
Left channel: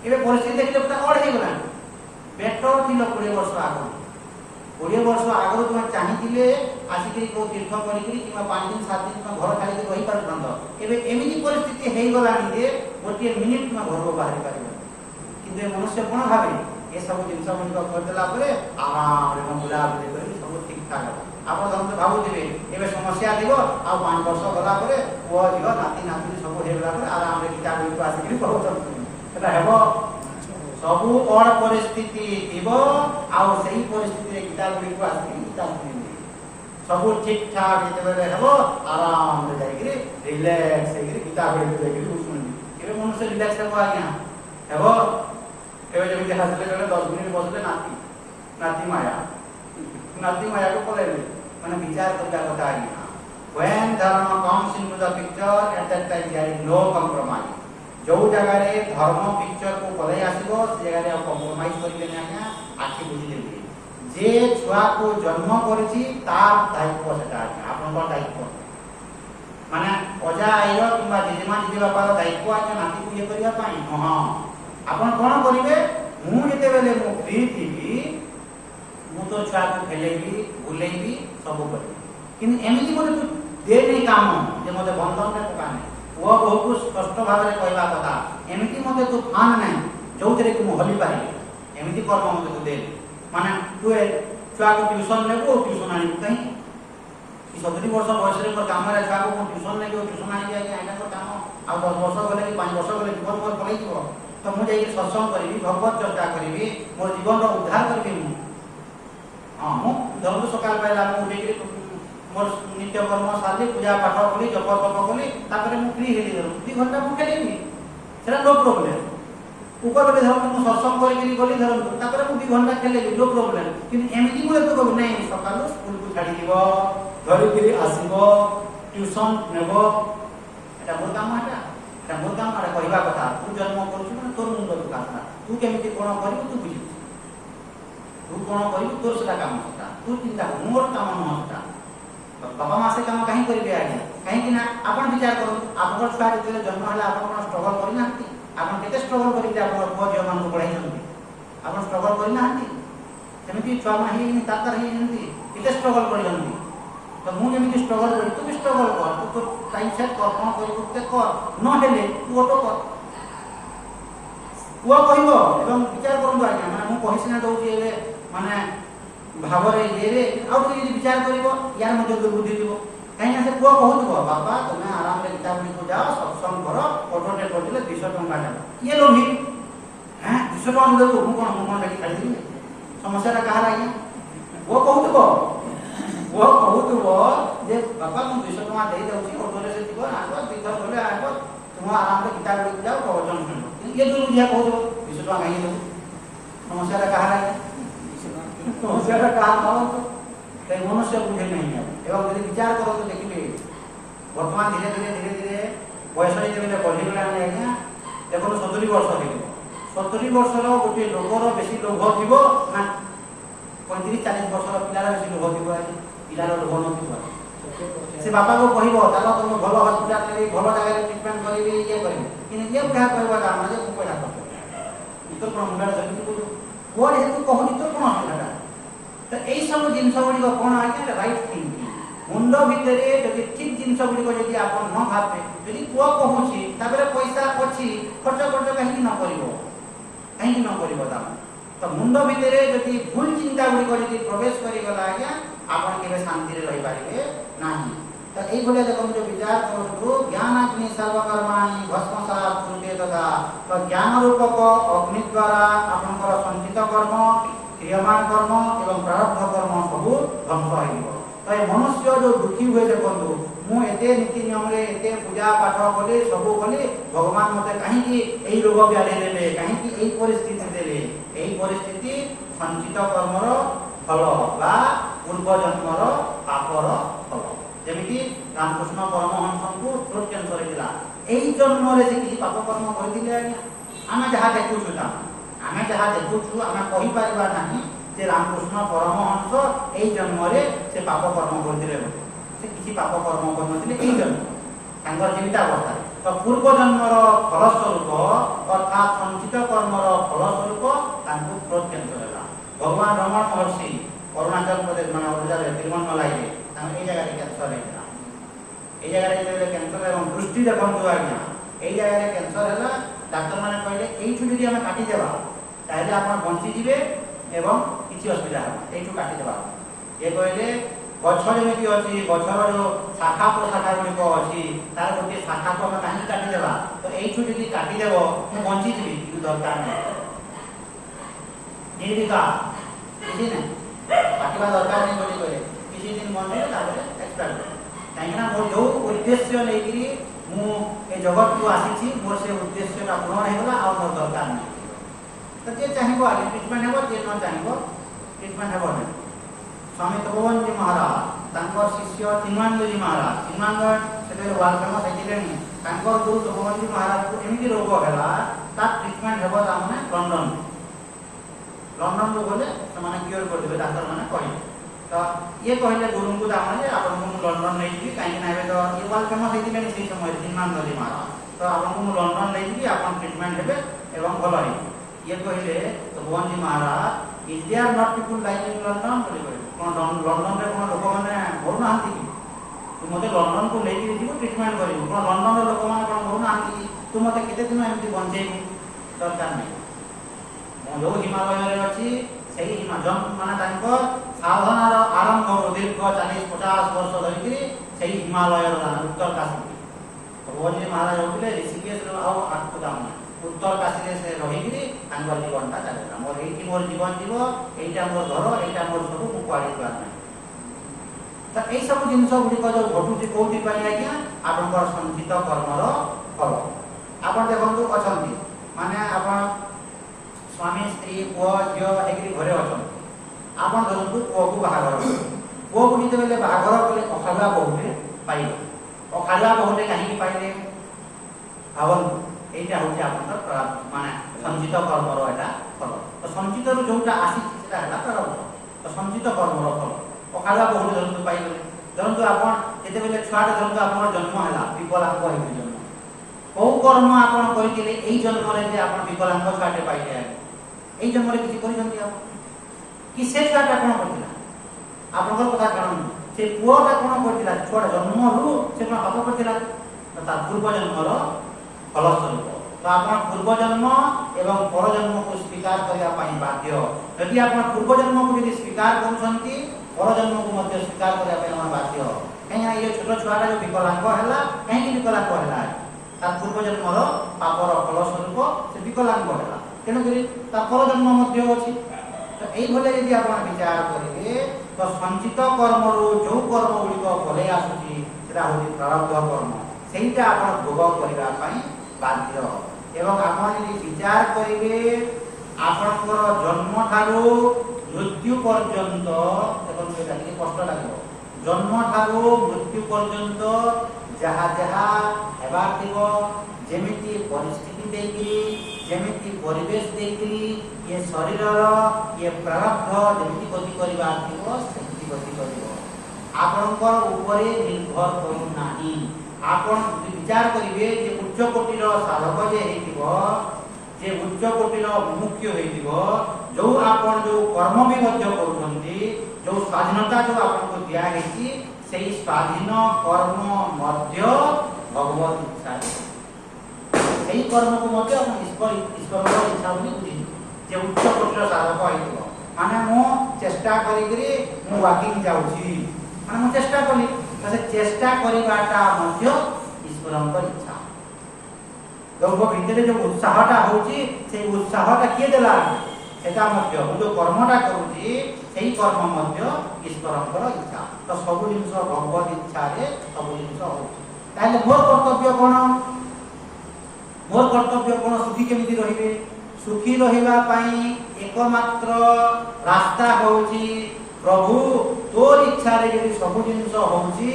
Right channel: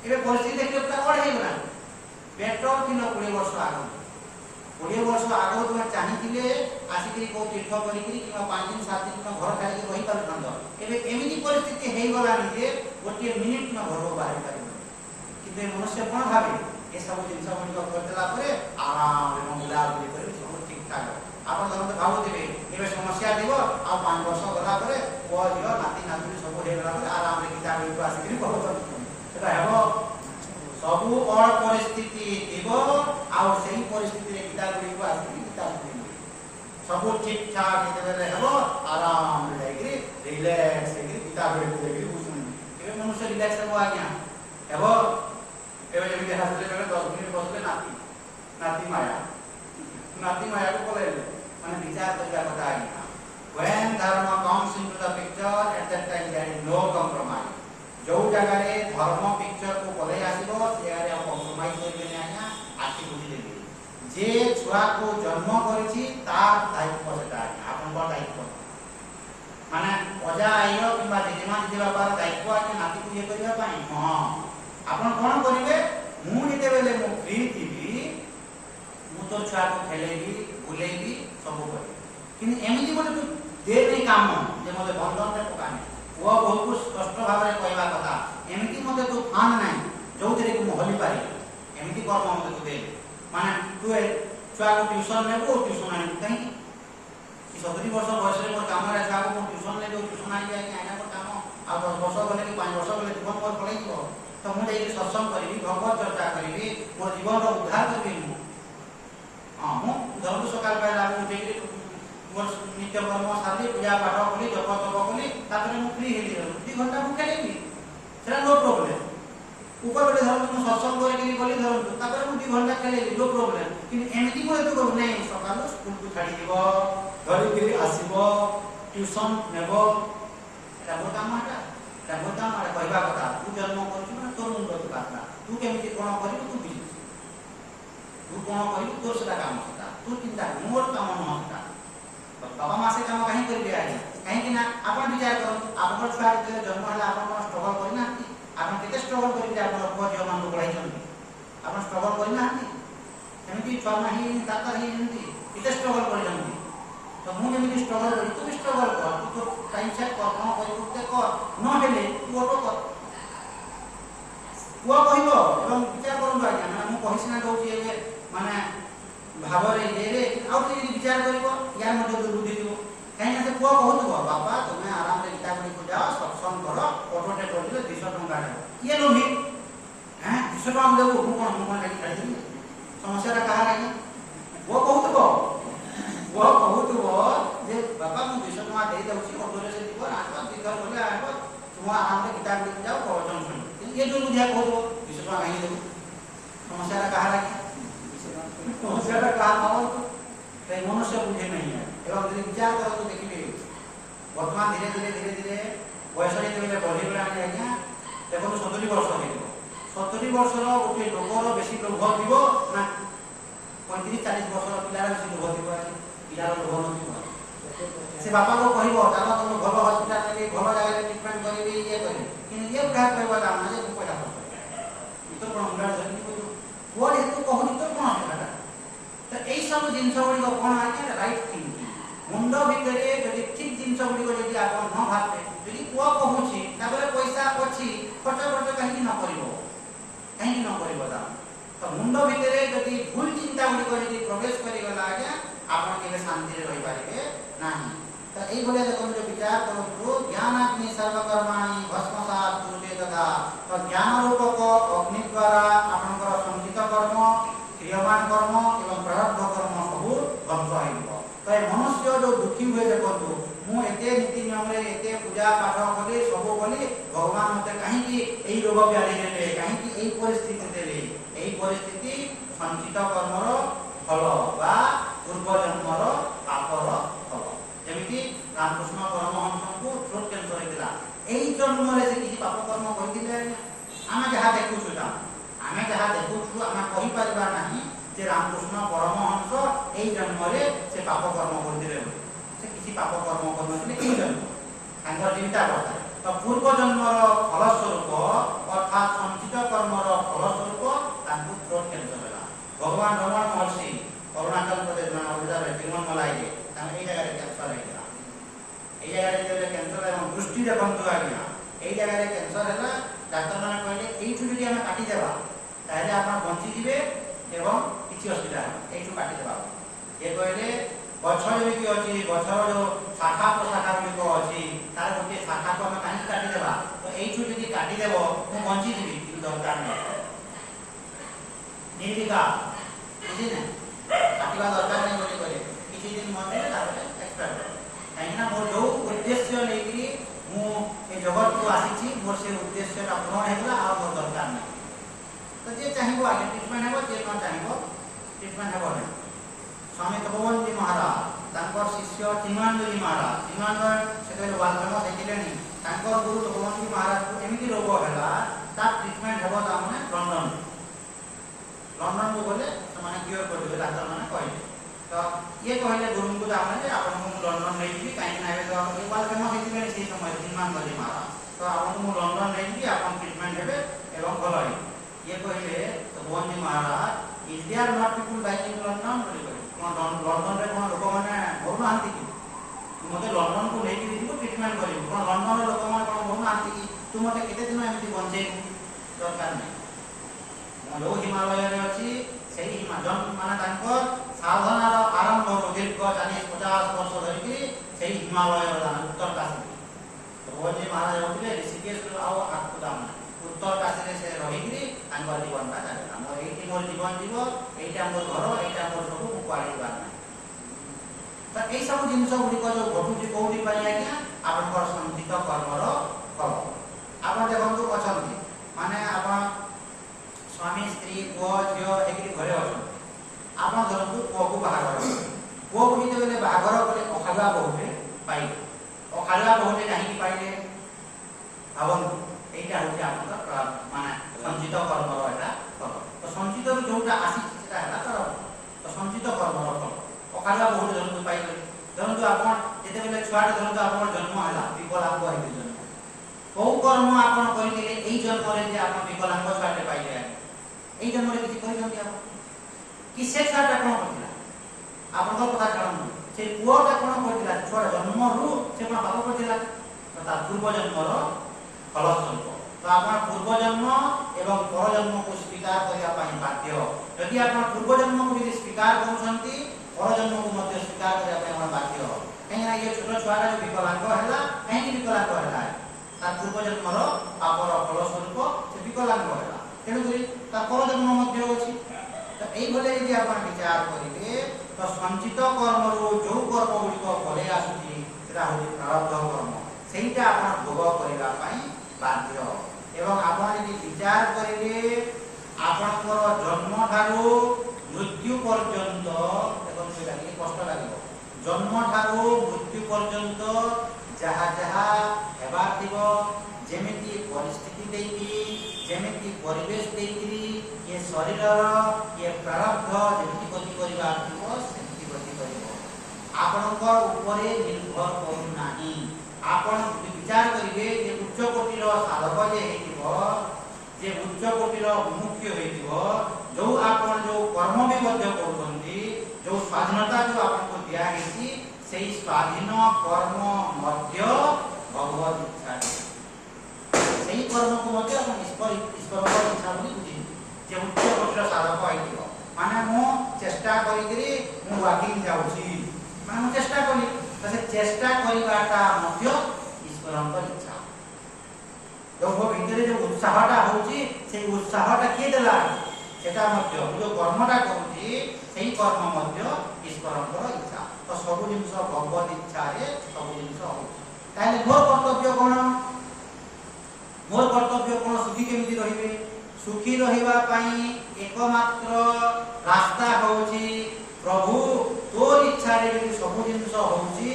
ଏବେ ପରିସ୍ଥିତି ଦେଖିଲେ ପୁରା ଅଡ଼ ହେଇଗଲାଣି। ବେଟର ଥିଲ 20 ବର୍ଷ ଆଗରୁ, 20 वर्ष आगु तुम चाहिए आसिक कौ तीर्थ करी 5 दिन 7 दिन तुम घर छाड़ी रही पार्थ एमती परिस्थिति हो गलानी जे गोटे मिनिट तुम घर बाहर पार कि मनुष्य कौन भावे ये सब जिन करदेला आराम बुलाबुली कर सब ठीक ठाक आप भावुवे ए समस्या थी आ 5 वर्ष गला पुओ झील नाती नातुणी सब होगा आराम से गीता गुड़ी आसिक पढ़ुता सबू अड़ परिस्थिति थी आई परिस्थिति गीता गुड़ी को आसिक गीता शुणी सब ठीक ठाक जो आराम से जाकि रिलैक्स गीता गुड़ी को देखिए शुणी मनुष्य रिलैक्स हे आज्ञा हे जमी हसले 10 मिनिट बसले नाती माया को पलैले मैंने विचार करता कथा आज्ञा when dharma comes into the picture at that time there is no compromise जो जगह रे धर्म पिक्चर को पलै आसीबो से जगह रे कॉम्प्रोमाइज करिबे नै आज्ञा आखि बुझी देबे जे छुआ को जन्म करछि तार दायित्व सेटा आपन को दायित्व माने अजा आइरो किबा जेजेमा जेजे बापार दायित्व आके नाती को ये करिबा पाई हां आपन कोन करिवे मु जेते बेले मु फ्री थीबी मु तो छुआ को खेलेबी बुलेबी सब करिबी किन एमिति बोले तू दे नै काम जे मते बंधन नै पकाने वो बहुत कष्ट भाव में कहवा कथा एमती मते तू फान नै जो थे कि मु हली पारि एमती कर्म मते तू दे माने तू छुआ को ट्यूशन नेबो ट्यूशन आनी कहीं कि 70 वर्ष बयस रे मोर काम रे छुआ को मु ट्यूशन नेबो ट्यूशन आनी जाई आइना को काम आ 10 वर्ष गले कि 5 वर्ष गले जीवन पर पलै जीवो तो मु जाई सत्संग करबी भगवत चर्चा करबी मोर जीवन रो उद्धार करबी मु हां मु धर्म सकाल पाइला मु उठे मोर नित्य कर्म सारी पूजा पाठ कली जप तप कली ताकरे मु फ्री हेली 2 घंटा मु खेलेबी सेरा नो प्रॉब्लम ऊपर बले धर मु सत्संग करी गली धर ताकरे मु 2 घंटा खेलेबी नो प्रॉब्लम किन एमिति बोले तो कहब नै सकाल स्कूल को छाडी दिबो घरे फिर आसीबो ट्यूशन नेबो एटा मोर काम कहवा कथा तू जन्म करछु ना तोर मुंड दुखा तू केमिति कोन करिबो तू बुझी तू कोन करिबो तोर सेटा काम होता तू चिंता मोर काम नहोता बाबा मासे काम कहीं करिबे आगे कहीं कि ना आपण विचार करू आपन छुआ जे जन्म हला आपन कोन स्ट्रगल करि नाती आपन केते स्ट्रगल करिबे आपन पुओ झियो मान को पढाई छथि आपन स्ट्रगल करि नाती केमिति छुआ माही तातर ही नती केते स्ट्रगल करि जंती तो मु जेमिति स्ट्रगल करि तू भी स्ट्रगल कर तू तो टाइम सेट कर कोन करिबो ते कर न हेले तू ऑटो कर पुओ कहिबो एवं विचार करु आज्ञा माने मु कहिसिना दउची एबे माने भावरे ये रे आउ तो यदि विचार करिवो यार मते बुद्धि दिवो कहीं ना से पुओ कहउतबो बाबा तुमे आराम रे गीता गुडी को जाओ सत्संग करो ऑटोटे कर दिले 200 टंका दे ये लोभी हैं 200 टंका देबो मु कोन गाड़ी खाली दिले समस्या रा कहा राई वो कहउतबो जे बाबा मु 200 टंका दे जाउची ऑटोटे से जीव आको दिखर बोले आको तुम आराम रे गीता गुडी जाओ प्रवचन सुन ये जो बुझिया कहउतबो 200 टंका काहे देबो समस्या रा कहा राई समस्या का कारण ते मनुष्य बुझे नहीं है एवं यदि विचार करो तो देखिए वर्तमान धीरे धीरे बयस जेबे बढ़ी गला आज्ञा देखो 70 वर्ष हो 70 वर्ष रो गोटे लोकर बेसी लोभ थिबो ना 35 40 वर्ष रो पिलार बेसी लोभ थिबो आज पिलार लोभ न थिबो से बापा को कहिबो तालो तुम भलो हॉस्पिटल ले भलो जगह ट्रीटमेंट करिबी ये करिबी किन ये बुढ़ा कहबो काम जे को पैसा खर्च तो कोन मुंडा धरनी को वो हेतु कहनी तो कोन है तो एई सब जिंस गुडी कोन आके राइट थिंकिंग मुंड भितरे जदि ठीक जिंस गुडी को जदि आपन न भाबे जदि पुओ कहूची ताबरे पैसा अछि खर्च कहीं न करिवो दाम तो मुंड भितरे जदि भूल चिंता गुडी को जदि प्रवेश करि गला आज्ञा आपन केबे शांति रे रहि पारिबे नाही तो एई भले देखो जो विचार करू ज्ञानाग्नि सर्वकर्माणि भस्मसात् कुरुते तथा तो ज्ञान रूपक अग्नि द्वारा आपनकर संचित कर्म क्रियमान कर्म एवं प्रारब्ध कर्म सब ध्वंस हो तो ये मनुष्य जो दुखी हुए देखो मु एते नीति नियम रे एते पूजा पाठ कले सब कले भगवान मते कहीं की एई रोग व्याधि देले कहीं की एई परिस्थिति देले एई परिस्थिति संचित कर्मर फल बा पूर्व जन्मर पापर फल जेमिति रामकृष्ण परमहंस को थ्रोट कैंसर हिला एई जन्म रे से किछि पाप कर्म करथिले आमे जहा देखु सुदा आमे जहा देखु छु आमे कहि परिबा नाही जे रामकृष्ण परमहंस एई जन्म रे से पाप कर्म करथिले से किछि पाप कर्म करथिले एई जन्म तांगर जीविता अवस्था तो पूर्व जन्मर फल स्वरूप अर्थात संचित कर्मर फल स्वरूप तांकु थ्रोट कैंसर होला भगवान रमण महर्षि ଅରୁଣାଚଳ ପ୍ରଦେଶ ମାନେ ଓଡ଼ିଶାରେ ତିରୁମଲାଇରେ ତାଙ୍କ ଏଇ ଜାଗାରେ କ୍ୟାନ୍ସର ହେଇଥିଲା। এই জায়গায় যেতে ক্যান্সার এবং দৃষ্টি দেখন্তু আজ্ঞা এই জায়গায় ক্যান্সার ହେଲା ডাক্তারମାନେ କହିଲେ এইଠୁ যদি ଆମେ কাটি দেবা তাহলে ଆପଣ বঞ্চি ଯିବେ এবং କିଛି অসুবিধা হবে এইଠୁ কাটি দেবা। ଏ କହିଲେ ଗଛ ଯେମିତି ଅଛି ଗଛର ଯୋଉ ଶାଖା ପ୍ରଶାଖା ଗୁଡ଼ିକ ଅଛି ତାର ଗୋଟିଏ ଶାଖାକୁ ଆମେ କାହିଁକି କାଟି ଦେବା ତ এইଠୁ ଯଦି କାଟି ଦେବ ମୁଁ ବଞ୍ଚି ଯିବି କିନ୍ତୁ ଦରକାର ନାହିଁ ନିର୍ବିକା କିଛି ନାହିଁ କାଟିବା ଦରକାର ନାହିଁ ବୋଲି କହିଲେ କିଛି ଦିନ ବଞ୍ଚିଲେ ତାପରେ ଏକ୍ସପାୟାର କାହିଁକି ନା ମୋର ଯୋଉ ଉଦ୍ଦେଶ୍ୟ ନେଇକି ମୁଁ ଏ ଜଗତକୁ ଆସିଛି ମୋର ସେ ଉଦ୍ଦେଶ୍ୟଟା ପୂରଣ ହେଇଗଲା ଆଉ ମୋର ଦରକାର ନାହିଁ। ତ ଯିଏ ଚାହିଁବ ଆଜ୍ଞା ଟ୍ରିଟମେଣ୍ଟ ହେବ ଯିଏ ନ ଚାହିଁବ ଟ୍ରିଟମେଣ୍ଟ ହେବ ନାହିଁ। ସ୍ୱାମୀ ତପୋବନଜୀ ମହାରାଜ ତାଙ୍କର ଶିଷ୍ୟ ଚିନ୍ମୟାନନ୍ଦଜୀ ମହାରାଜ ସେତେବେଳେ ୱାର୍ଲଡ ଫେମସ୍ ହେଇଥିଲେଣି ତାଙ୍କର ଗୁରୁ ତପୋବନଜୀ ମହାରାଜକୁ ଏମିତି ରୋଗ ହେଲା ତାର ଟ୍ରିଟମେଣ୍ଟ ହେବ ତାମାନେ ଲଣ୍ଡନରୁ ଗଲେ ସେମାନେ କ୍ୟୁର କରିଦେବେ ଡାକ୍ତରମାନେ କହିଲେ। ତ ଇଏ କହିଲେ ଗୁରୁଙ୍କୁ ତାମାନେ ଯେ ଆପଣଙ୍କୁ ମୁଁ ଲଣ୍ଡନ ନେଇଯିବି କାହିଁକି ନା ଏବେ ତ ଇଏ ୱାର୍ଲଡ ଫେମସ୍ ହେଇଥିଲେଣି ସେଇ ସମୟରେ ଚିନ୍ମୟାନନ୍ଦଜୀ ମହାରାଜ ତ ଆପଣଙ୍କୁ ମୁଁ ଲଣ୍ଡନ ନେଇଯିବି ଆପଣ ଟ୍ରିଟମେଣ୍ଟ ହେବେ ଏବଂ ଭଲ ହେଇଯିବେ। ଇଏ କହିଲେ ତପୋବନଜୀ Maharaj is there not people like in London ବୋଲି କହିଲେ କ'ଣ ଲଣ୍ଡନରେ କ'ଣ ଲୋକମାନେ ମରୁନାହାନ୍ତି କି ତୁ ମୋତେ ଲଣ୍ଡନକୁ ନେଇକି ଯିବୁ ଟ୍ରିଟମେଣ୍ଟ କରିବୁ କ'ଣ ଲଣ୍ଡନର ଲୋକମାନେ କ'ଣ ମରୁନାହାନ୍ତି କି ତୁ ମୋତେ କେତେ ଦିନ ଏମିତି ବଞ୍ଚେଇବୁ ଦରକାର ନାହିଁ। ମୁଁ ଯୋଉ ହିମାଳୟରେ ଅଛି ସେଇ ମାନେ ତାଙ୍କ ସାଧନାର ଆରମ୍ଭରୁ ଦୀର୍ଘ 40-50 ବର୍ଷ ଧରିକି ସେଇ ହିମାଳୟର ଉତ୍ତର କାଶୀ ତପୋବନଜୀ ମହାରାଜ ହଉଥିଲେ ଋଷିକେଶରୁ ଆଉ ଆଗକୁ ଯାଉନା ଉତ୍ତର କାଶୀରେ ସେ ରହିକିରି ତାଙ୍କର ଜୀବନଟା ଚାଲିଲା। ମୋର ଏଇଠି ମୋର ଜୀବନ ଯିବ ଏଇଟା ମୋର ଘର ଏଇଟା ମୋର ସବୁ ମୁଁ କୁଆଡ଼େ ଯିବାର ନାହିଁ। ତ ଏଇସବୁ ଜିନିଷ ଗୁଡ଼ିକ ଯୋଉ ଘଟୁଛି କୋଉଠି ପାଇଁ ଆଜ୍ଞା ଆପଣଙ୍କର ସଞ୍ଚିତ କର୍ମର ଫଳ। ଆପଣ ଦେଖନ୍ତୁ ଅଛନ୍ତି ମାନେ ଆପଣ ସ୍ୱାମୀ ସ୍ତ୍ରୀ ପୁଅ ଝିଅ ହେଇକିରି ଘରେ ଅଛନ୍ତି ଆପଣ ଧରନ୍ତୁ ପୁଅକୁ ବାହାଘର କଲେ ପୁଅକୁ ଯେତେବେଳେ ବାହାଘର କଲେ ଅଖାଳୁଆ ବୋହୂଟେ ପାଇଲେ ଅଖାଳୁଆ ବୋହୂଟେ କାହିଁକି ପାଇଲେ ଭାବନ୍ତୁ এইটা হচ্ছে আপনার মানে সঞ্চিত কর্মর এটা ফল। তো সঞ্চিতর যোଉটা আসিছে সেটা ହେଲା তার তো সঞ্চিত কর্মর ফল। অখালুয়া বহু ধরন্তু পাইলে ধরন্তু আপন যেতেবেলে ছুয়াটা ধরন্তু আপনার জন্ম ହେଲା বিকলাঙ্গ হইবে জন্ম কোউ কর্ম আপন করিলে এই জন্মরে যে আপন বিকলাঙ্গ ছুয়াটে পাইলে এই জন্মরে কিছু করিছন্তি আপন কি সে ছুয়াটা কোন করতিলা আপনার কথা জানুন সে পুয়াটা কোন করতিলা ছুয়াটা জন্মরু সে কোন পাপ করতিলা তার পূর্ব জন্মর ফলস্বরূপ। তো আপনার পূর্বজন্ম এবং পরজন্মকে স্বীকার করা বাধ্য। যদি আপনার পূর্বজন্মকে যদি স্বীকার করছেন পরজন্মকে মধ্যে স্বীকার করা বাধ্য। কাହିଁକିନା এই ছোট ছুয়াটা যে বিকলাঙ্গ হেলা কাହିଁକି বিকলাঙ্গ হেলা তার পূর্বজন্মর পাপর ফলস্বরূপ সে বিকলাঙ্গ হেলা তেণুকরি তার পরজন্ম মধ্যে অছি। তো এইভাবে যদি আপনার বিচার করিবে তো সঞ্চিত কর্মরু যে কর্মগুড়িক ফলে আসুচি সেটা হচ্ছে প্রারব্ধ কর্ম সেইটা আপনার ভোগ করা বাধ্য। এবং আপন যদি বিচার করিবে আপনার জন্ম ঠারু মৃত্যু পর্যন্ত এবং সেটা ଟିକେ কষ্ট লাগিব জন্ম ঠারু মৃত্যু পর্যন্ত যাহা যাহা হেবার দিব যেমিতি পরিস্থিতি দেখি যেমিতি পরিবেশ দেখি ইয়ে শরীরর ইয়ে প্রারব্ধ যেমিতি গতি করিবার দিব সেমিতি গতি করিব আপনার উপরে নির্ভর করুন নাহি। আপন বিচার করিবে যে উচ্চ কোটির সাধক যে হইতিব যে উচ্চ কোটির মুখ্য হইতিব जो आपन जो कर्म भी मध्य करूछंती जो स्वाधीनता जो आपन को दिया हेची सेही स्वाधीन कर्म मध्य भगवत इच्छा सेही कर्म को मध्य अपन ईश्वर इच्छा बोली बुझी जे उच्च कोटिर साधक हइतिब माने मो चेष्टा करिकरी मो वाकिंग जाउछी माने मो चेष्टा करी तो से चेष्टा करिबाटा मध्य ईश्वरंकर इच्छा लोक भितरे जो उत्साहटा होची से उत्साहटा किए देला সেটা মধ্যে যে কর্মটা করুছি সেই কর্ম মধ্যে ঈশ্বরଙ୍କର ইচ্ছা। তো ସବୁ ଜିନିଷ ଭଗବତ ଇଚ୍ଛାରେ ସବୁ ଜିନିଷ ହଉଛି। ତାହେଲେ ମୋର କର୍ତ୍ତବ୍ୟ କ'ଣ? ମୋର କର୍ତ୍ତବ୍ୟ କ'ଣ? ସୁଖୀ କେମିତି ରହିବେ? ସୁଖୀ ରହିବା ପାଇଁ ଏକମାତ୍ର ରାସ୍ତା ହେଉଛି ପ୍ରଭୁ ତୋର ଇଚ୍ଛାରେ ଯଦି ସବୁ ଜିନିଷ ହଉଛି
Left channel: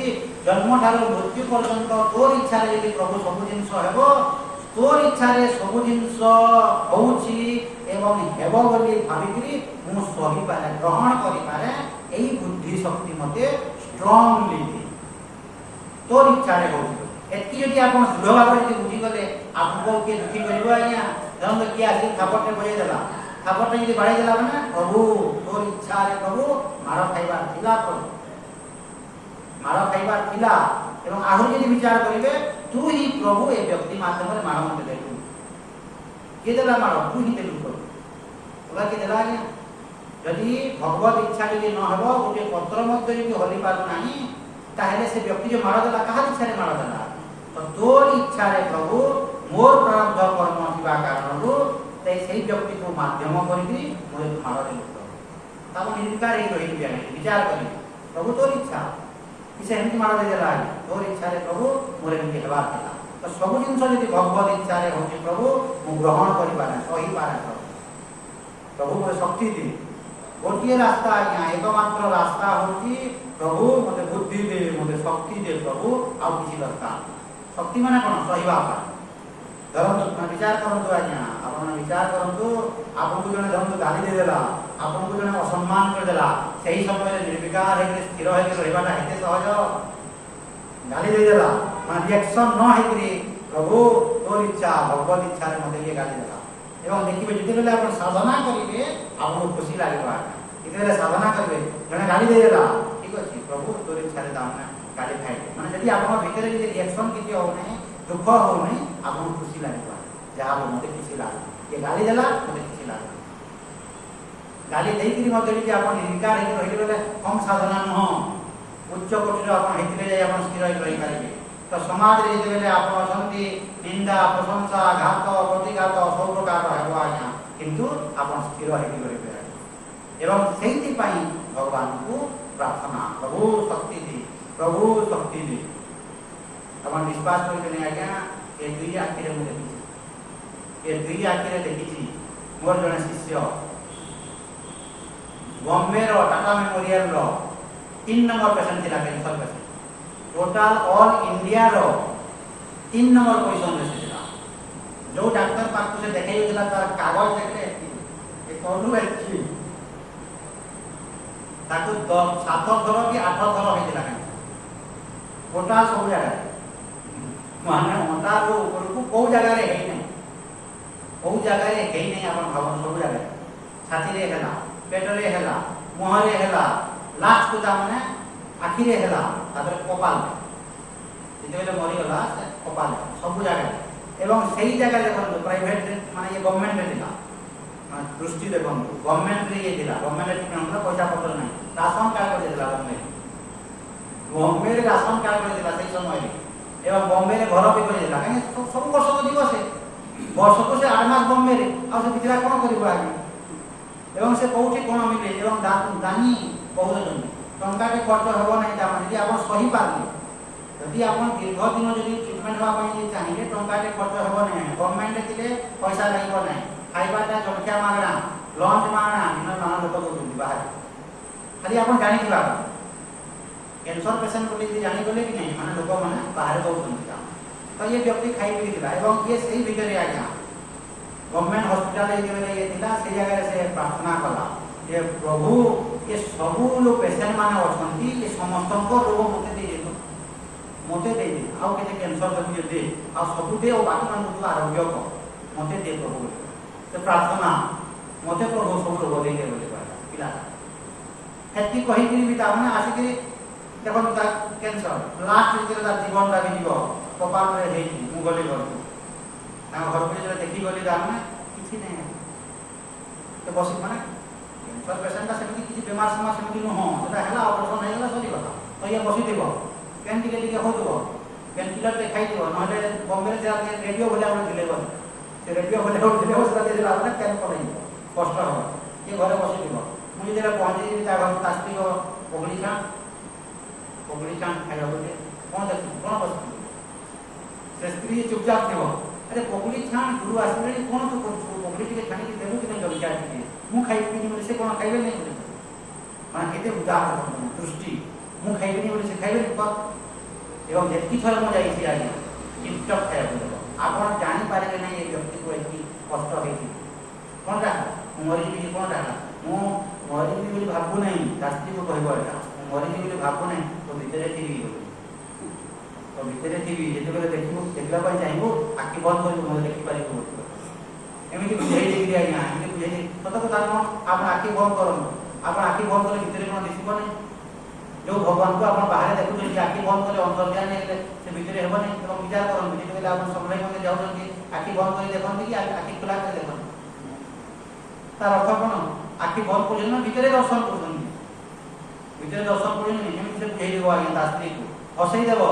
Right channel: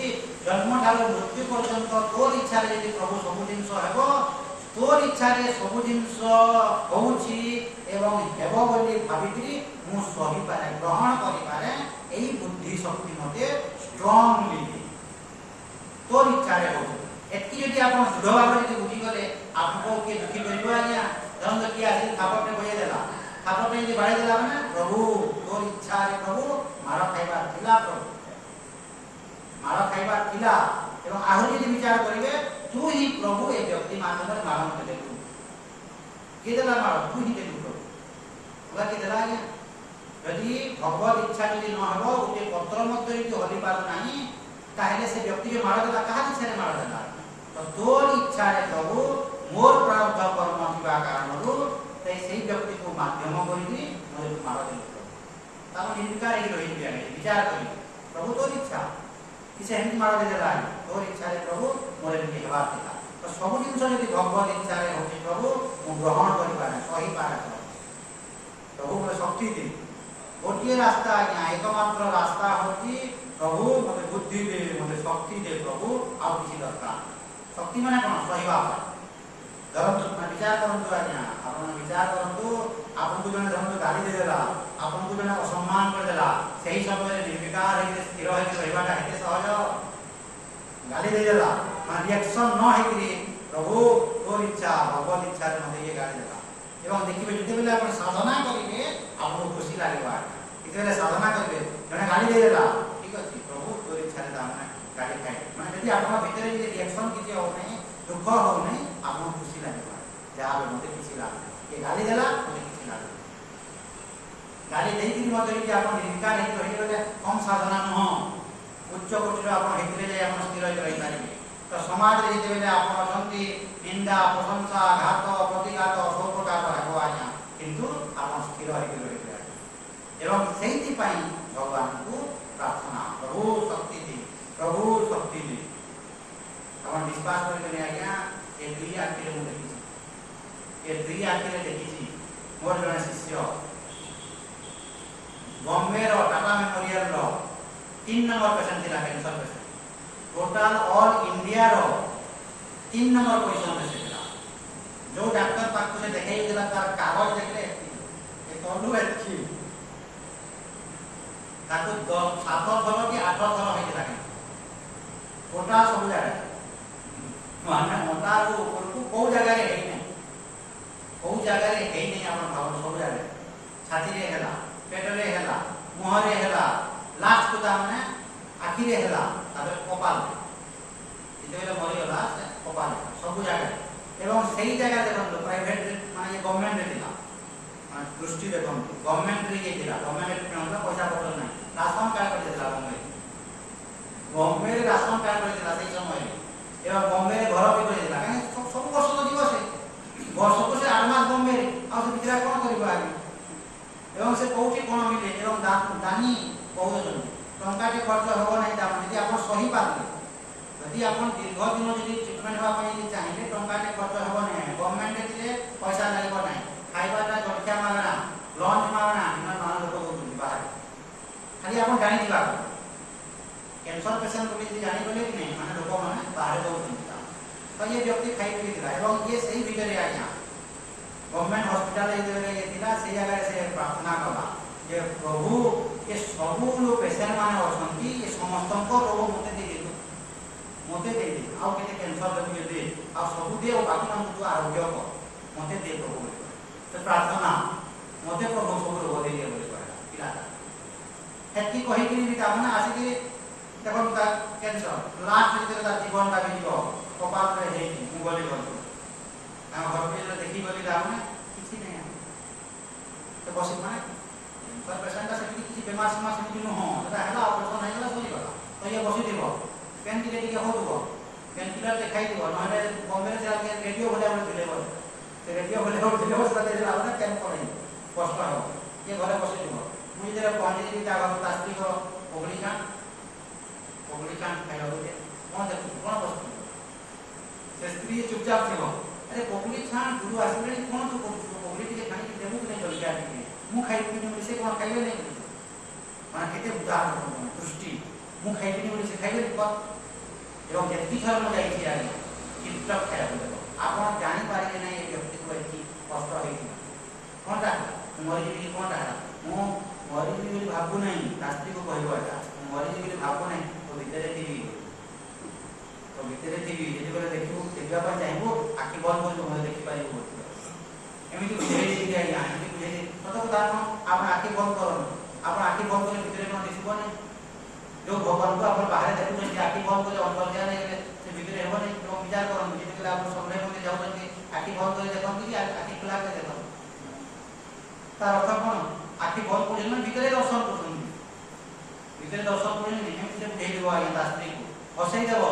ଜନ୍ମଠାରୁ ମୃତ୍ୟୁ ପର୍ଯ୍ୟନ୍ତ ତୋର ଇଚ୍ଛାରେ ଯଦି ପ୍ରଭୁ ସବୁ ଜିନିଷ ହେବ ତୋର ଇଚ୍ଛାରେ ସବୁ ଜିନିଷ ହଉଛି ଏବଂ ହେବ ବୋଲି ଭାବିକିରି ମୁଁ ସହିପାରେ ଗ୍ରହଣ କରିପାରେ ଏଇ ବୁଦ୍ଧି ଶକ୍ତି ମତେ ଷ୍ଟ୍ରଙ୍ଗଲି ତୋର ଇଚ୍ଛାରେ ହଉଛି। ଏତିକି ଯଦି ଆପଣ ଦୃଢ଼ ଭାବରେ ଯଦି ବୁଝିଗଲେ ଆପଣଙ୍କୁ କିଏ ଦୁଃଖୀ କରିବ ଆଜ୍ଞା? ଧରନ୍ତୁ କିଏ ଆସିକି ଖାପଟେ ବଜେଇ ଦେଲା ଖାପଟେ ଯଦି ବାଡ଼େଇ ଦେଲା ମାନେ ପ୍ରଭୁ ତୋର ଇଚ୍ଛାରେ ପ୍ରଭୁ ମାଡ଼ थिला प्रभु माड़ खाइबा थिला एवं आहुरी यदि विचार करिवे तू ही प्रभु ए व्यक्ति माध्यम रे माड़ मते देलु के देला माड़ तू ही देलु प्रभु ओला के देला आज्ञा यदि भगवत इच्छा यदि न हबो गोटे पत्र मध्ये यदि हलि पार नाही ताहेले से व्यक्ति जो माड़ देला कहा इच्छा रे माड़ देला तो तोर इच्छा रे प्रभु मोर प्रारब्ध कर्म थिबा कारणरू ते सेही व्यक्ति को माध्यम करिबी मोर माड़ देलु ताको निर्विकार ही रही बिया नहीं विचार करी प्रभु तोर इच्छा इसे हिंदी माड़ दे देला तोर इच्छा रे प्रभु मोर एमि हेबा थिला तो सब जिंस यदि भगवत इच्छा रे होती प्रभु मु ग्रहण करि पारा सही पारा प्रभु मोर शक्ति दे गोटे रास्ता आज्ञा एकमात्र रास्ता होची प्रभु मते बुद्धि दे मते शक्ति दे प्रभु आ किसी दरकार शक्ति माने कोन सहीबा धरंतु मैं विचार करंतु आज्ञा आपण विचार करंतु आपन को जने धरंतु गाली दे देला आपन को जने असम्मान कर देला सही समय रे निर्विकार हे स्थिर हे रहिबाटा हेते सहज गाली दे देला मान रिएक्शन न हेकरी प्रभु तोर इच्छा भगवत इच्छा रे मते ये गाली देला एवं देखिबे जते बेले आपण साधना करिके आपन खुशी लागेबा इते बेले साधना करबे जने गाली दे देला ठीक अछि प्रभु तोर इच्छा रे दाम गाली खाइ माने यदि आपन भीतर जे रिएक्शन किछि हो नै दुख हो नै आपन खुशी लागेबा जहा मते खुशी लागे ये गाली देला मते खुशी लागे गाली देइकि मते जे आपन निर्विकार हे रहि गेले कम साधना न उच्च कोटिर आपन हेतिरे जाय आपन स्थिर रहि पारिबे तो समाज रे जेते बेले आपन अछंती निंदा प्रशंसा घात प्रतिघात सब प्रकार हेबा आज्ञा किंतु आपन स्थिर हे रहि पारिबे एवं सेहिति पई भगवान को प्रार्थना प्रभु शक्ति दे अपन विश्वास करिने आज्ञा ए दुई आखिरे मु देखिछि ए दुई आखिरे देखिछि मोर जने शिष्य बॉम्बे रो टाटा मेमोरियल रो 3 नंबर पेशेंट थिला cancer patient total all India रो 3 नंबर पोजीशन रे थिला जो डॉक्टर पाखु से देखाई देला तार कागज देखले ए तोडू एछि ताकू 7 थर कि 8 थर होई दिला टोटल सब जगह माने मोटा रो को को जगह रे हेई नै को जगह रे हेई नै अपन भाव सब जगह छाती रे हेला पेट रे हेला मुह रे हेला लास्ट को माने आखि रे हेला तापर कपाल जेतेले मरि होला कपाल सब जगह एवं सही जगह देखो प्राइवेट माने ये गवर्नमेंट रे दिला माने दृष्टि देखो गवर्नमेंट रे ये दिला गवर्नमेंट रे हमरा पैसा पत्र नै राशन कार्ड कर देला बॉम्बे रे राशन कार्ड कर देला सही समय रे एवं बॉम्बे रे घर भी कर देला काहे सब वर्ष तो दिवस है वर्ष को से 8 मास बॉम्बे रे आ से बिचरा कोन करिबो आगे एवं से कोठी कोन मिले एवं दानी बहुत जन टंका के खर्च होबो नै ता माने यदि आपण सही पारले यदि आपण दीर्घ दिन जदि ट्रीटमेंट होबा पई चाहिए टंका के खर्च होबो नै गवर्नमेंट दिले पैसा लागबो नै खाइबाटा जलखिया मागणा लंच मागणा इन नाना लोक दउछन बाहर खाली आपण जानि दिबा कैंसर पेशेंट को यदि जानि गले कि नै माने लोक माने बाहर दउछन तो ये व्यक्ति खाई पी दिला एवं ये सही भितरे आज्ञा गवर्नमेंट हॉस्पिटल ये दिला से जगह से प्रार्थना कला ये प्रभु ये सब लोग पेशेंट माने अछंती ये समस्त को रोग मते दे आउ केते कैंसर जति दे आ सब दे ओ बाकी मान को आरोग्य को मते दे प्रभु तो प्रार्थना मते प्रभु सब रोग दे के बोले पिला हेती कहि कि भी ता माने आसी कि देखो ता कैंसर लास्ट जेते ता जीवन ता भी दिबो कपाल रे हे मु गले गल आ घर पे जे देखि गली राम ने किछि नै तो बस माने कैंसर पेशेंट का सेति किछि बीमार समा सेति न हो जेटा हला ऑपरेशन नै गला चली गला तो ये बसी देबो पेन टिके हो दो पेन किलर देखाई दो नले बॉम्बे से आके रेडियो बोले हम दिले बस से रेडियो बोले हम दिले बस दे आपने पेन पड़े कष्ट हो ये घरे बसी देबो मुझे जरा पहुंची ता घर तास्ती को ओगली का खाया होते कोन देखु कोन बस से स्त्री चुपचाप थेबो अरे पोगली छान गुरु आसले कोन तो पोगली टिके छानी के देबो कि नै जल क्या टिके मु खाइ पिनी से कोन खाइबे नै माने केते उदाहरण दृष्टि मु खाइ पिनी से खाइबे पर एवं जेति थर म जाई छी आगे टिपटप खाइ बोलो आपण जानि पारे नै ए व्यक्ति को एति कष्ट हेइ कोन का मरि भी कोन का मु मरि भी बोली भाबु नै रास्ती को कहबो एटा मरि भी बोली भाबु नै तो भीतर थी जेते बेले देखिबो देखला पर जाइबो आखि बंद कर बोले देखि पारिबो एमिति बुझाई देली आज्ञा एमिति बुझाई सत कथा न आपण आखि बंद करन आपण आखि बंद करे भीतर कोन दिसिबो नै जो भगवान को आपण बाहर देखुछन कि आखि बंद करे अंतर्ज्ञान हेले से भीतर हेबो नै तो विचार करन कि जेबे आपण समय मते जाउछन कि आखि बंद करे देखन कि आखि खुला करे देखन तार अर्थ कोन आखि बंद करे ना भीतर दर्शन करन भीतर दर्शन करन नै हम से फेल देबो आज्ञा दास्त्री को हसई देबो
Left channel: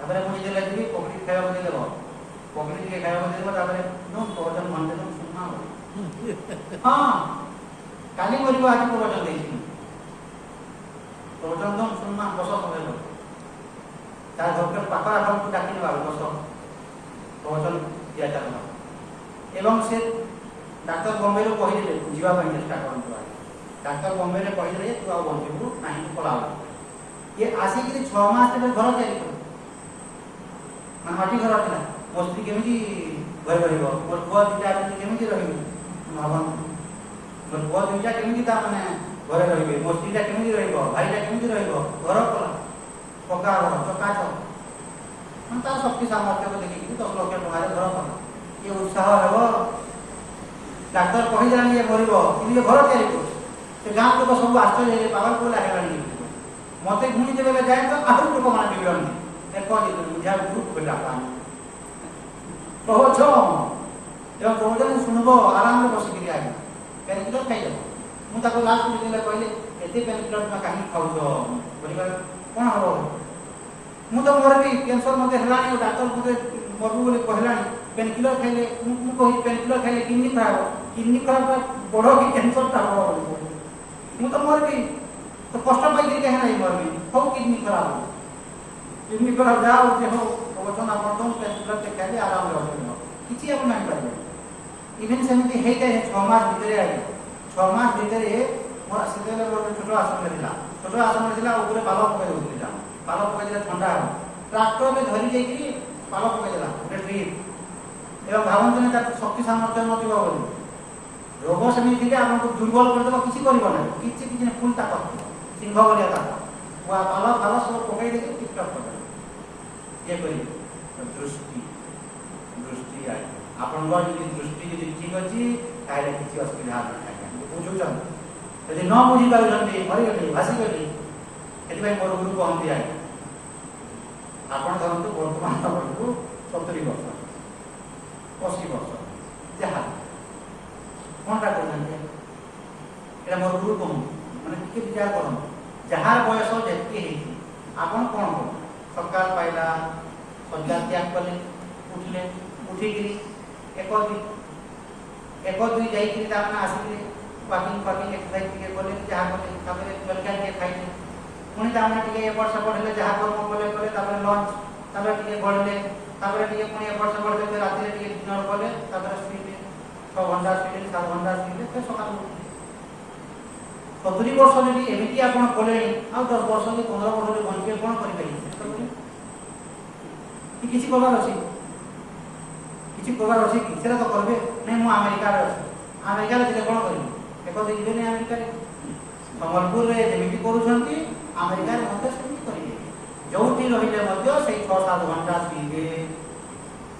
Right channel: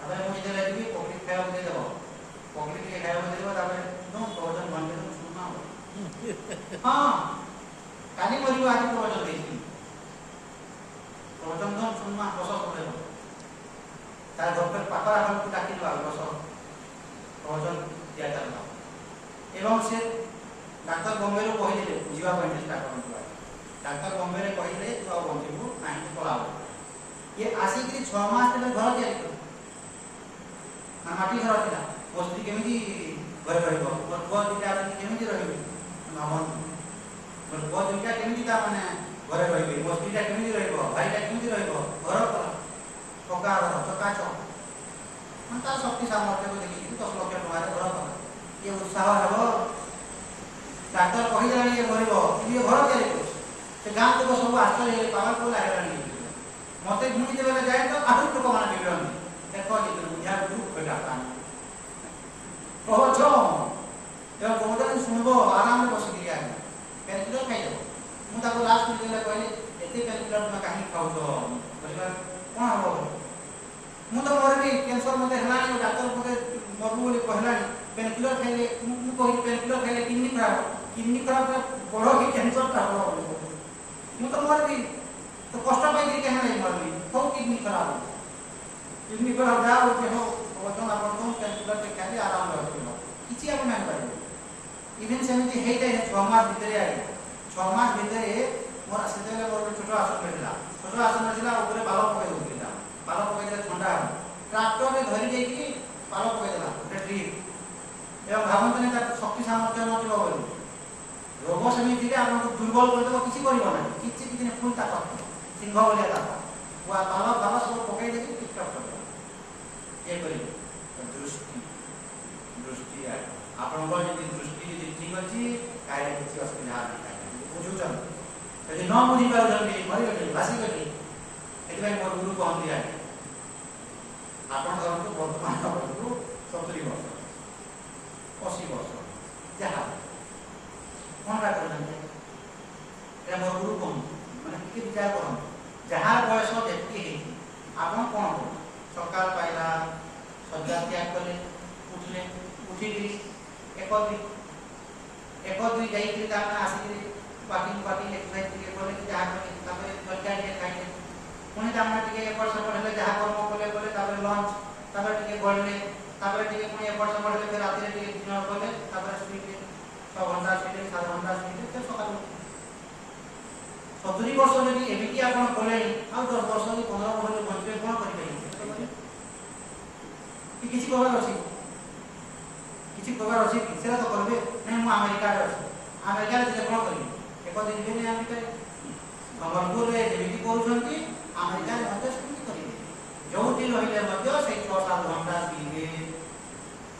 तारे मुझे देला कि पकड़ी खाया दे देबो पकड़ी के खाया दे देबो तारे नो प्रवचन घंटे नो सुनना हां काली मरिबो आज प्रवचन देछि प्रवचन तो सुनना बस समय लो तार घर पर पाकरा हम डाकी दो बस प्रवचन दिया जानो एवं से डाक्टर बॉम्बे रो कहि दिले बुझिबा ପାଇଁ चेष्टा करन डाक्टर बॉम्बे रे कहि दिले तू आ बंधु नाही तो पलाव ये आसी कि 6 मास तक घर जाई मन माटी घर थिला मोस्त्री केमिति घर भरिबो मोर बुआ दिटा केमिति रहिबो मावन मोर बुआ दिटा केमिति ता माने घरे रहिबे मोस्त्रीटा केमिति रहिबो भाईटा केमिति रहिबो घर पर पक्का घर चका चक मन तार शक्ति सामर्थ्य को देखि 10 लाख टका रे घर पर ये उत्साह हेबो डाक्टर कहि जानी ये मरिबो इनी घर के से गांव लोग सब आश्चर्य हे पावर को लागलानी मते गुणी देबे जाय तो आहुर लोक माने बिगड़न देखो जे बुझा ग्रुप बेटा पान प्रवचन एवं प्रवचन सुनबो आराम से बसी गिरी आगे कैलकुलेटर खाइ जाबो मु ताको लास्ट में देले कहले एते कैलकुलेटर में काहे खाउछो बोलिबा कोन हो मु तो मोर भी कैंसर मते हलानी डॉक्टर को मरबू बोली कहलानी पेनकिलर खाइले मु कहि पेनकिलर खाइले किडनी खराब बड़ो कि कैंसर ता बड़ो मु तो मोर भी तो कष्ट पाई के कहे नहीं मोर भी हो किडनी खराब जाओ के हो प्रवचन आपण तो पेनकिलर के खाइले आराम रहबो किछि आपण नहीं पाइबो इवन सेमति हेते 6 मास भीतर आई 6 मास भीतर मोर सेतेले छोटो आसन मिला ऊपर पालो पकाई देला पालो पकाई देला ठंडा ट्रैक्टर में धरी दे कि पालो पकाई देला ट्रिप एवं भावंत ने शक्ति सामर्थ्य नथिबो बोली रोग सेमी थिले आपन को दुर्बल कर देबो किछि करबो ना किछि ने फुल ताकत सिंह बोलिया ताकत वा पालो सब पकाई दे टिक टक कर ये करी दृष्टि आई आपन को यदि दृष्टि यदि ठीक अछि ताले किछि असुविधा नै बुझुचन यदि न बुझी पाउछन मरि गली भासी गली एति भाई मोर गुरु को हम दिया आपन धरंतु वर्तमान वर्षु 70 वर्ष 80 वर्ष जहा कोनटा करन एरा मोर गुरु को माने के विचार करन जहा बयस जेति हे आपन कोन को सकाल पाइला सज्जा त्याग कले उठले उठी कि एक दुई जाई कि आपना आसी पाकिंग एक्सरसाइज के बोले जहा बोले तबे जलखा के खाइले पुणी तामे टिके एपट सपट हेले जहा कर्म कले तबे लंच तबे टिके गळले तबे टिके पुणी एपट सपट हेले राति रे टिके डिनर कले तबे स्लीप 6 घंटा स्लीप 7 घंटा स्लीप ते सकाल 70 वर्ष जदि एमिति आपण कलेनी आ 10 वर्ष कि 15 वर्ष रे बनबे कोन करि पाइबे कि किछि करबार अछि किछि करबार अछि कि सेरा तो करबे नै मु अमेरिका रे जे कोन करिबे एको देखबे नै अमेरिका रे समलपुर रे जेमिति करूछंती अमेरिका रे मते सेमिति करिवे जोठी रहिले मध्य से 6-7 घंटा पीबे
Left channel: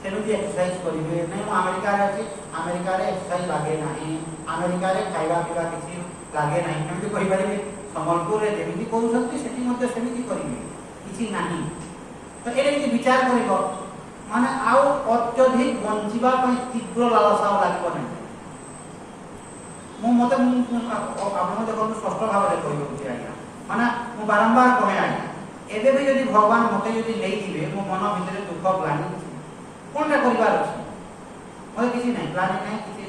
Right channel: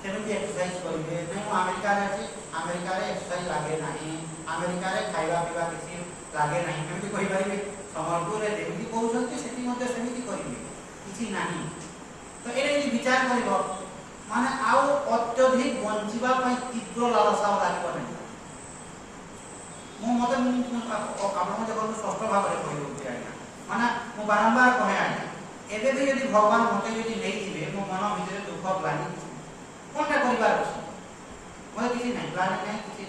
सेमिति एक्सरसाइज करिवे नै मु अमेरिका रे अछि अमेरिका रे एक्सरसाइज लागे नाही अमेरिका रे खाइबा पीबा किछि लागे नाही एमिति कहि परिबे समलपुर रे जेमिति करूछंती सेति मते सेमिति करिवे किछि नाही तो एरे जे विचार करिवो माने आउ अत्यधिक बंचिबा पई तीव्र लालसा लागिबो नै मु मते आपण देखो स्पष्ट भाव रे कहि होती आज्ञा माने मु बारंबार कहे आज्ञा एबे भी यदि भगवान मते यदि नै दिबे मु मन भितर दुख ग्लानि कोनटा करिवार अछि मोर किछि नै ग्लानि नै किछि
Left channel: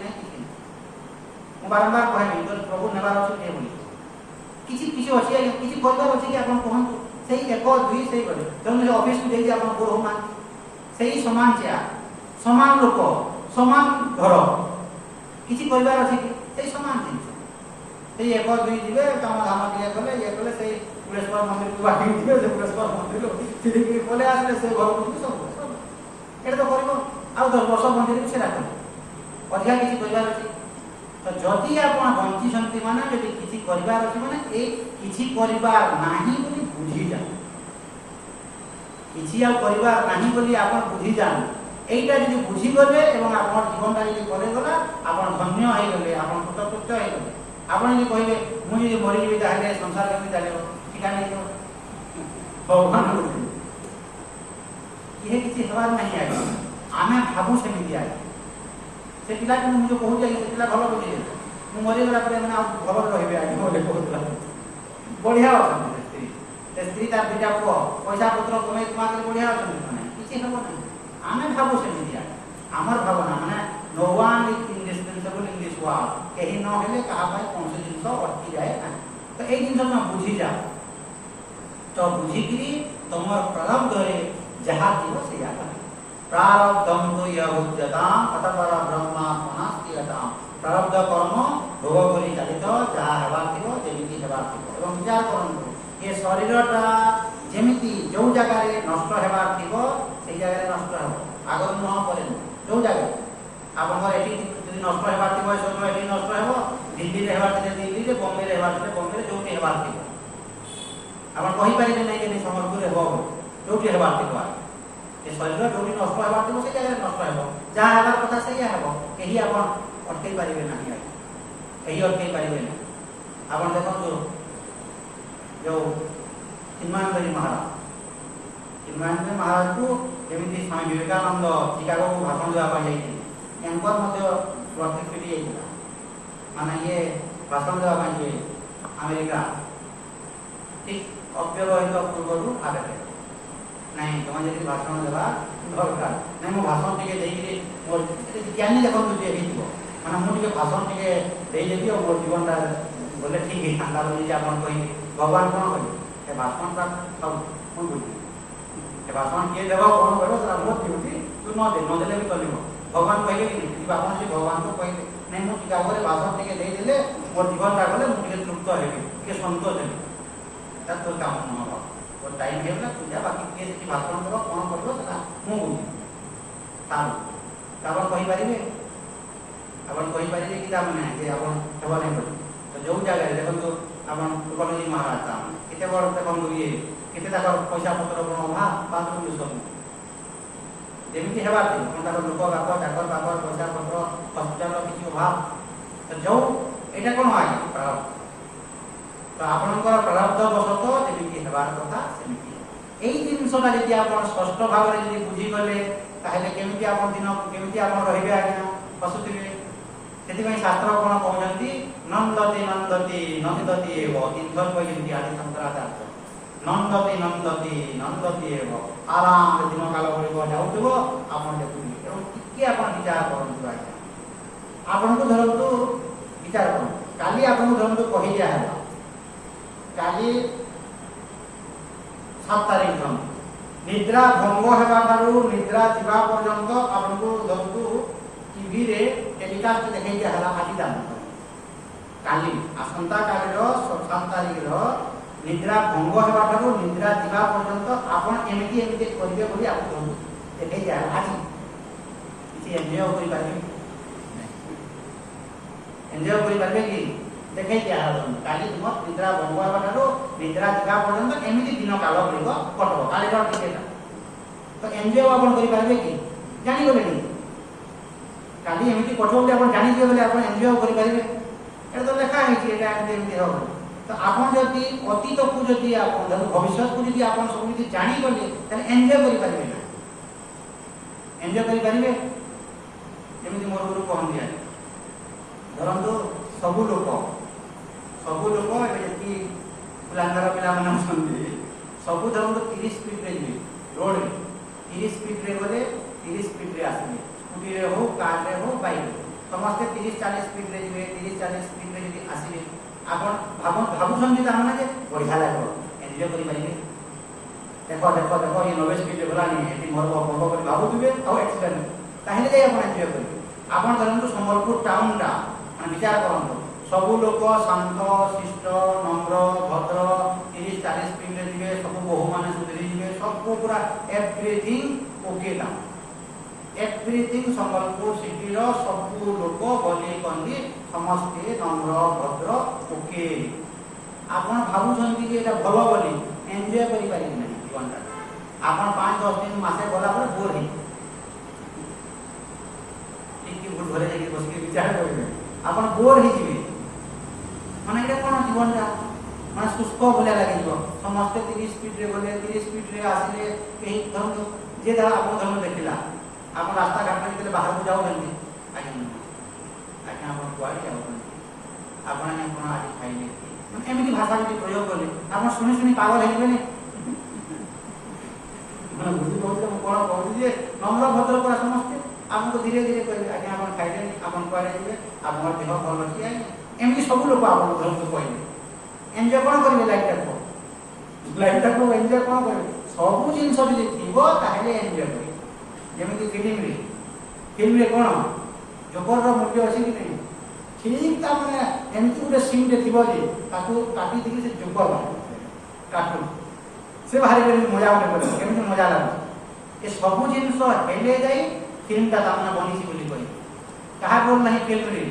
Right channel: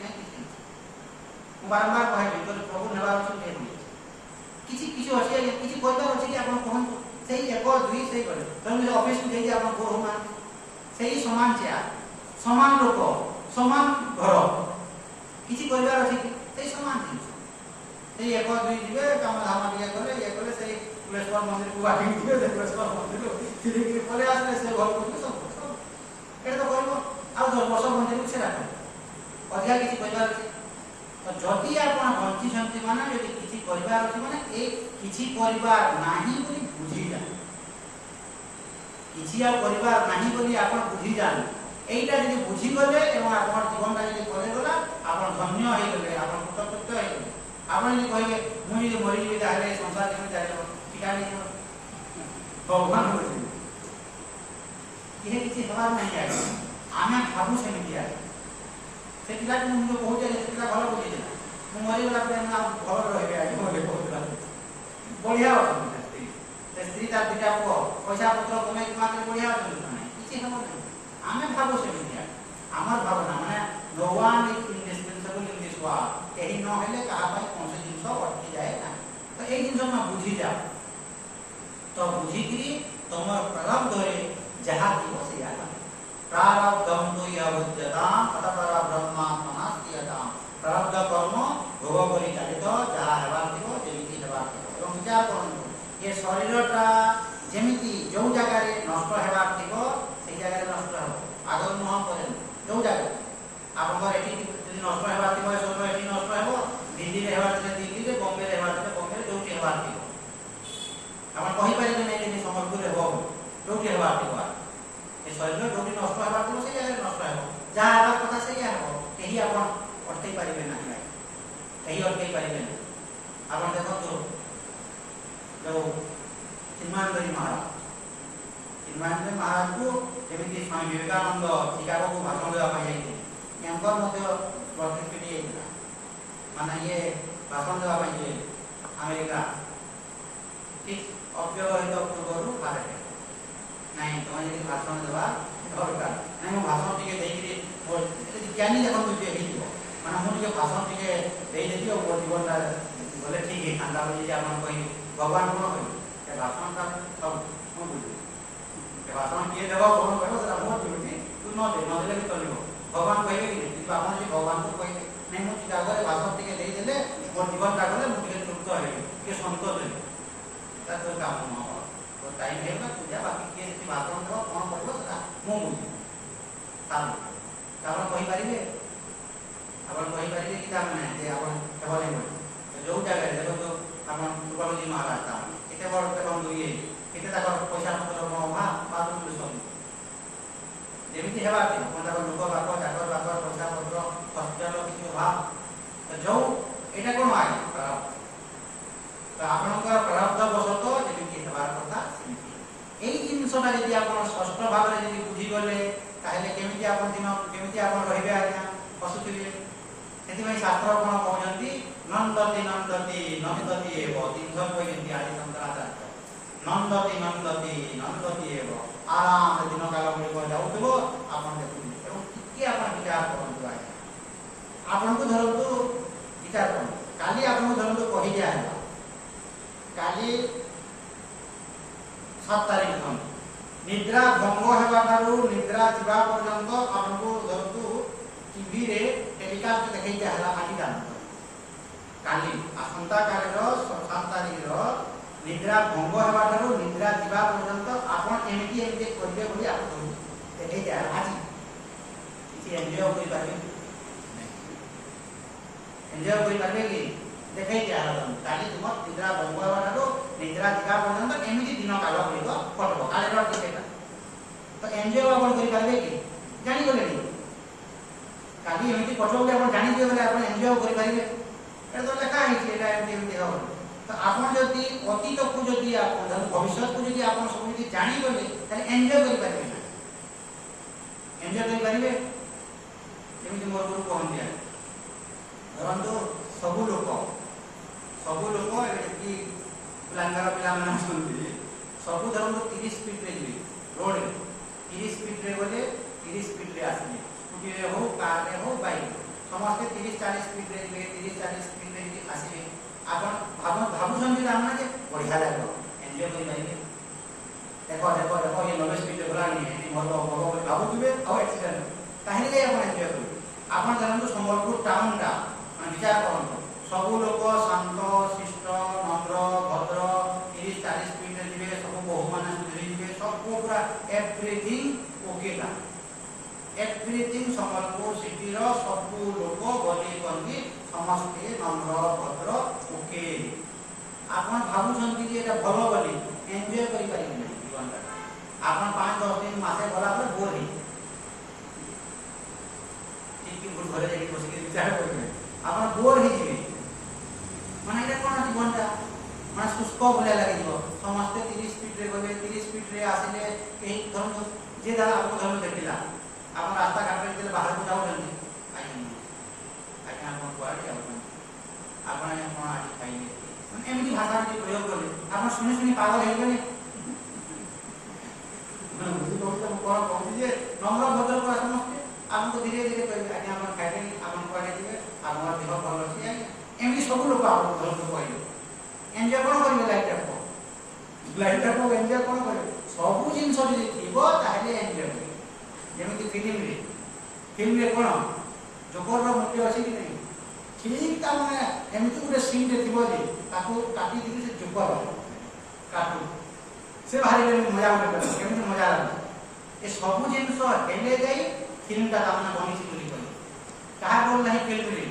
मु बारंबार कहे तो प्रभु नेबार अछि नै बोली किछि अछि आज्ञा किछि करिवार अछि कि आपण कहन सेही 1 2 सेही करे तने ऑफिस में जाई आपण गुरु मान सेही समान चेयर समान लोक समान घर किछि करिवार अछि सेही समान जिनिस सेही 1 2 जिबे काम धाम दिया गले ये गले सेही कुलेश्वर मंदिर को बाकी दिए से कुलेश्वर मंदिर को सीधी की बोले आसले से घर को सब एटा तो करिवो आ 10 वर्ष मंदिर से राखो अधिका किछि करिवार अछि तो जति आपण बंची संति माने यदि किछि करिवार अछि माने ए किछि करिवार नाही बोली बुझी जा किछि आ करिवार नाही बोली आपण बुझी जान एटा यदि बुझी गले एवं आपण जीवनटा यदि करे गला आपण धन्य होई गले आपण कृतकृत्य होई गले आपण यदि कहिबे मु यदि मरि जेबी ताले संसार केमि भगवान बुझे ये किसी हवार नहीं आए आमे भाबू सेमिति आए से पिला को मुझे कहू जाय से पिला भलो बुझे मु मरि गला पे ना भलो रहबे आगे बोले कहूतला बढ़िया अछि स्त्री तार बेटा को पैसा पत्र कमाई मात्र बढ़िया अछि नहीं किसी हवा नहीं आमे भाबू सेमिति आए हमर भावना माने no one is indispensable in this world कहीं न हेले कहा पाए कौन से जिंस अटकी जाए ना तो एक जिंस में बुझी जाओ तो बुझिकरी तुमर प्रारब्ध रे जहा दियो से याद प्रारब्धम तो यवज्जताम अतपरा ब्रह्मात्मनास्तियताम प्रारब्ध कर्म भोग करी चलित जहा हेबार दियो जेमिति हेबार दियो एवं विचार करन ये शरीरटा जेमिति जो जगह रे नष्ट हेबार दियो से जगह रे नष्ट हो आगर न परे जो जगह आपन एठी यदि नष्ट हेबार दियो स्वप्न एठी नष्ट हेबो दिल्ली रे हेबार दियो दिल्ली रे बॉम्बे रे हेबार दियो बॉम्बे रे जोटी हेबार दियो आपण कहि पारे नै कि समरपुर हेबो जोटी हेबार दियो ए शरीर जोटी नष्ट हेबार दियो से जगह नष्ट हेबो जहां हेबार कथा से हेबो एही आपण अटकै पारिबे नाही एही अटकै पारिबे नै आपण देखो जो चिन्मयानंद महाराज को एमती स्वामी विवेकानंद शिकागो को भाषण देवा जाइए एंकर मध्य प्रत्येक पीढ़ी माने ये भाषण देवा अमेरिका ठीक अव्यवहित पूर्व भारत नहीं तुम जब भाषण देवा दरकार नहीं मो भाषण टिके देइकरी मोर ज्ञानी देखो तुझे हिजबो माने मो टिके भाषण टिके देइ देति मोर जीवनटा बोले ठीक है अंदा बोली आपन कोई भगवान कोन कोई ए भाषण का सब कोन बोली ए भाषण के देबो कोन कहबो तरा बहुत ड्यूटी तू न देले भी चलिबो भगवान कहले कि नहीं आपन जे भगवान को कहले नहीं मो टिका बोले भाषण टिके देइ देले मोर जीवनटा गले मो टिके तृप्त हेबी के संतोष हेबी ता तो काम न हो तो टाइम हेबला पूजा बाकी के जे भाषण देबो कोन करबो तरा मो बुझी ताल ताबन कहि परिबे आपन कहि परिबे कि ता माने जे आपन केवल नहीं तो जो जगह देखो तो आपन तुकलजी महाराज ता केते बड़ देखो ये केते ताकर पैसा पत्र को अभाव बाथरूम में सब जेमिति हेबा दिन कोन ताकर लोक बाको चाकर बाकर पैसा पत्र हॉस्पिटल किछि अभाव तो जो एटा कोन आए तो आपनकर प्रारब्ध बसत जेमिति हेबार कथा सेमिति एई जिंसटा जदि आपन स्पष्ट भाव रे जदि बुझी गले ताहेले केमिति आपन दिन केमिति आपन रहिबे आज्ञा पसुतिबे सेति शास्त्र कोन कहउछंती नंदति नंदति नंदति एव तीर्थर कहउछंती आदि शंकराचार्य नंदति एव आराम रे दिन काल बळी जाउतबो आपन देखुबे एवं किके आपन विचार करंतु आज्ञा आपन को धरंतु विचार करंतु काली आपन को धरंतु कहि जा है काली 7 तारिख दिन निद्रा भंग हेबा तारु निद्रा जिबा पर्यंत आपन को धरंतु टीवी रे टेलीकास्ट देखै जा हला आदि दान काली आसंता काली रो 7 तारिख रो निद्रा भंग हेबा तारु निद्रा जिबा पर्यंत आपन एमिति करबे बोली आपन देखै जा आदि इसे एन्जॉय करि पाबे एन्जॉय करि पाबे कि देखै जा काली तुम निद्रा भंग हेबा तारु निद्रा जिबा पर्यंत एमिति दिन काल करिबो कटबो काली रो टिकेटा तो एन्जॉय आपन करि पाबे कि जानि गले नि काली एमिति कठोर के अपन जानि दियो बोले अपन एन्जॉय करि परिबे ए तो लेखा है कि एटा एमिति हो तो अपन जति अतीत को जति अपन भविष्य को जति अपन सब किछि जानि गले तले एन्जॉय करि परिबे एन्जॉय करि परिबे जेमिति मोर गुरु कहन दिया परंतु सब लोक एटी पुलांगर पिला माने सुनबे सब धरम 30 स्पीड रे जी रोड 30 स्पीड रे बोले 30 स्पीड रे आसबे स्कूटी रे हो कार रे हो बाइक समस्त 30-40 स्पीड रे जिवे 30-40 स्पीड रे जी आसीबे आपन भाबु संगीत हमने जे बढ़िया लागो एन्जॉय करि पाइबे देखो ये 90 स्पीड रे गलानी एटी मोर बबो कर भाबुतबे आ एक्सीडेंट ताहेले जे आपन एन्जॉय करिबे आपन धरंतु संबलपुर टाउन टा माने विचार करंतु सब लोक शांत शिष्ट नम्र भद्र 30-40 स्पीड रे जिवे सब बहु माने सुधरी जिवे सब पूरा एवरीथिंग ओके ता एवरीथिंग संबलपुर सिटी रो सब लोक गली कंदी समस्ते नम्र भद्र ओके आपन भाबु संति जे एटा भलो बोली एन्जॉय करि पारि नै जीवन रा आपन 5-10 दिन मासे गला पर बोर हे ठीक की भूल भरे जाके बस के विचार करिवे आपन बोर हे जिवे माने एटा कोन जीवन रा माने शुष्क बोले लागि समस्त 30 स्पीड रे बोले 30 ମାନେ କଣ ଆଜି ଖାଇଲେ ମାନେ ଏମିତି ଭାଷା ଯଦି ପ୍ରୟୋଗ କଲେ ଆପଣ ଶୁଣି ଶୁଣି ପାଗଳ ହେଇଯିବେନି। ମାନେ ବୁଝିପାରୁଛି ମୁଁ କଣ କହୁଛି ଯେ ନମ୍ର ଭଦ୍ର ପୁରା ସମସ୍ତେ ଆମକୁ ଧୀରେ ଧୀରେ କହିବେ ଆଜ୍ଞା ଆପଣ ଖାଇଲେନି ଆପଣ କୁଆଡ଼େ ଯିବେ ଆପଣଙ୍କ ଦେହ ଭଲ ଅଛି ଆଜ୍ଞା ଏମିତି ସବୁ ଲୋକ ଆପଣଙ୍କ ଘରକୁ କହିବେ। ଏନ୍ଜୟ କଣ କରିବେ ଲାଇଫଟାକୁ ଏନ୍ଜୟ କଣ କରିବେ ସବୁ ଜିନିଷ ଯଦି ଥିବ ତାହେଲେ ଏନ୍ଜୟ କରିବେ। ଯେମିତି ଫିଲ୍ମରେ କଣ ଜୋକରର ମୂଲ୍ୟ ଅଛି କି ନାହିଁ ଠିକ୍ ତା ମାନେ ଏମିତି ଗୋଟେ ସିନ୍ଟେ ଥିବ ଯେ ତାକୁ କାଟିଦେଇକି ସେ ଜୋକର କାଟୁ ସେ ବାହାରି କରି ମଜା ଗୋଟେ କରିବ କେମିତି ମଜା ଲାଗୁଛି ଏ ସବୁ ଜିନିଷ ହେଲେ ଯାଇ ଫିଲ୍ମଟା ତାମାନେ ବନିଛି ବୋଲି କହିବେ। କାହା ଭଲ ନାହିଁ ଫିଲ୍ମରେ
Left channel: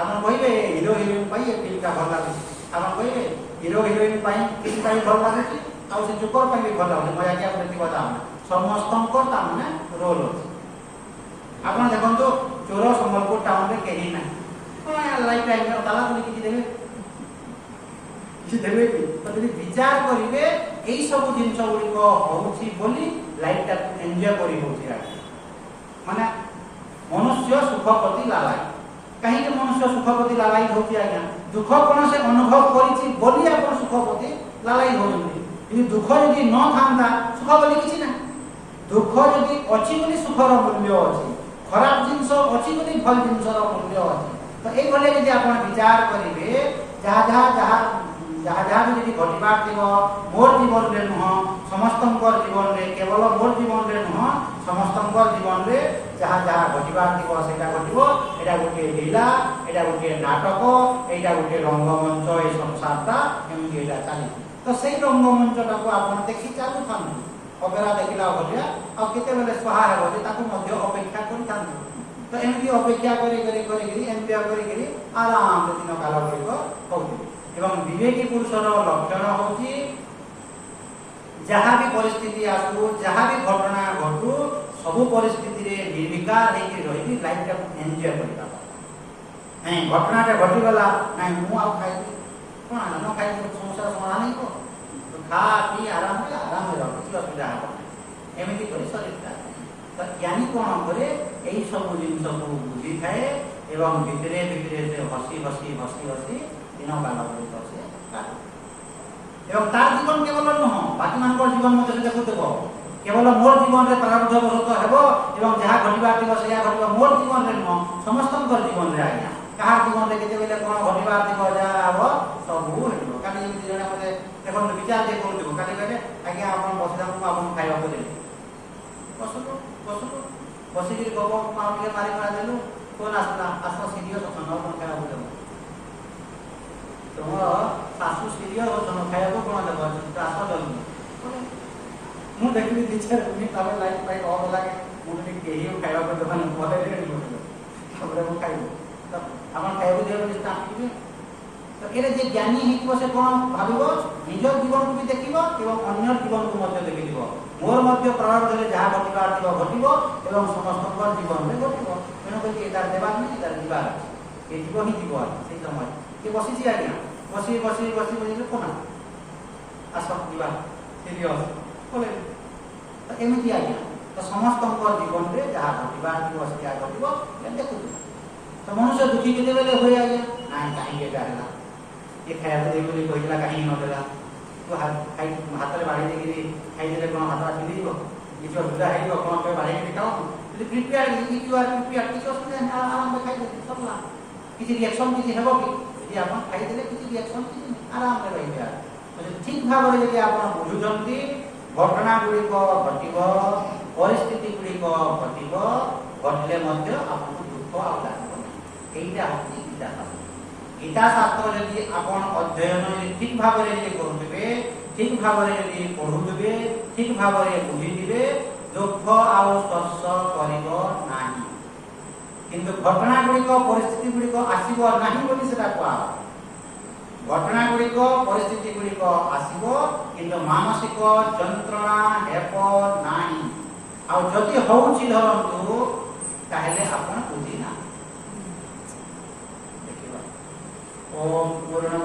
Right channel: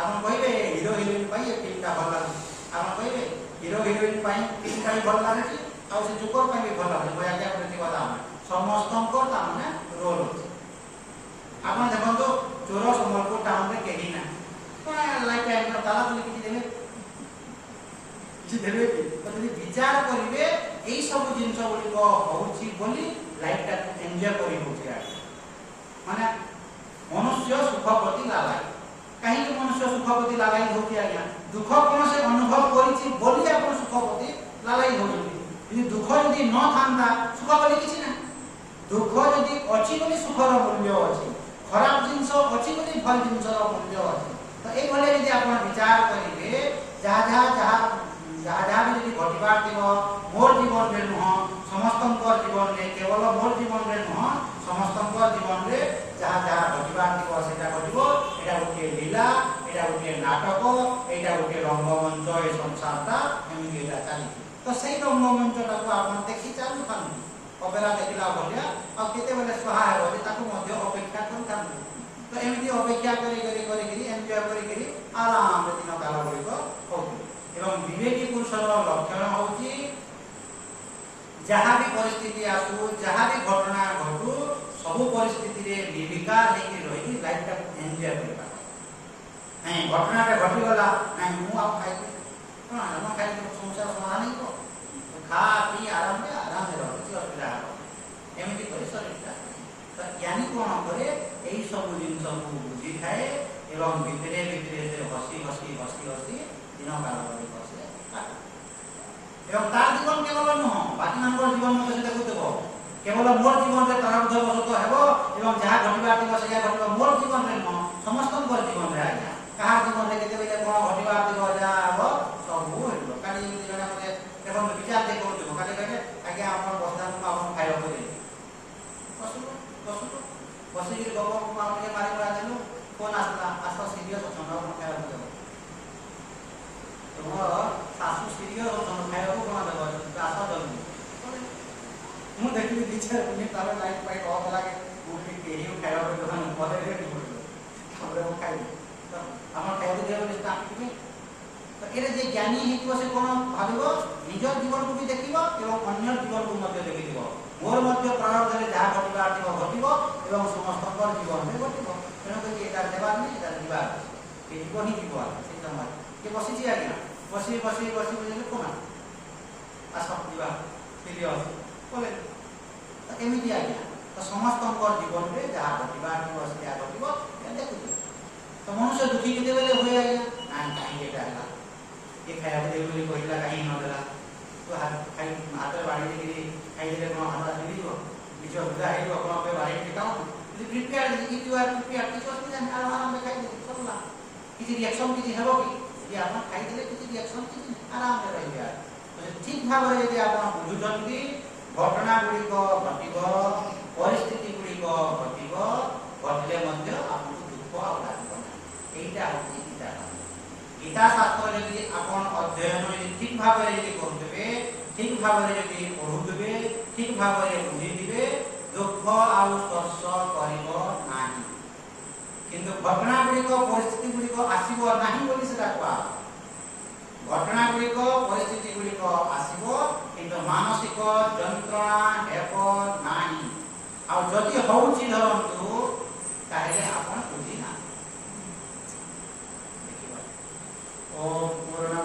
ଆପଣ କହିବେ ହିରୋ ହିରୋଇନ ପାଇଁ ଏ ଫିଲ୍ମଟା ଭଲ ଲାଗୁଛି ଆପଣ କହିବେ ହିରୋ ହିରୋଇନ ପାଇଁ ଫିଲ୍ମଟା ବି ଭଲ ଲାଗୁଛି ଆଉ ସେ ଜୋକର ପାଇଁ ବି ଭଲ ଲାଗୁଛି ମଜାକିଆ ଗୋଟେ ଥିବ ତାମାନେ ସମସ୍ତଙ୍କର ତାମାନେ ରୋଲ ଅଛି। ଆପଣ ଦେଖନ୍ତୁ ଚୋର ସମ୍ବଲପୁର ଟାଉନରେ କେହି ନାହିଁ ଲାଇଫ ଟାଇମ ତାଲା ତୁଲି କିଛି ଦେବେ କି ତ ଯଦି ବିଚାର କରିବେ ଏଇ ସବୁ ଜିନିଷ ଗୁଡ଼ିକ ହଉଛି ବୋଲି ଲାଇଫଟାକୁ ଏନ୍ଜୟ କରି ହଉଛି ମାନେ ମନୁଷ୍ୟ ସୁଖ ପ୍ରତି ଲାଲାଇ। କାହିଁକି ମନୁଷ୍ୟ ସୁଖ ପ୍ରତି ଲାଲାଇ ହଉଛି ଆଜ୍ଞା ଦୁଃଖ କଣ ସେ ଅନୁଭବ କରିଛି ବୋଲି ଆପଣ ସୁଖ ପ୍ରତି ଲାଲାଇ ହଉଛନ୍ତି। ଯଦି ଦୁଃଖ ଯଦି ନଥାନ୍ତା ସୁଖ ବୋଲି କିଛି ନାହିଁ। ଦୁଃଖ ଯଦି ଅଛି ବୋଲି ସୁଖର ମୂଲ୍ୟ ଅଛି ଖରାପ ଜିନିଷ ଅଛି ବୋଲି ଭଲ ଜିନିଷର ମୂଲ୍ୟ ଅଛି। ତ এইভাবে যদি ଆପଣ ବିଚାର କରିବେ ଯାହା ବି ଯଦି ଘଟିବାର ଥିବ ମୋର ଜୀବନରେ ନୁହଁ ସମସ୍ତଙ୍କର ଜୀବନରେ କେବଳ ମୋର ଜୀବନରେ ନୁହଁ ସମସ୍ତଙ୍କର ଜୀବନରେ ଯାହା ଘଟିବାର ଥିବ ସେଇଟା ଘଟିବ। ଏଇଟା ଗୋଟିଏ ଲୀଳା ଏଇଟା ଗୋଟିଏ ନାଟକ ଏଇଟା ଗୋଟିଏ ରଙ୍ଗମଞ୍ଚ ଏ ସଂସାରଟା ଏମିତି ଏଇଟା ଚାଲିଛି। ତ ସେଇ ରଙ୍ଗମଞ୍ଚଟାକୁ ଆପଣ ଦେଖି ଚାଲୁଥାନ୍ତୁ ଅପେରା ଦେଖିଲା ଭଳିଆ ଆଉ କେତେବେଳେ ସହା ହେବ ଯେ ତାକୁ ମଧ୍ୟ ଅପେକ୍ଷା କରିଥାନ୍ତୁ। ତ ଏମିତି ଅପେକ୍ଷା କରିକିରି ଏନ୍ଜୟ କରିକିରି ଆରାମରେ ଦିନ କାଳ ଗୁଡ଼ିକ ହଉଥିବେ। ଏବଂ ବିବେକୀ ପୁରୁଷର ଲକ୍ଷଣ ହଉଛି ଯାହା ବି ପରିସ୍ଥିତି ଆସୁ ଯାହା ବି ଘଟଣା ଘଟୁ ସବୁ ପରିସ୍ଥିତିରେ ନିର୍ବିକାର ହେଇକି ରହିକି ଲାଇଫଟାକୁ ଏନ୍ଜୟ କରିବା। ନାଇଁ ଘଟଣାଟା ଘଟିଗଲା ନାଇଁ ମୁଁ ଆଉ ଖାଇବି କଣ ନ ଖାଇବି ସମସ୍ୟାର ସମାଧାନ ହେଇଯିବ ଖା ପିଇ ଆରାମରେ ରହ କିଛି ଅସୁବିଧା ହେବ ଏମିତି କରି ଶରୀରଟା। ତ ଜ୍ଞାନୀ କଣ କରେ ଏଇ ସବୁ ଜିନିଷକୁ ବୁଝିଥାଏ ଏବଂ ଭିତରେ ସେ ହସି ଦିନ କାଳ ଗୁଡ଼ିକ ସେ କାଟେ। ଏବଂ ତାର ଜୀବନ କେବଳ ନୁହଁ ବାକି ମାନଙ୍କର ଜୀବନ ମଧ୍ୟ ସେ ଦେଖୁଥିବ କେବଳ ମୋର ଜୀବନରେ ପ୍ରାରବ୍ଧ ବଶତଃ ହେବ ଏବଂ ଯାହା ଘଟିବାର ଥିବ ସେଇଆ ଘଟିବ ମୋର ଜୀବନରେ ନୁହଁ ସମସ୍ତଙ୍କର ଜୀବନରେ ଆଜ୍ଞା କାହାର ଜୀବନରେ କେତେବେଳେ କଣ ଘଟିବାର ଥିବ ଯାହା ହେବ ସବୁ ହେଇଯିବ। କାଲି ଯେମିତି ଜଣେ ମତେ ଦେଖନ୍ତୁ ବିଚାର ଯେ କରୁଥିବ କାଲି କହିଲେ ଆଜ୍ଞା ଆପଣ ବସିଥାନ୍ତୁ ମୁଁ ଆପଣଙ୍କୁ ଖାଇବାକୁ ଦେବି ବସିକିରି ଗପ ଆଉ ଟିକେ ମାରି ଦେଲୁ ଫୋନ୍ ଆସିଲା ଆସ ସିରିୟସ୍ ଅଛନ୍ ଆଉ କଣ ଖାଇବାକୁ ଦେବ ତୁମ ଶାଶୁ ସିରିୟସ୍ ଅଛନ୍ ଖାଇବାକୁ କଣ ଦେବ ଆସ ଜଲ୍ଦି ମୁଁ ଦେଖିଲି ଦି ଚାରି ମିନିଟ୍ ତାପରେ ଲାଇଟ୍ ଫାଇଟ୍ ଅଫ୍ ଲାଗେ ମୁଁ ଟିକେ କେହି ଖାଇବାକୁ ଦେବାନି ବଦଳିଲେ ତାପରେ ମୁଁ ଖାଇବୁ ଆପଣ ଖାଇବାକୁ ଦେବେ ନିଶ୍ଚିତ ଆସିବେ। ତ ଏରେ ଯେ ଜ୍ଞାନୀ ହେଇଥିବ ସେ କଣ ଭାବିବ ନିଜ ଜୀବନକୁ ବି ଦେଖିବ ଏବଂ ଅନ୍ୟ ଜୀବନକୁ ମଧ୍ୟ ଦେଖିଥିବ ମୋର ମଧ୍ୟ ପ୍ରାରବ୍ଧରେ ଯାହା ଘଟିବାର ଥିବ ଘଟିବ ଏବଂ ସମସ୍ତଙ୍କର ଜୀବନରେ ଘଟିବ। ତେଣୁକରି ଏଟାର ଦେବାର ନାହିଁ ଏଟାର ଯିବାର ଏ ଯିବ ହିଁ ଯିବ ସେଇ ସମୟରେ କିଏ ବସିଛି ଆଜ୍ଞା ବସି ବୁଝିଲେ କଣ ଆସ ଯିବା ସିରିୟସ୍ ବୋଲେ ତ ଏମିତି ଆଜ୍ଞା ତ ସମସ୍ତଙ୍କର ଜୀବନରେ ଯାହା ଘଟିବାର ଥିବ ସେଇଆ ଘଟିବ ଏହା ଦେଖୁଥିବ। ତ ମନୁଷ୍ୟ ଦୁଃଖୀ କେତେବେଳେ ହୁଏ ଆଜ୍ଞା ନାଇଁ କାହିଁକି ଏଟା ହେଲା ଏ ଖାଇବାକୁ ଦେବି ବୋଲି କହିଥିଲା କାହିଁକି ନଦେଲା ତୁ ହାତରେ ବାଢ଼ି ଦେଇକିରି ଖାଇଦେଲେ କଣ ହାତଟା ଫିଲିଯିବ କିଛି ଅସୁବିଧା ହେଇଯିବ କଣ ପାଇଁ ବାଢ଼ିକି ଖାଉଛୁ ଯଦି ପ୍ରିପେୟାର କିଛି ଅସୁବିଧା ନାହିଁ ଆରାମରେ ଖାଇଦେଲେ ସରିଲା କିଛି ରିଆକ୍ସନ୍ କିଛି ହେବ କି ଯଦି ଆପଣ ଖାଇଦେଲେ କିଛି ରିଆକ୍ସନ୍ କିଛି ଆରାମରେ ରହିବେ। ଠିକ୍ ଭାବରେ ଯଦି ଆପଣ ବୁଝୁଛନ୍ତି ଘଟଣା ଗୁଡ଼ିକ ଘଟିବ ପରିସ୍ଥିତି ଗୁଡ଼ିକ ଘଟିବ ଘଟିଲେ ମଧ୍ୟ ଆପଣଙ୍କୁ ଦୁଃଖ ଆଉ ଲାଗିବ ନାହିଁ। এইটা হচ্ছে গীতা শাস্ত্র। গীতা শাস্ত্র যদি আপন অধ্যয়ন যদি ঠিক ভাবে যদি করুবে ঠিক ভাবে যদি পড়ুবে ঠিক ভাবে বুঝিবে দুঃখ আউ স্পর্শ করিব ନାହିଁ। কিন্তু ঘটনা গুড়িক পরিস্থিতি গুড়িক আসিব ନାହିଁ ବୋଲି সেটা কোয়া ঘটনা গুড়িক পরিস্থিতি গুড়িক আসিব কিন্তু মানসিক যন্ত্রণা ହେବ ନାହିଁ। ଆଉ ଯଦି ହଉଛି ଧରନ୍ତୁ তাহলে ଆପଣ ବୁଝି ନା ଦେଖିବା। ଓମ୍ ପୂର୍ଣ୍ଣ